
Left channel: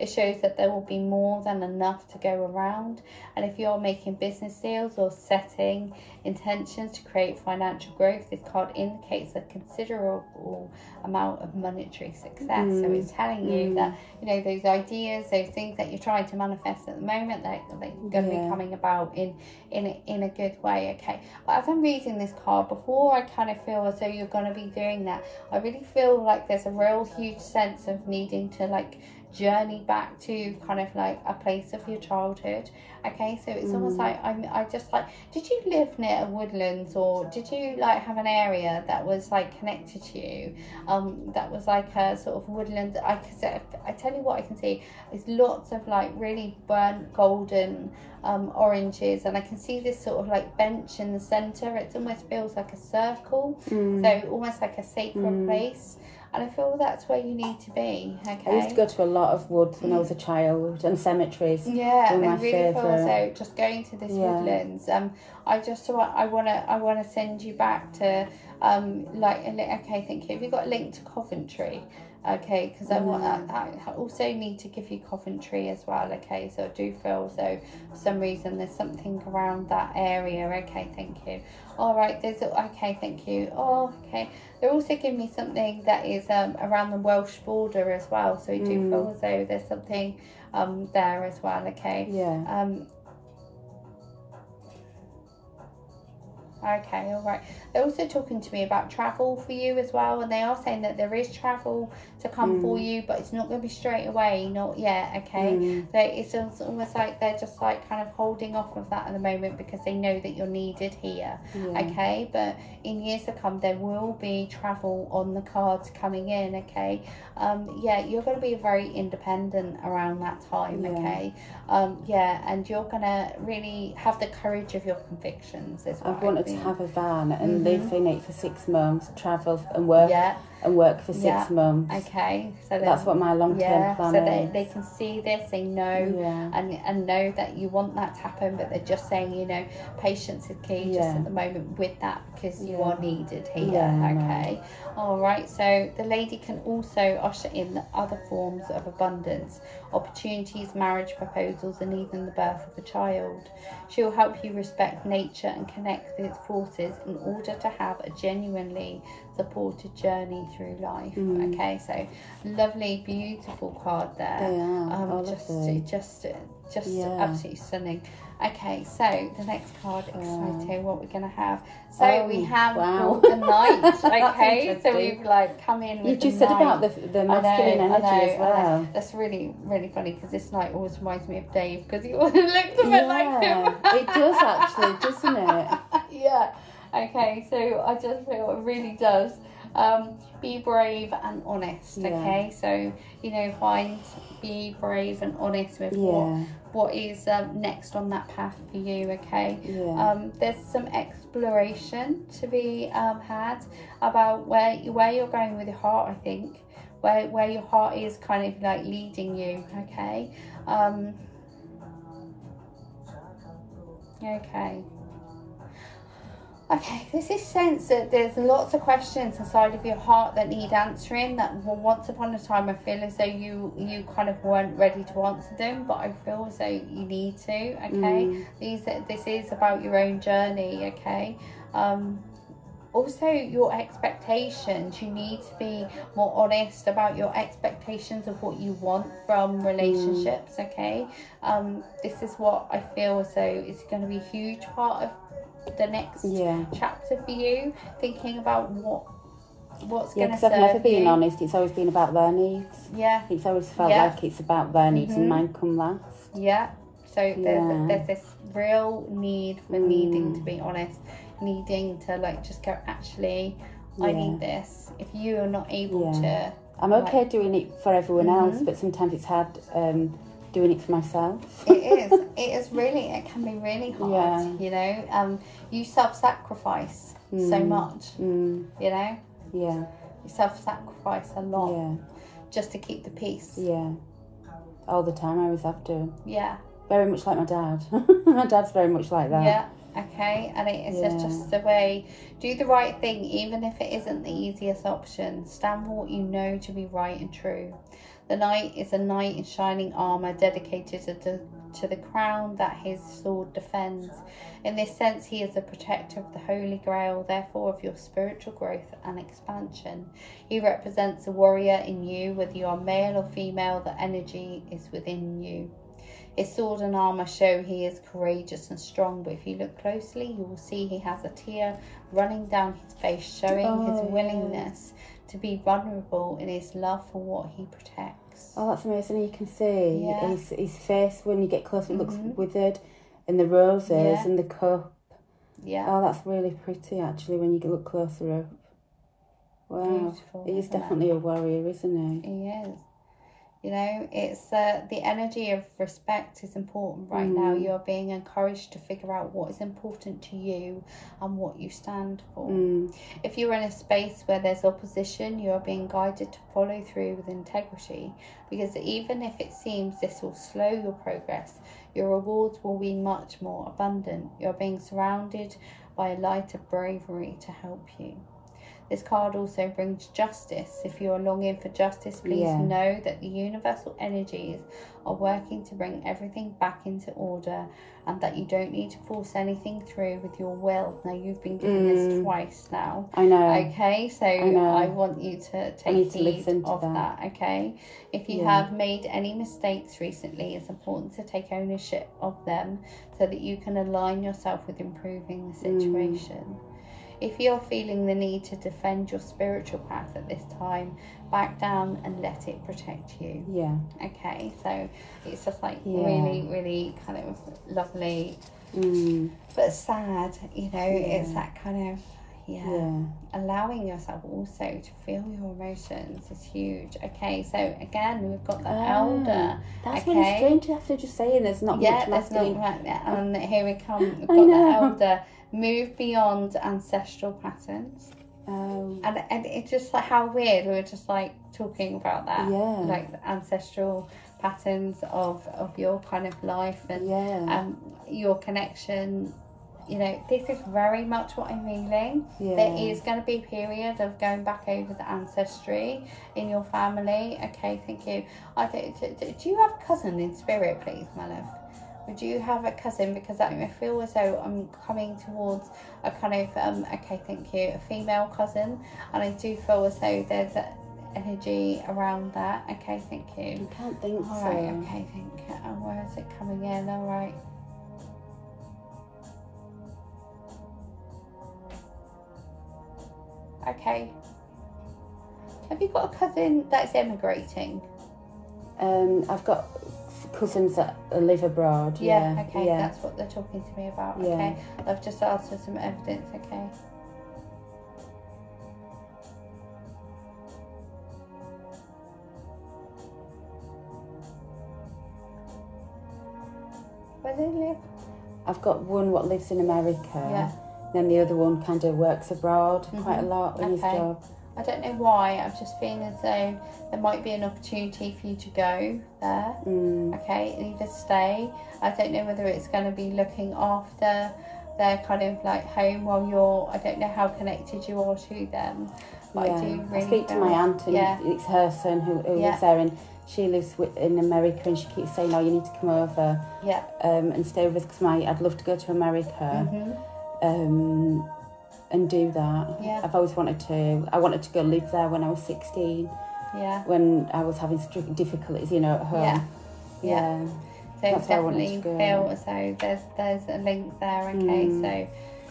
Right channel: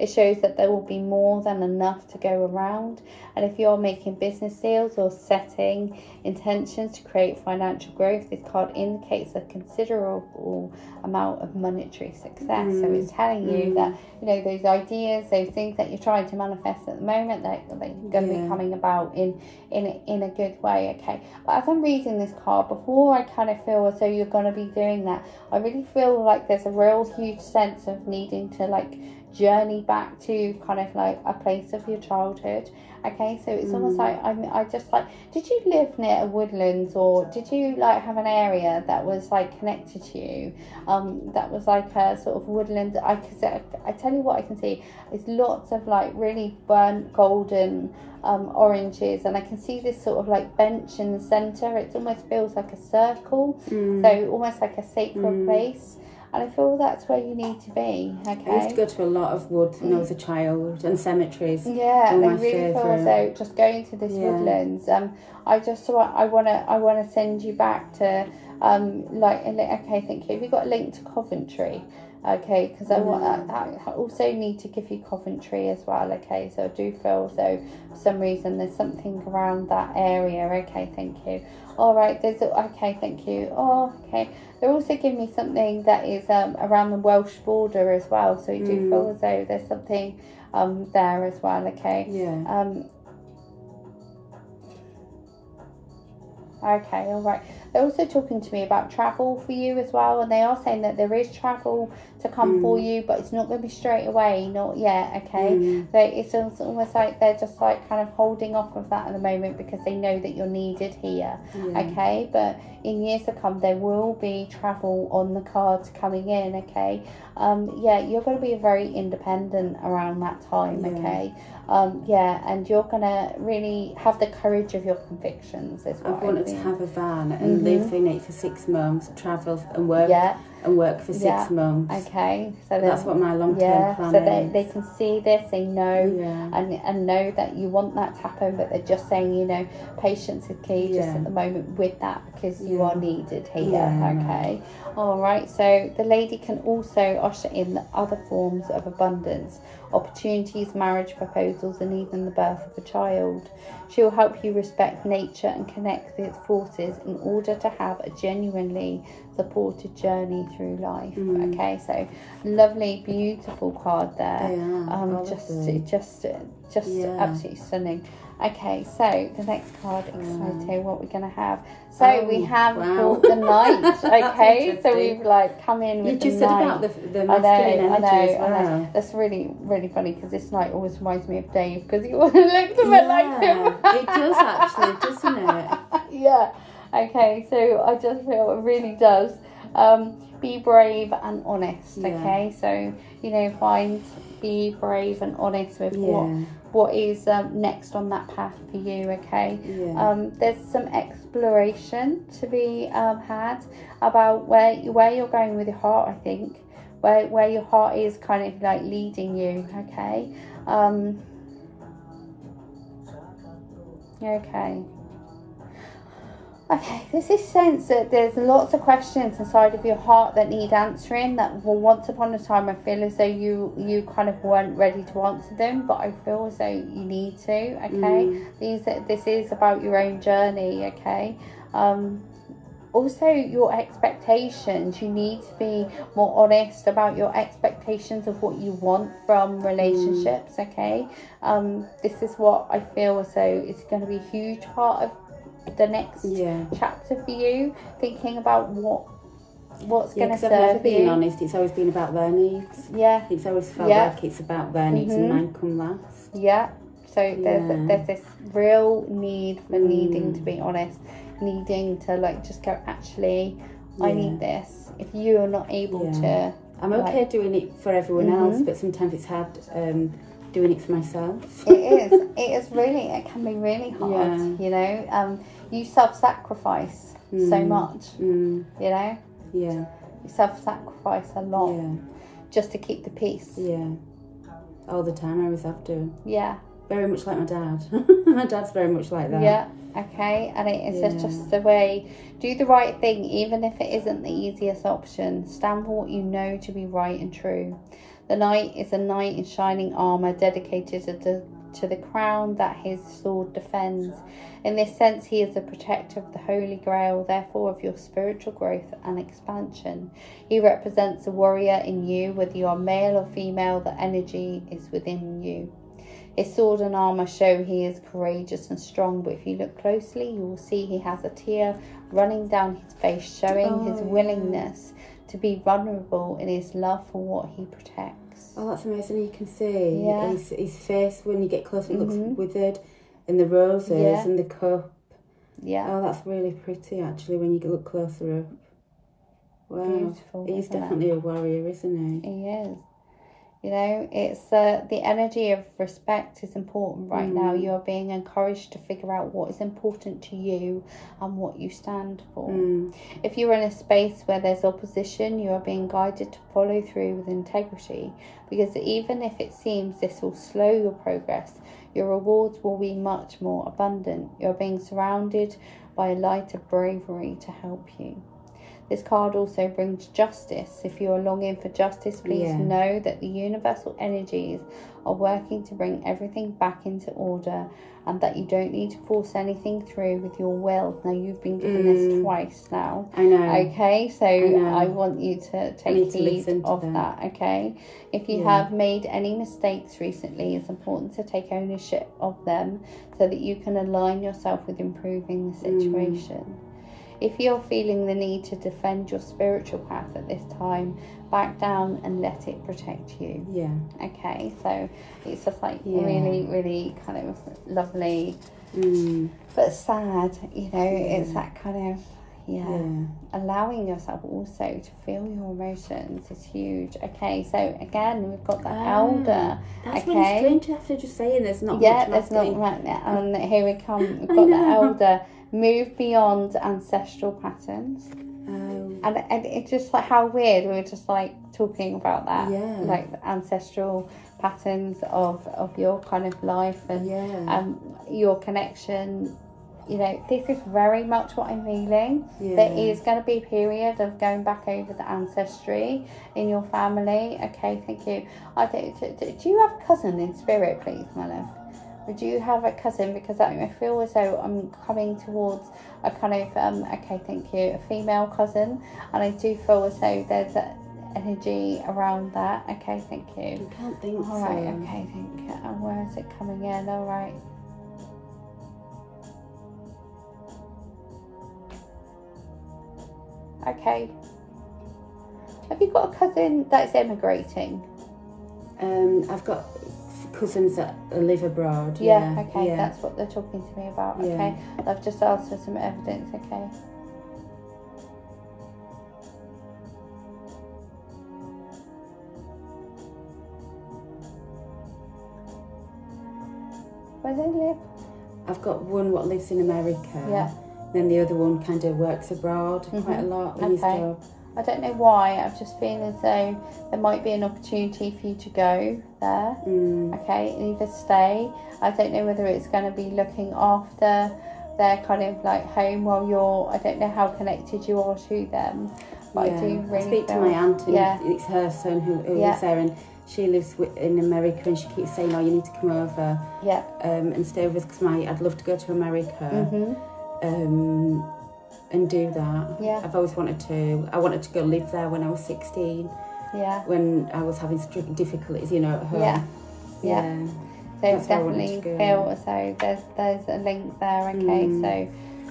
It shows that there will be more than enough to go around, and if you're making business deals or setting intentions to create financial growth, this card indicates a considerable amount of monetary success. So it's telling you that, you know, those ideas, those things that you're trying to manifest at the moment, that you're going to be coming about in a good way. Okay, but as I'm reading this card, before I kind of feel as though you're going to be doing that, I really feel like there's a real huge sense of needing to like journey back to kind of like a place of your childhood. Okay, so it's almost like I just like, did you live near a woodlands, or did you like have an area that was like connected to you, that was like a sort of woodland? I tell you what I can see is lots of like really burnt golden oranges, and I can see this sort of like bench in the center. It almost feels like a circle, so almost like a sacred place. And I feel that's where you need to be. Okay. I used to go to a lot of woods when I was a child, and cemeteries. Yeah, and I really feel as though just going to this woodlands. I want to send you back to okay, thank you. Have you got a link to Coventry? Okay, because I also need to give you Coventry as well. Okay, so I do feel so for some reason there's something around that area. Okay, thank you. All right, okay, thank you. Oh, okay. They're also giving me something that is around the Welsh border as well. So I do feel as though there's something there as well. Okay. Yeah. Okay, all right. They're also talking to me about travel for you as well, and they are saying that there is travel to come for you, but it's not going to be straight away, not yet. Okay, so it's almost like they're just like kind of holding off of that at the moment because they know that you're needed here. Okay, but in years to come there will be travel on the cards coming in. Okay, yeah, you're going to be very independent around that time. Okay, yeah, and you're going to really have the courage of your convictions as well. I've wanted to have a van and live in it for 6 months, travel and work and work for 6 months. Okay, so that's what my long-term plan so is. they can see this, they know, and know that you want that to happen, but they're just saying, you know, patience is key just at the moment with that, because you are needed here. Okay, all right. So the lady can also usher in the other forms of abundance, opportunities, marriage proposals, and even the birth of a child. She will help you respect nature and connect with its forces in order to have a genuinely supported journey through life. Okay, so lovely, beautiful card there. They are, just absolutely stunning. Okay, so the next card, exciting, what we're gonna have. So we have the Knight. Okay, so we've like come in. You just said about the masculine energy as well. That's really, really funny, because this Knight always reminds me of Dave, because he looks a bit like him. It does actually, doesn't it? Yeah. Okay, so I just feel it really does. Be brave and honest. Okay, so you know, be brave and honest with what is next on that path for you. Okay, there's some exploration to be had about where you're going with your heart. I think where your heart is kind of like leading you. Okay, Okay, there's this sense that there's lots of questions inside of your heart that need answering, that once upon a time I feel as though you kind of weren't ready to answer them, but I feel as though you need to. Okay, this is about your own journey. Okay, also your expectations, you need to be more honest about your expectations of what you want from relationships. Okay, this is what I feel as though is going to be a huge part of the next chapter for you, thinking about what's going to serve you. I've never been honest, it's always been about their needs. It's always felt like it's about their needs and mine come last. So there's this real need for needing to be honest, needing to like just go, actually I need this. If you are not able to, I'm okay doing it for everyone else, but sometimes it's hard doing it for myself. It can be really hard. You know, you self-sacrifice so much. You know, you self-sacrifice a lot just to keep the peace. All the time. I always have to. Very much like my dad. My dad's very much like that. Okay, and it is just the way. Do the right thing, even if it isn't the easiest option. Stand for what you know to be right and true. The Knight is a knight in shining armour, dedicated to the crown that his sword defends. In this sense, he is the protector of the Holy Grail, therefore of your spiritual growth and expansion. He represents a warrior in you, whether you are male or female, the energy is within you. His sword and armour show he is courageous and strong, but if you look closely, you will see he has a tear running down his face, showing his willingness to be vulnerable in his love for what he protects. Oh, that's amazing. You can see his face when you get close. It looks withered, and the roses and the cup. Oh, that's really pretty actually when you look closer up. Wow, beautiful, he's definitely a warrior, isn't he? He is. You know, it's the energy of respect is important right now. You're being encouraged to figure out what is important to you and what you stand for. If you're in a space where there's opposition, you are being guided to follow through with integrity, because even if it seems this will slow your progress, your rewards will be much more abundant. You're being surrounded by a light of bravery to help you. This card also brings justice. If you're longing for justice, please know that the universal energies are working to bring everything back into order, and that you don't need to force anything through with your will. Now, you've been given this twice now. I know. Okay, so I want you to take heed of that. Okay, if you have made any mistakes recently, it's important to take ownership of them so that you can align yourself with improving the situation. If you're feeling the need to defend your spiritual path at this time, back down and let it protect you. Yeah. Okay, so it's just like really, really kind of lovely, but sad, you know, it's that kind of, allowing yourself also to feel your emotions is huge. Okay, so again, we've got the elder. That's really strange after just saying there's not much left. And here we come, we've got the elder. Move beyond ancestral patterns. And it's just like how weird, we were just like talking about that, like the ancestral patterns of your kind of life and your connection. You know, this is very much what I'm feeling. There is going to be a period of going back over the ancestry in your family. Okay, thank you. Do you have a cousin in spirit, please, my love? Would you have a cousin? Because I feel as though I'm coming towards a kind of, okay, thank you, a female cousin. And I do feel as though there's an energy around that. Okay, thank you. I can't think so. All right, okay, thank you. And where is it coming in? All right. Okay. Have you got a cousin that's immigrating? I've got cousins that live abroad. Okay, that's what they're talking to me about. Okay, I've just asked for some evidence. Okay. Where do they live? I've got one what lives in America. Then the other one kind of works abroad quite a lot in his job. I don't know why, I've just feeling as though there might be an opportunity for you to go there. Okay, and either stay. I don't know whether it's going to be looking after their kind of like home while you're, I don't know how connected you are to them. But I do really speak to my aunt, and it's her son who lives there, and she lives in America, and she keeps saying, oh, you need to come over and stay with us, because I'd love to go to America. And do that. I've always wanted to. I wanted to go live there when I was 16. When I was having difficulties, you know, at home. So that's definitely feel as though there's a link there. Okay, so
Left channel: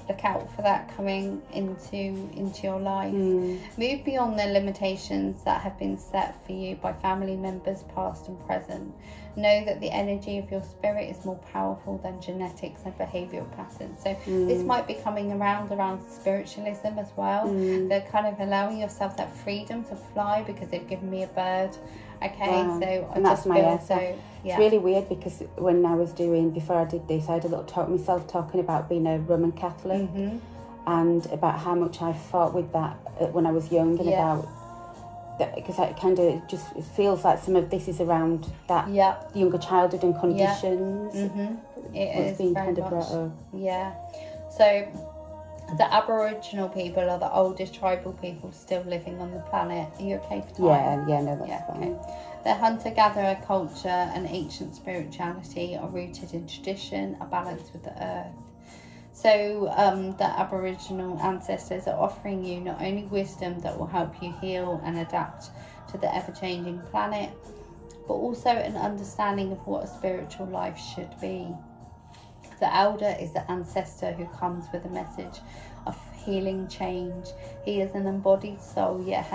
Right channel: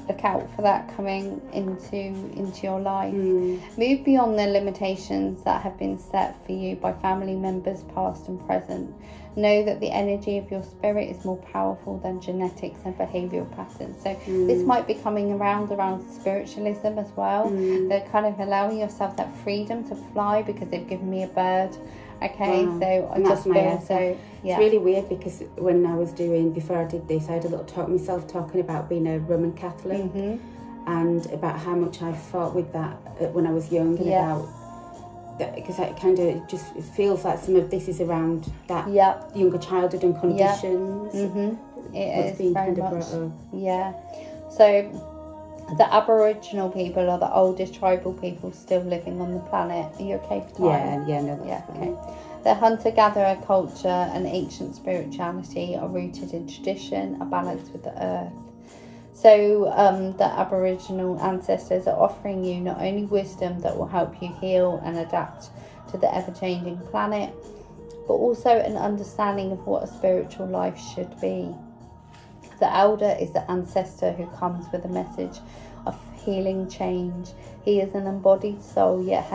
look out for that coming into your life. Move beyond the limitations that have been set for you by family members past and present. Know that the energy of your spirit is more powerful than genetics and behavioural patterns. So this might be coming around spiritualism as well. They're kind of allowing yourself that freedom to fly because they've given me a bird. Okay, so and that's my answer. It's really weird because when I was before I did this, I had a little talk myself talking about being a Roman Catholic and about how much I fought with that when I was young, and about that, because it kind of just feels like some of this is around that younger childhood and conditions. It being kind of brought up. So the Aboriginal people are the oldest tribal people still living on the planet. Are you okay for time? No, that's fine. Okay. The hunter-gatherer culture and ancient spirituality are rooted in tradition, a balance with the earth. So the Aboriginal ancestors are offering you not only wisdom that will help you heal and adapt to the ever-changing planet, but also an understanding of what a spiritual life should be. The elder is the ancestor who comes with a message of healing change. He is an embodied soul, yet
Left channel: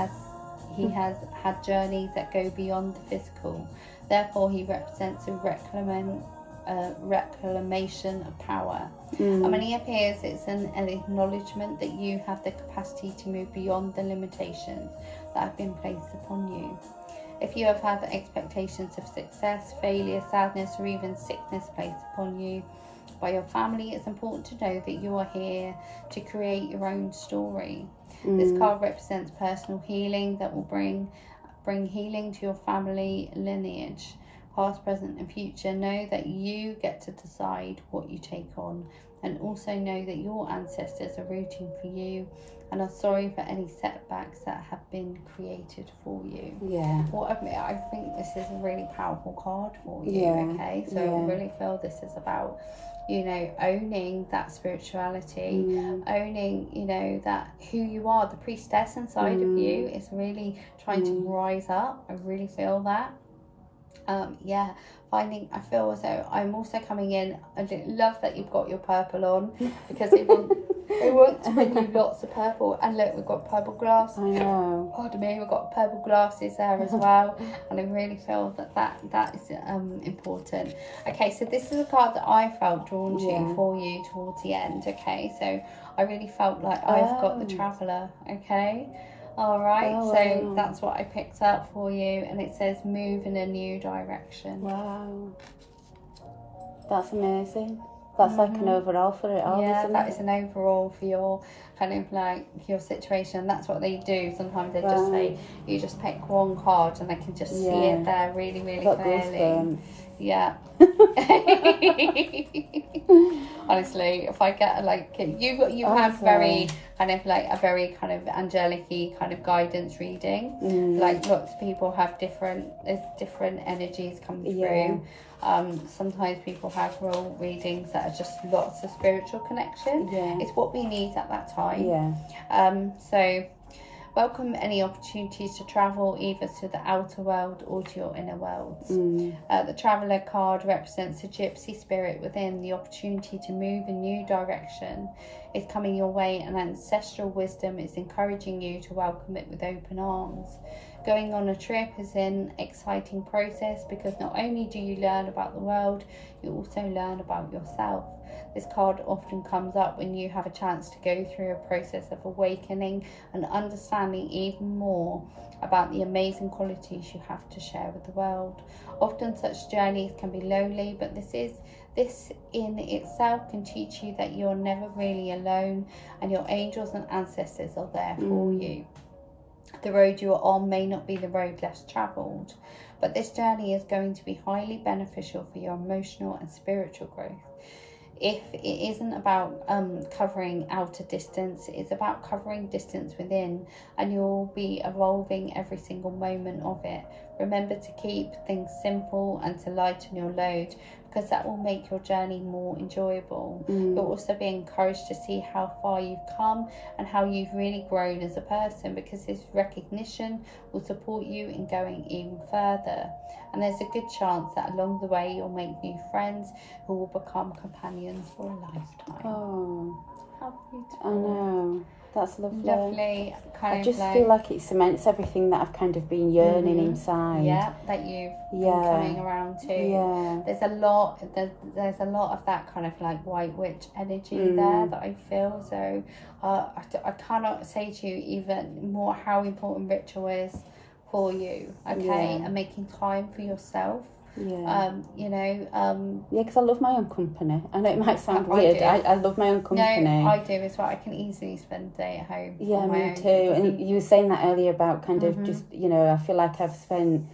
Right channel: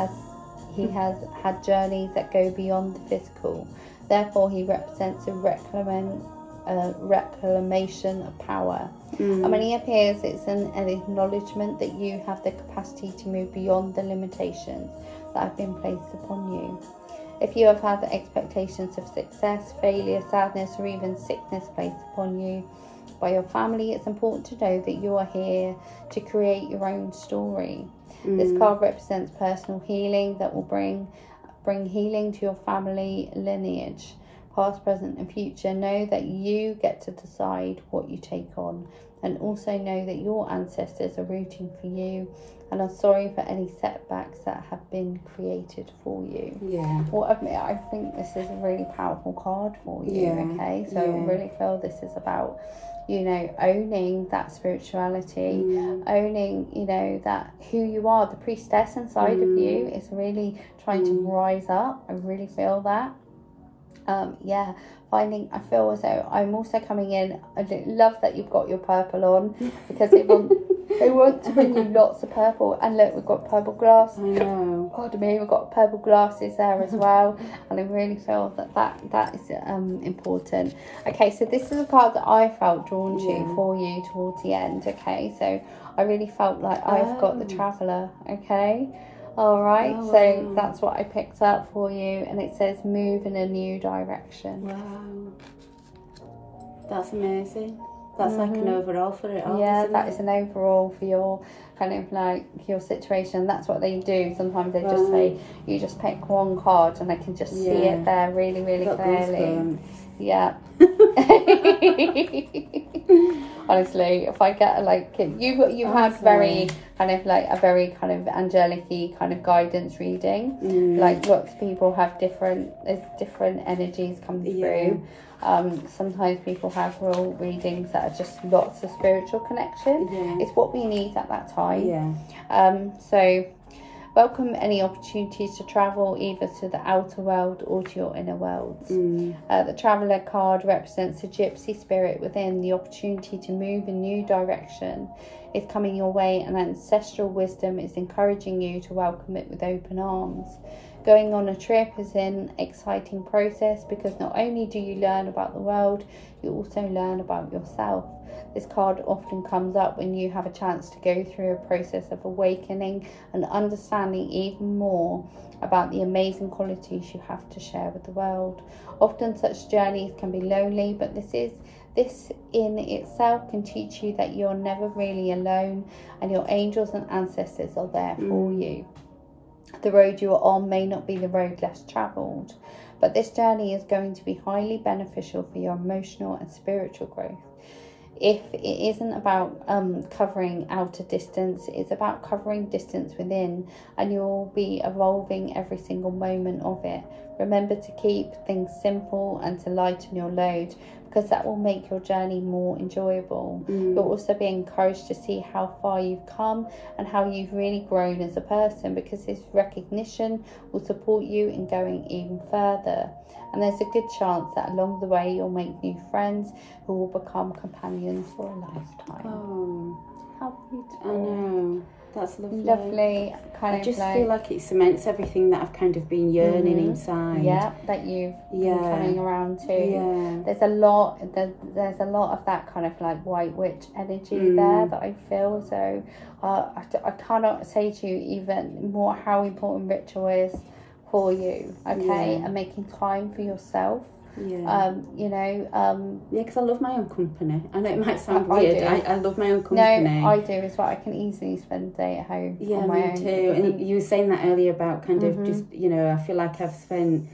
he has had journeys that go beyond the physical. Therefore, he represents a reclamation of power. And when he appears, it's an acknowledgement that you have the capacity to move beyond the limitations that have been placed upon you. If you have had expectations of success, failure, sadness, or even sickness placed upon you by your family, it's important to know that you are here to create your own story. This card represents personal healing that will bring healing to your family lineage. past, present and future. Know that you get to decide what you take on, and also know that your ancestors are rooting for you and are sorry for any setbacks that have been created for you. Well, I think this is a really powerful card for you. Okay, so I really feel this is about, you know, owning that spirituality, owning, you know, that who you are. The priestess inside of you is really trying to rise up. I really feel that. I feel as though I'm also coming in. I love that you've got your purple on, because it wants to bring you lots of purple. And look, we've got purple glass. I know. Pardon me, we've got purple glasses there as well. And I really feel that is important. Okay, so this is a card that I felt drawn to for you towards the end. Okay, so I really felt like I've got the Traveller. Okay. All right, so that's what I picked up for you, and it says move in a new direction. Wow, that's amazing. That's like an overall for it all, isn't that it? is an overall for your kind of like your situation. That's what they do. Sometimes they just say you just pick one card, and I can just see it there really, really clearly. Yeah. Honestly, if I get like you have very kind of like a very kind of angelic-y kind of guidance reading. Like lots of people have different energies come through. Sometimes people have real readings that are just lots of spiritual connection. It's what we need at that time. So welcome any opportunities to travel either to the outer world or to your inner worlds. The Traveller card represents a gypsy spirit within. The opportunity to move in new direction is coming your way, and ancestral wisdom is encouraging you to welcome it with open arms. Going on a trip is an exciting process, because not only do you learn about the world, you also learn about yourself. This card often comes up when you have a chance to go through a process of awakening and understanding even more about the amazing qualities you have to share with the world. Often such journeys can be lonely, but this in itself can teach you that you're never really alone, and your angels and ancestors are there for you. The road you are on may not be the road less travelled, but this journey is going to be highly beneficial for your emotional and spiritual growth. If it isn't about covering outer distance, it's about covering distance within, and you'll be evolving every single moment of it. Remember to keep things simple and to lighten your load, because that will make your journey more enjoyable. You'll also be encouraged to see how far you've come and how you've really grown as a person, because this recognition will support you in going even further. And there's a good chance that along the way you'll make new friends who will become companions for a lifetime. Oh, how beautiful. I know. That's lovely. Lovely. I just feel like it cements everything that I've kind of been yearning inside. Yeah, that you've been coming around to. Yeah. There's a lot of that kind of like white witch energy there that I feel. So I cannot say to you even more how important ritual is for you. Okay, and making time for yourself. Because I love my own company. I know it might sound weird. I love my own company. No, I do as well. I can easily spend a day at home. Yeah, me too. And you were saying that earlier about kind of just, you know, I feel like I've spent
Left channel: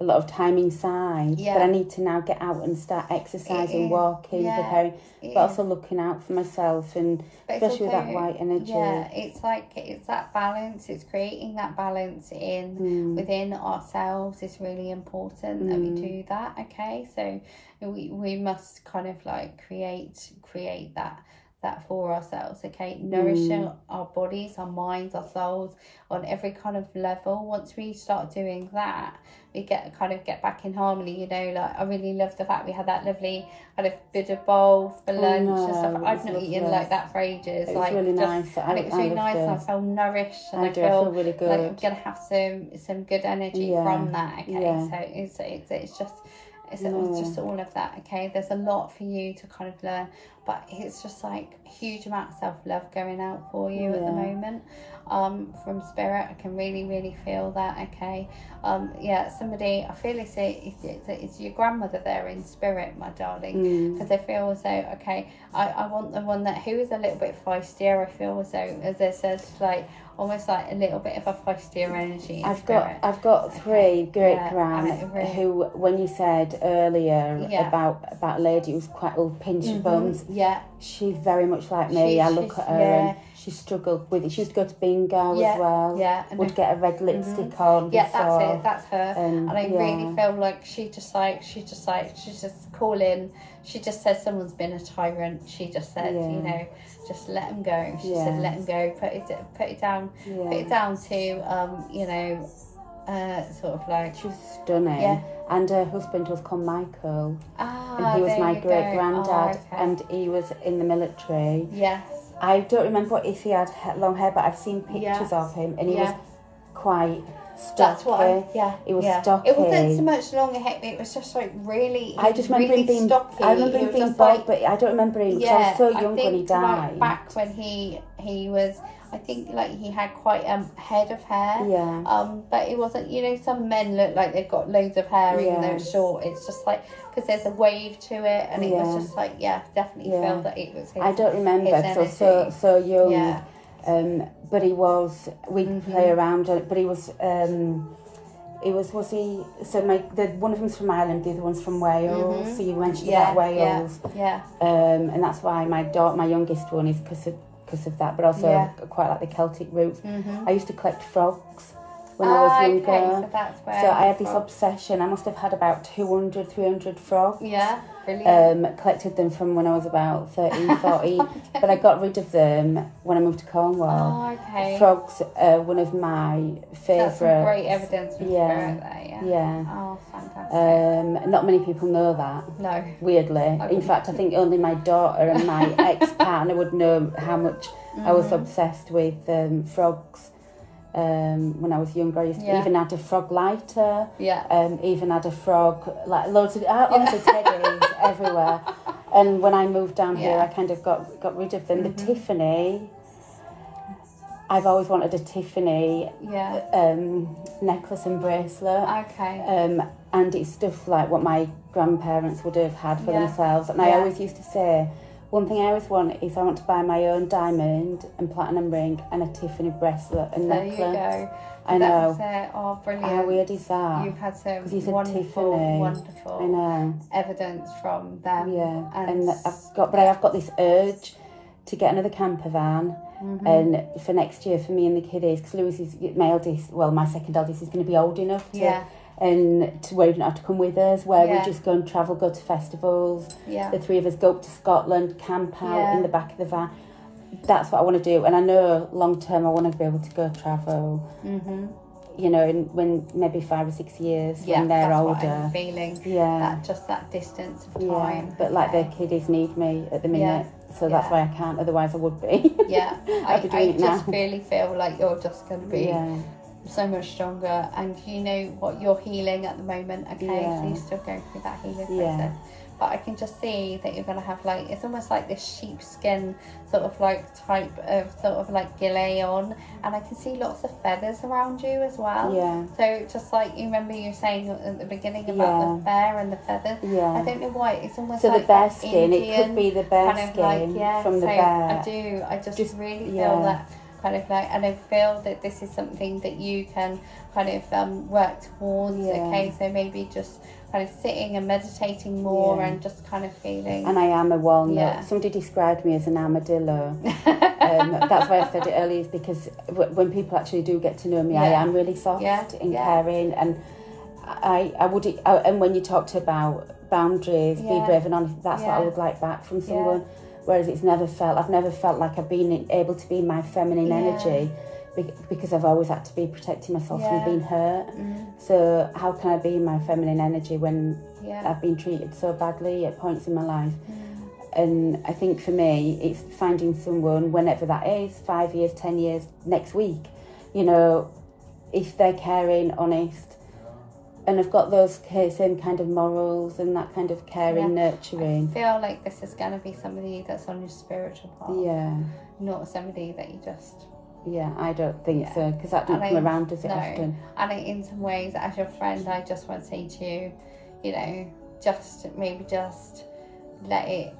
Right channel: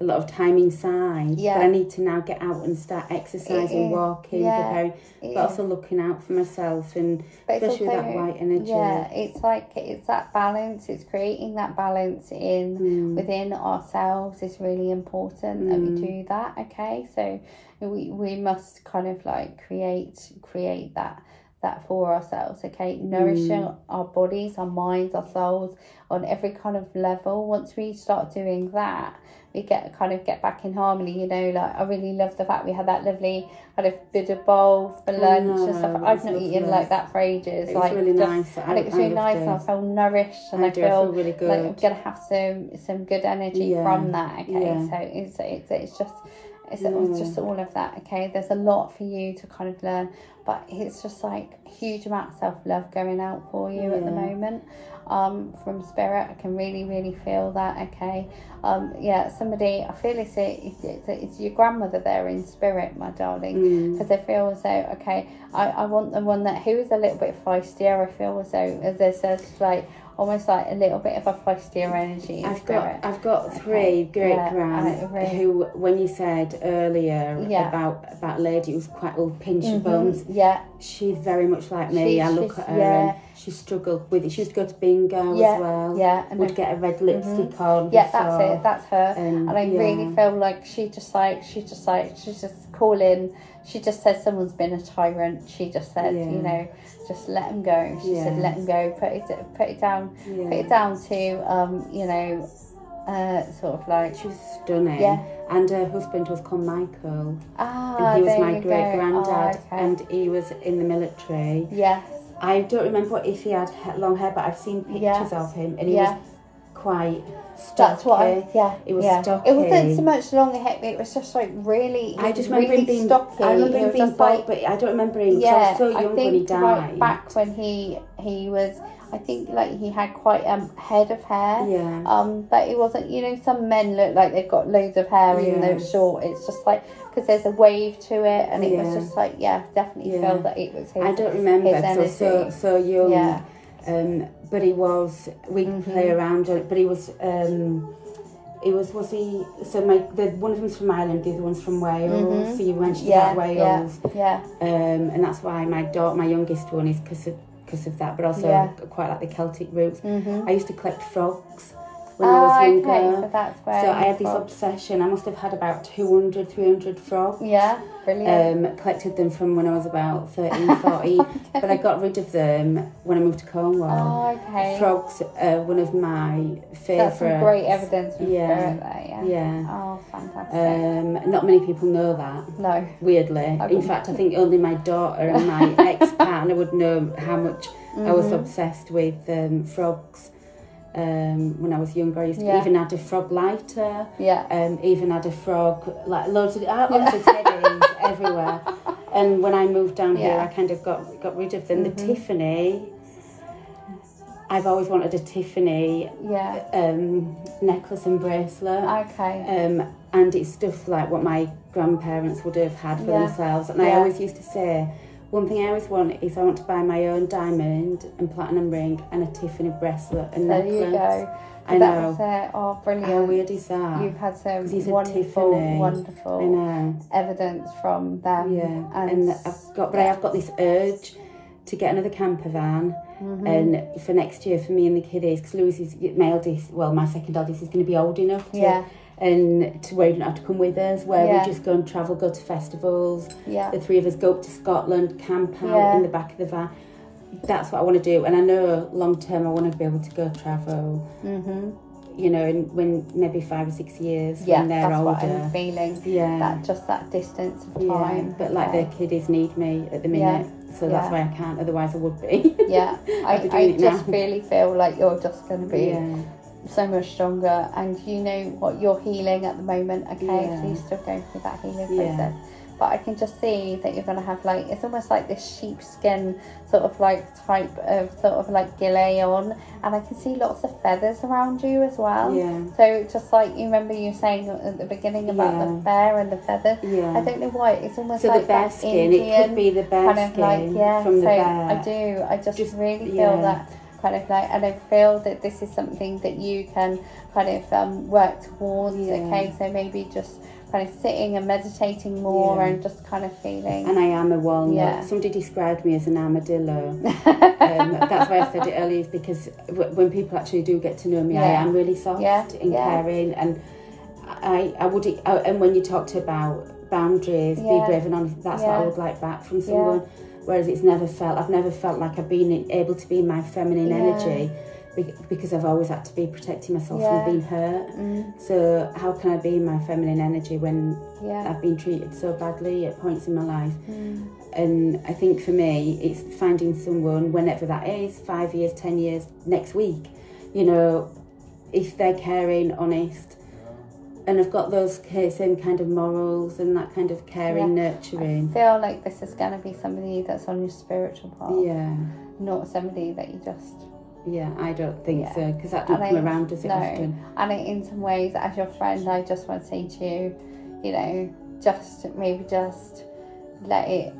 a lot of time inside, but I need to now get out and start exercising, walking, preparing, but also looking out for myself, and especially with that white energy. Yeah, it's like, it's that balance. It's creating that balance in within ourselves is really important that we do that. Okay, so we must kind of like create that for ourselves. Okay, nourishing our bodies, our minds, our souls on every kind of level. Once we start doing that, we get back in harmony. You know, like I really love the fact we had that lovely kind of Buddha bowl for lunch and stuff. I've not eaten like that for ages. It was really nice. It was really nice, and I feel nourished, and I feel really good. Like I'm gonna have some good energy from that. Okay, so it's just all of that. Okay, there's a lot for you to kind of learn, but it's just like a huge amount of self-love going out for you at the moment. from spirit. I can really feel that. Okay. Yeah, somebody, I feel it's your grandmother there in spirit, my darling, because I feel as though, okay, I want the one who is a little bit feistier. I feel as though there's like almost like a little bit of a feistier energy. I've got three great gran who, when you said earlier about a lady who was quite old, pinchy bums, she's very much like me. I look at her and she struggled with it. She used to go to bingo as well. Would get a red lipstick on. Yeah, that's it. That's her. And I really feel like she's just calling. She just said someone's been a tyrant. She just said, you know, just let them go. She said, let them go. Put it down. Put it down to you know, sort of like. She was stunning. Yeah. And her husband was called Michael. And he was my great granddad, and he was in the military. Yes. I don't remember if he had long hair, but I've seen pictures of him, and he was quite stocky. That's what it was stocky. It wasn't so much long hair, it was just like really. I just remember him being stocky. I remember him being bald, but I don't remember him. I was so young when he died. Back when he was, I think like he had quite head of hair. But it wasn't. You know, some men look like they've got loads of hair even though it's short. It's just like because there's a wave to it, and it was just like definitely felt that it was his. I don't remember because I was so young. But he was, we'd play around, but he was, was he, so one of them's from Ireland, the other one's from Wales, so you mentioned about Wales, and that's why my youngest one is because of that, but also quite like the Celtic roots. I used to collect frogs when I was younger, so I had this obsession. I must have had about 200, 300 frogs. Brilliant. Collected them from when I was about 13, 14, but I got rid of them when I moved to Cornwall. Frogs are one of my favourites. That's some great evidence for spirit there, Oh, fantastic. Not many people know that. No. Weirdly. In fact, I think only my daughter and my ex-partner would know how much I was obsessed with frogs. When I was younger, I used to even had a frog lighter. Even had a frog, like loads of teddies everywhere. And when I moved down here, I kind of got rid of them. The Tiffany, I've always wanted a Tiffany necklace and bracelet. And it's stuff like what my grandparents would have had for themselves. And I always used to say, one thing I always want is I want to buy my own diamond and platinum ring and a Tiffany bracelet and necklace. There you go. I know. Oh, brilliant. How weird is that? You've had so wonderful evidence from them. And I have got this urge to get another camper van, and for next year for me and the kiddies, because Louis is my eldest, well, my second eldest is going to be old enough to. And to where you don't have to come with us, where we just go and travel, go to festivals. The three of us go up to Scotland, camp out in the back of the van. That's what I want to do. And I know long term I want to be able to go travel, you know, when maybe 5 or 6 years when they're older. What I'm feeling. That distance of time. But like their kiddies need me at the minute. So that's why I can't, otherwise I would be. I'd be doing it now. I just really feel like you're just going to be so much stronger, and you know what, you're healing at the moment, so you're still going through that healing process, but I can just see that you're going to have like, it's almost like this sheepskin sort of like type of sort of like gilet on, and I can see lots of feathers around you as well. So just like you remember you saying at the beginning about the bear and the feathers. I don't know why it's almost so like the bear skin, it could be the bear skin from the bear. I just really feel that kind of like, and I feel that this is something that you can kind of work towards. So maybe just kind of sitting and meditating more and just kind of feeling. And I am a walnut. Somebody described me as an armadillo. That's why I said it earlier, is because when people actually do get to know me, I am really soft and caring, and I would. And when you talked about boundaries, be brave and honest, that's what I would like back from someone. Whereas I've never felt like I've been able to be my feminine energy, because I've always had to be protecting myself from being hurt. So how can I be my feminine energy when I've been treated so badly at points in my life? And I think for me, it's finding someone, whenever that is, 5 years, 10 years, next week, you know, if they're caring, honest, and I've got those same kind of morals and that kind of caring, nurturing. I feel like this is going to be somebody that's on your spiritual path. Not somebody that you just Yeah, I don't think Yeah. so, because that don't come around, does it, No. often? And in some ways, as your friend, I just want to say to you, you know, just maybe just let it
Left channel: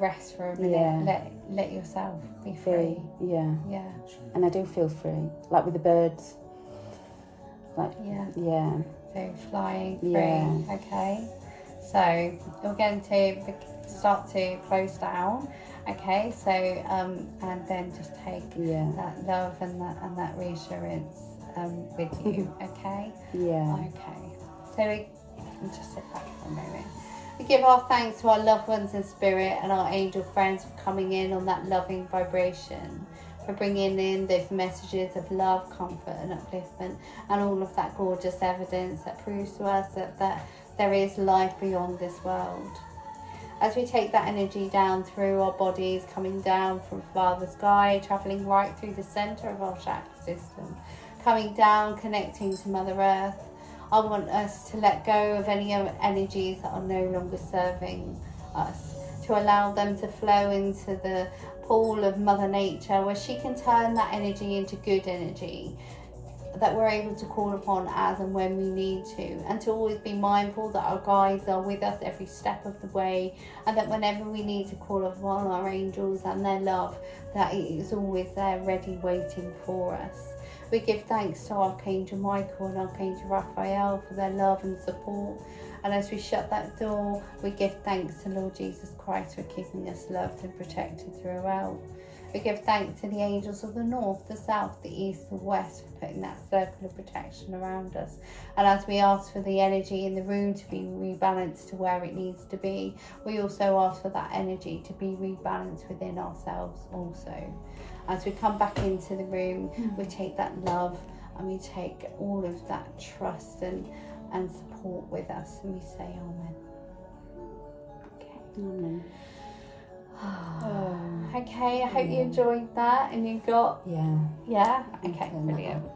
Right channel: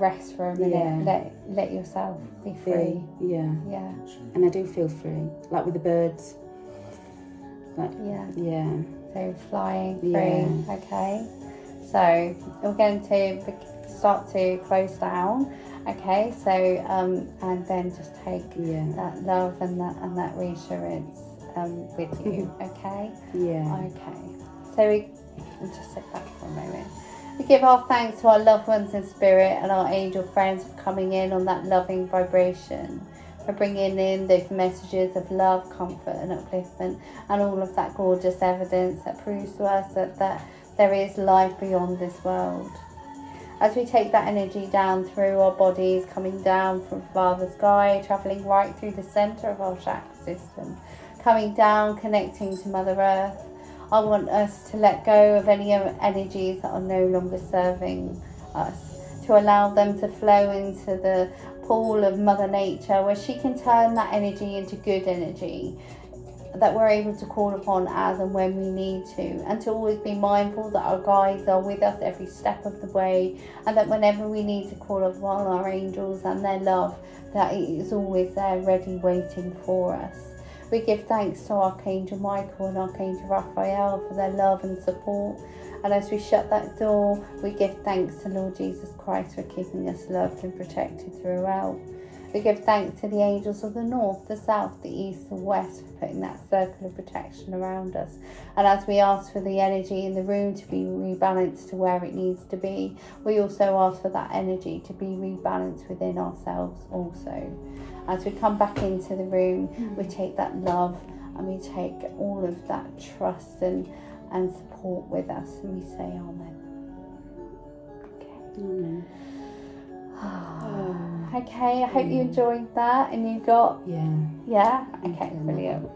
rest for a minute. Yeah. Let yourself be free. Yeah. Yeah. And I do feel free, like with the birds. Like, yeah. So flying free. Yeah. Okay. So we're going to start to close down. Okay. So and then just take that love and that reassurance with you. Okay. Yeah. Okay. So we just sit back for a moment. We give our thanks to our loved ones in spirit and our angel friends for coming in on that loving vibration, for bringing in those messages of love, comfort and upliftment, and all of that gorgeous evidence that proves to us that there is life beyond this world. As we take that energy down through our bodies, coming down from Father Sky, travelling right through the centre of our chakra system, coming down, connecting to Mother Earth, I want us to let go of any energies that are no longer serving us, to allow them to flow into the pool of Mother Nature, where she can turn that energy into good energy that we're able to call upon as and when we need to, and to always be mindful that our guides are with us every step of the way, and that whenever we need to call upon our angels and their love, that it is always there ready waiting for us. We give thanks to Archangel Michael and Archangel Raphael for their love and support. And as we shut that door, we give thanks to Lord Jesus Christ for keeping us loved and protected throughout. We give thanks to the angels of the north, the south, the east, the west for putting that circle of protection around us. And as we ask for the energy in the room to be rebalanced to where it needs to be, we also ask for that energy to be rebalanced within ourselves also. As we come back into the room, we take that love and we take all of that trust and support with us, and we say Amen. Okay. Amen. Okay, I hope you enjoyed that and you got... Yeah. Yeah? Okay, brilliant.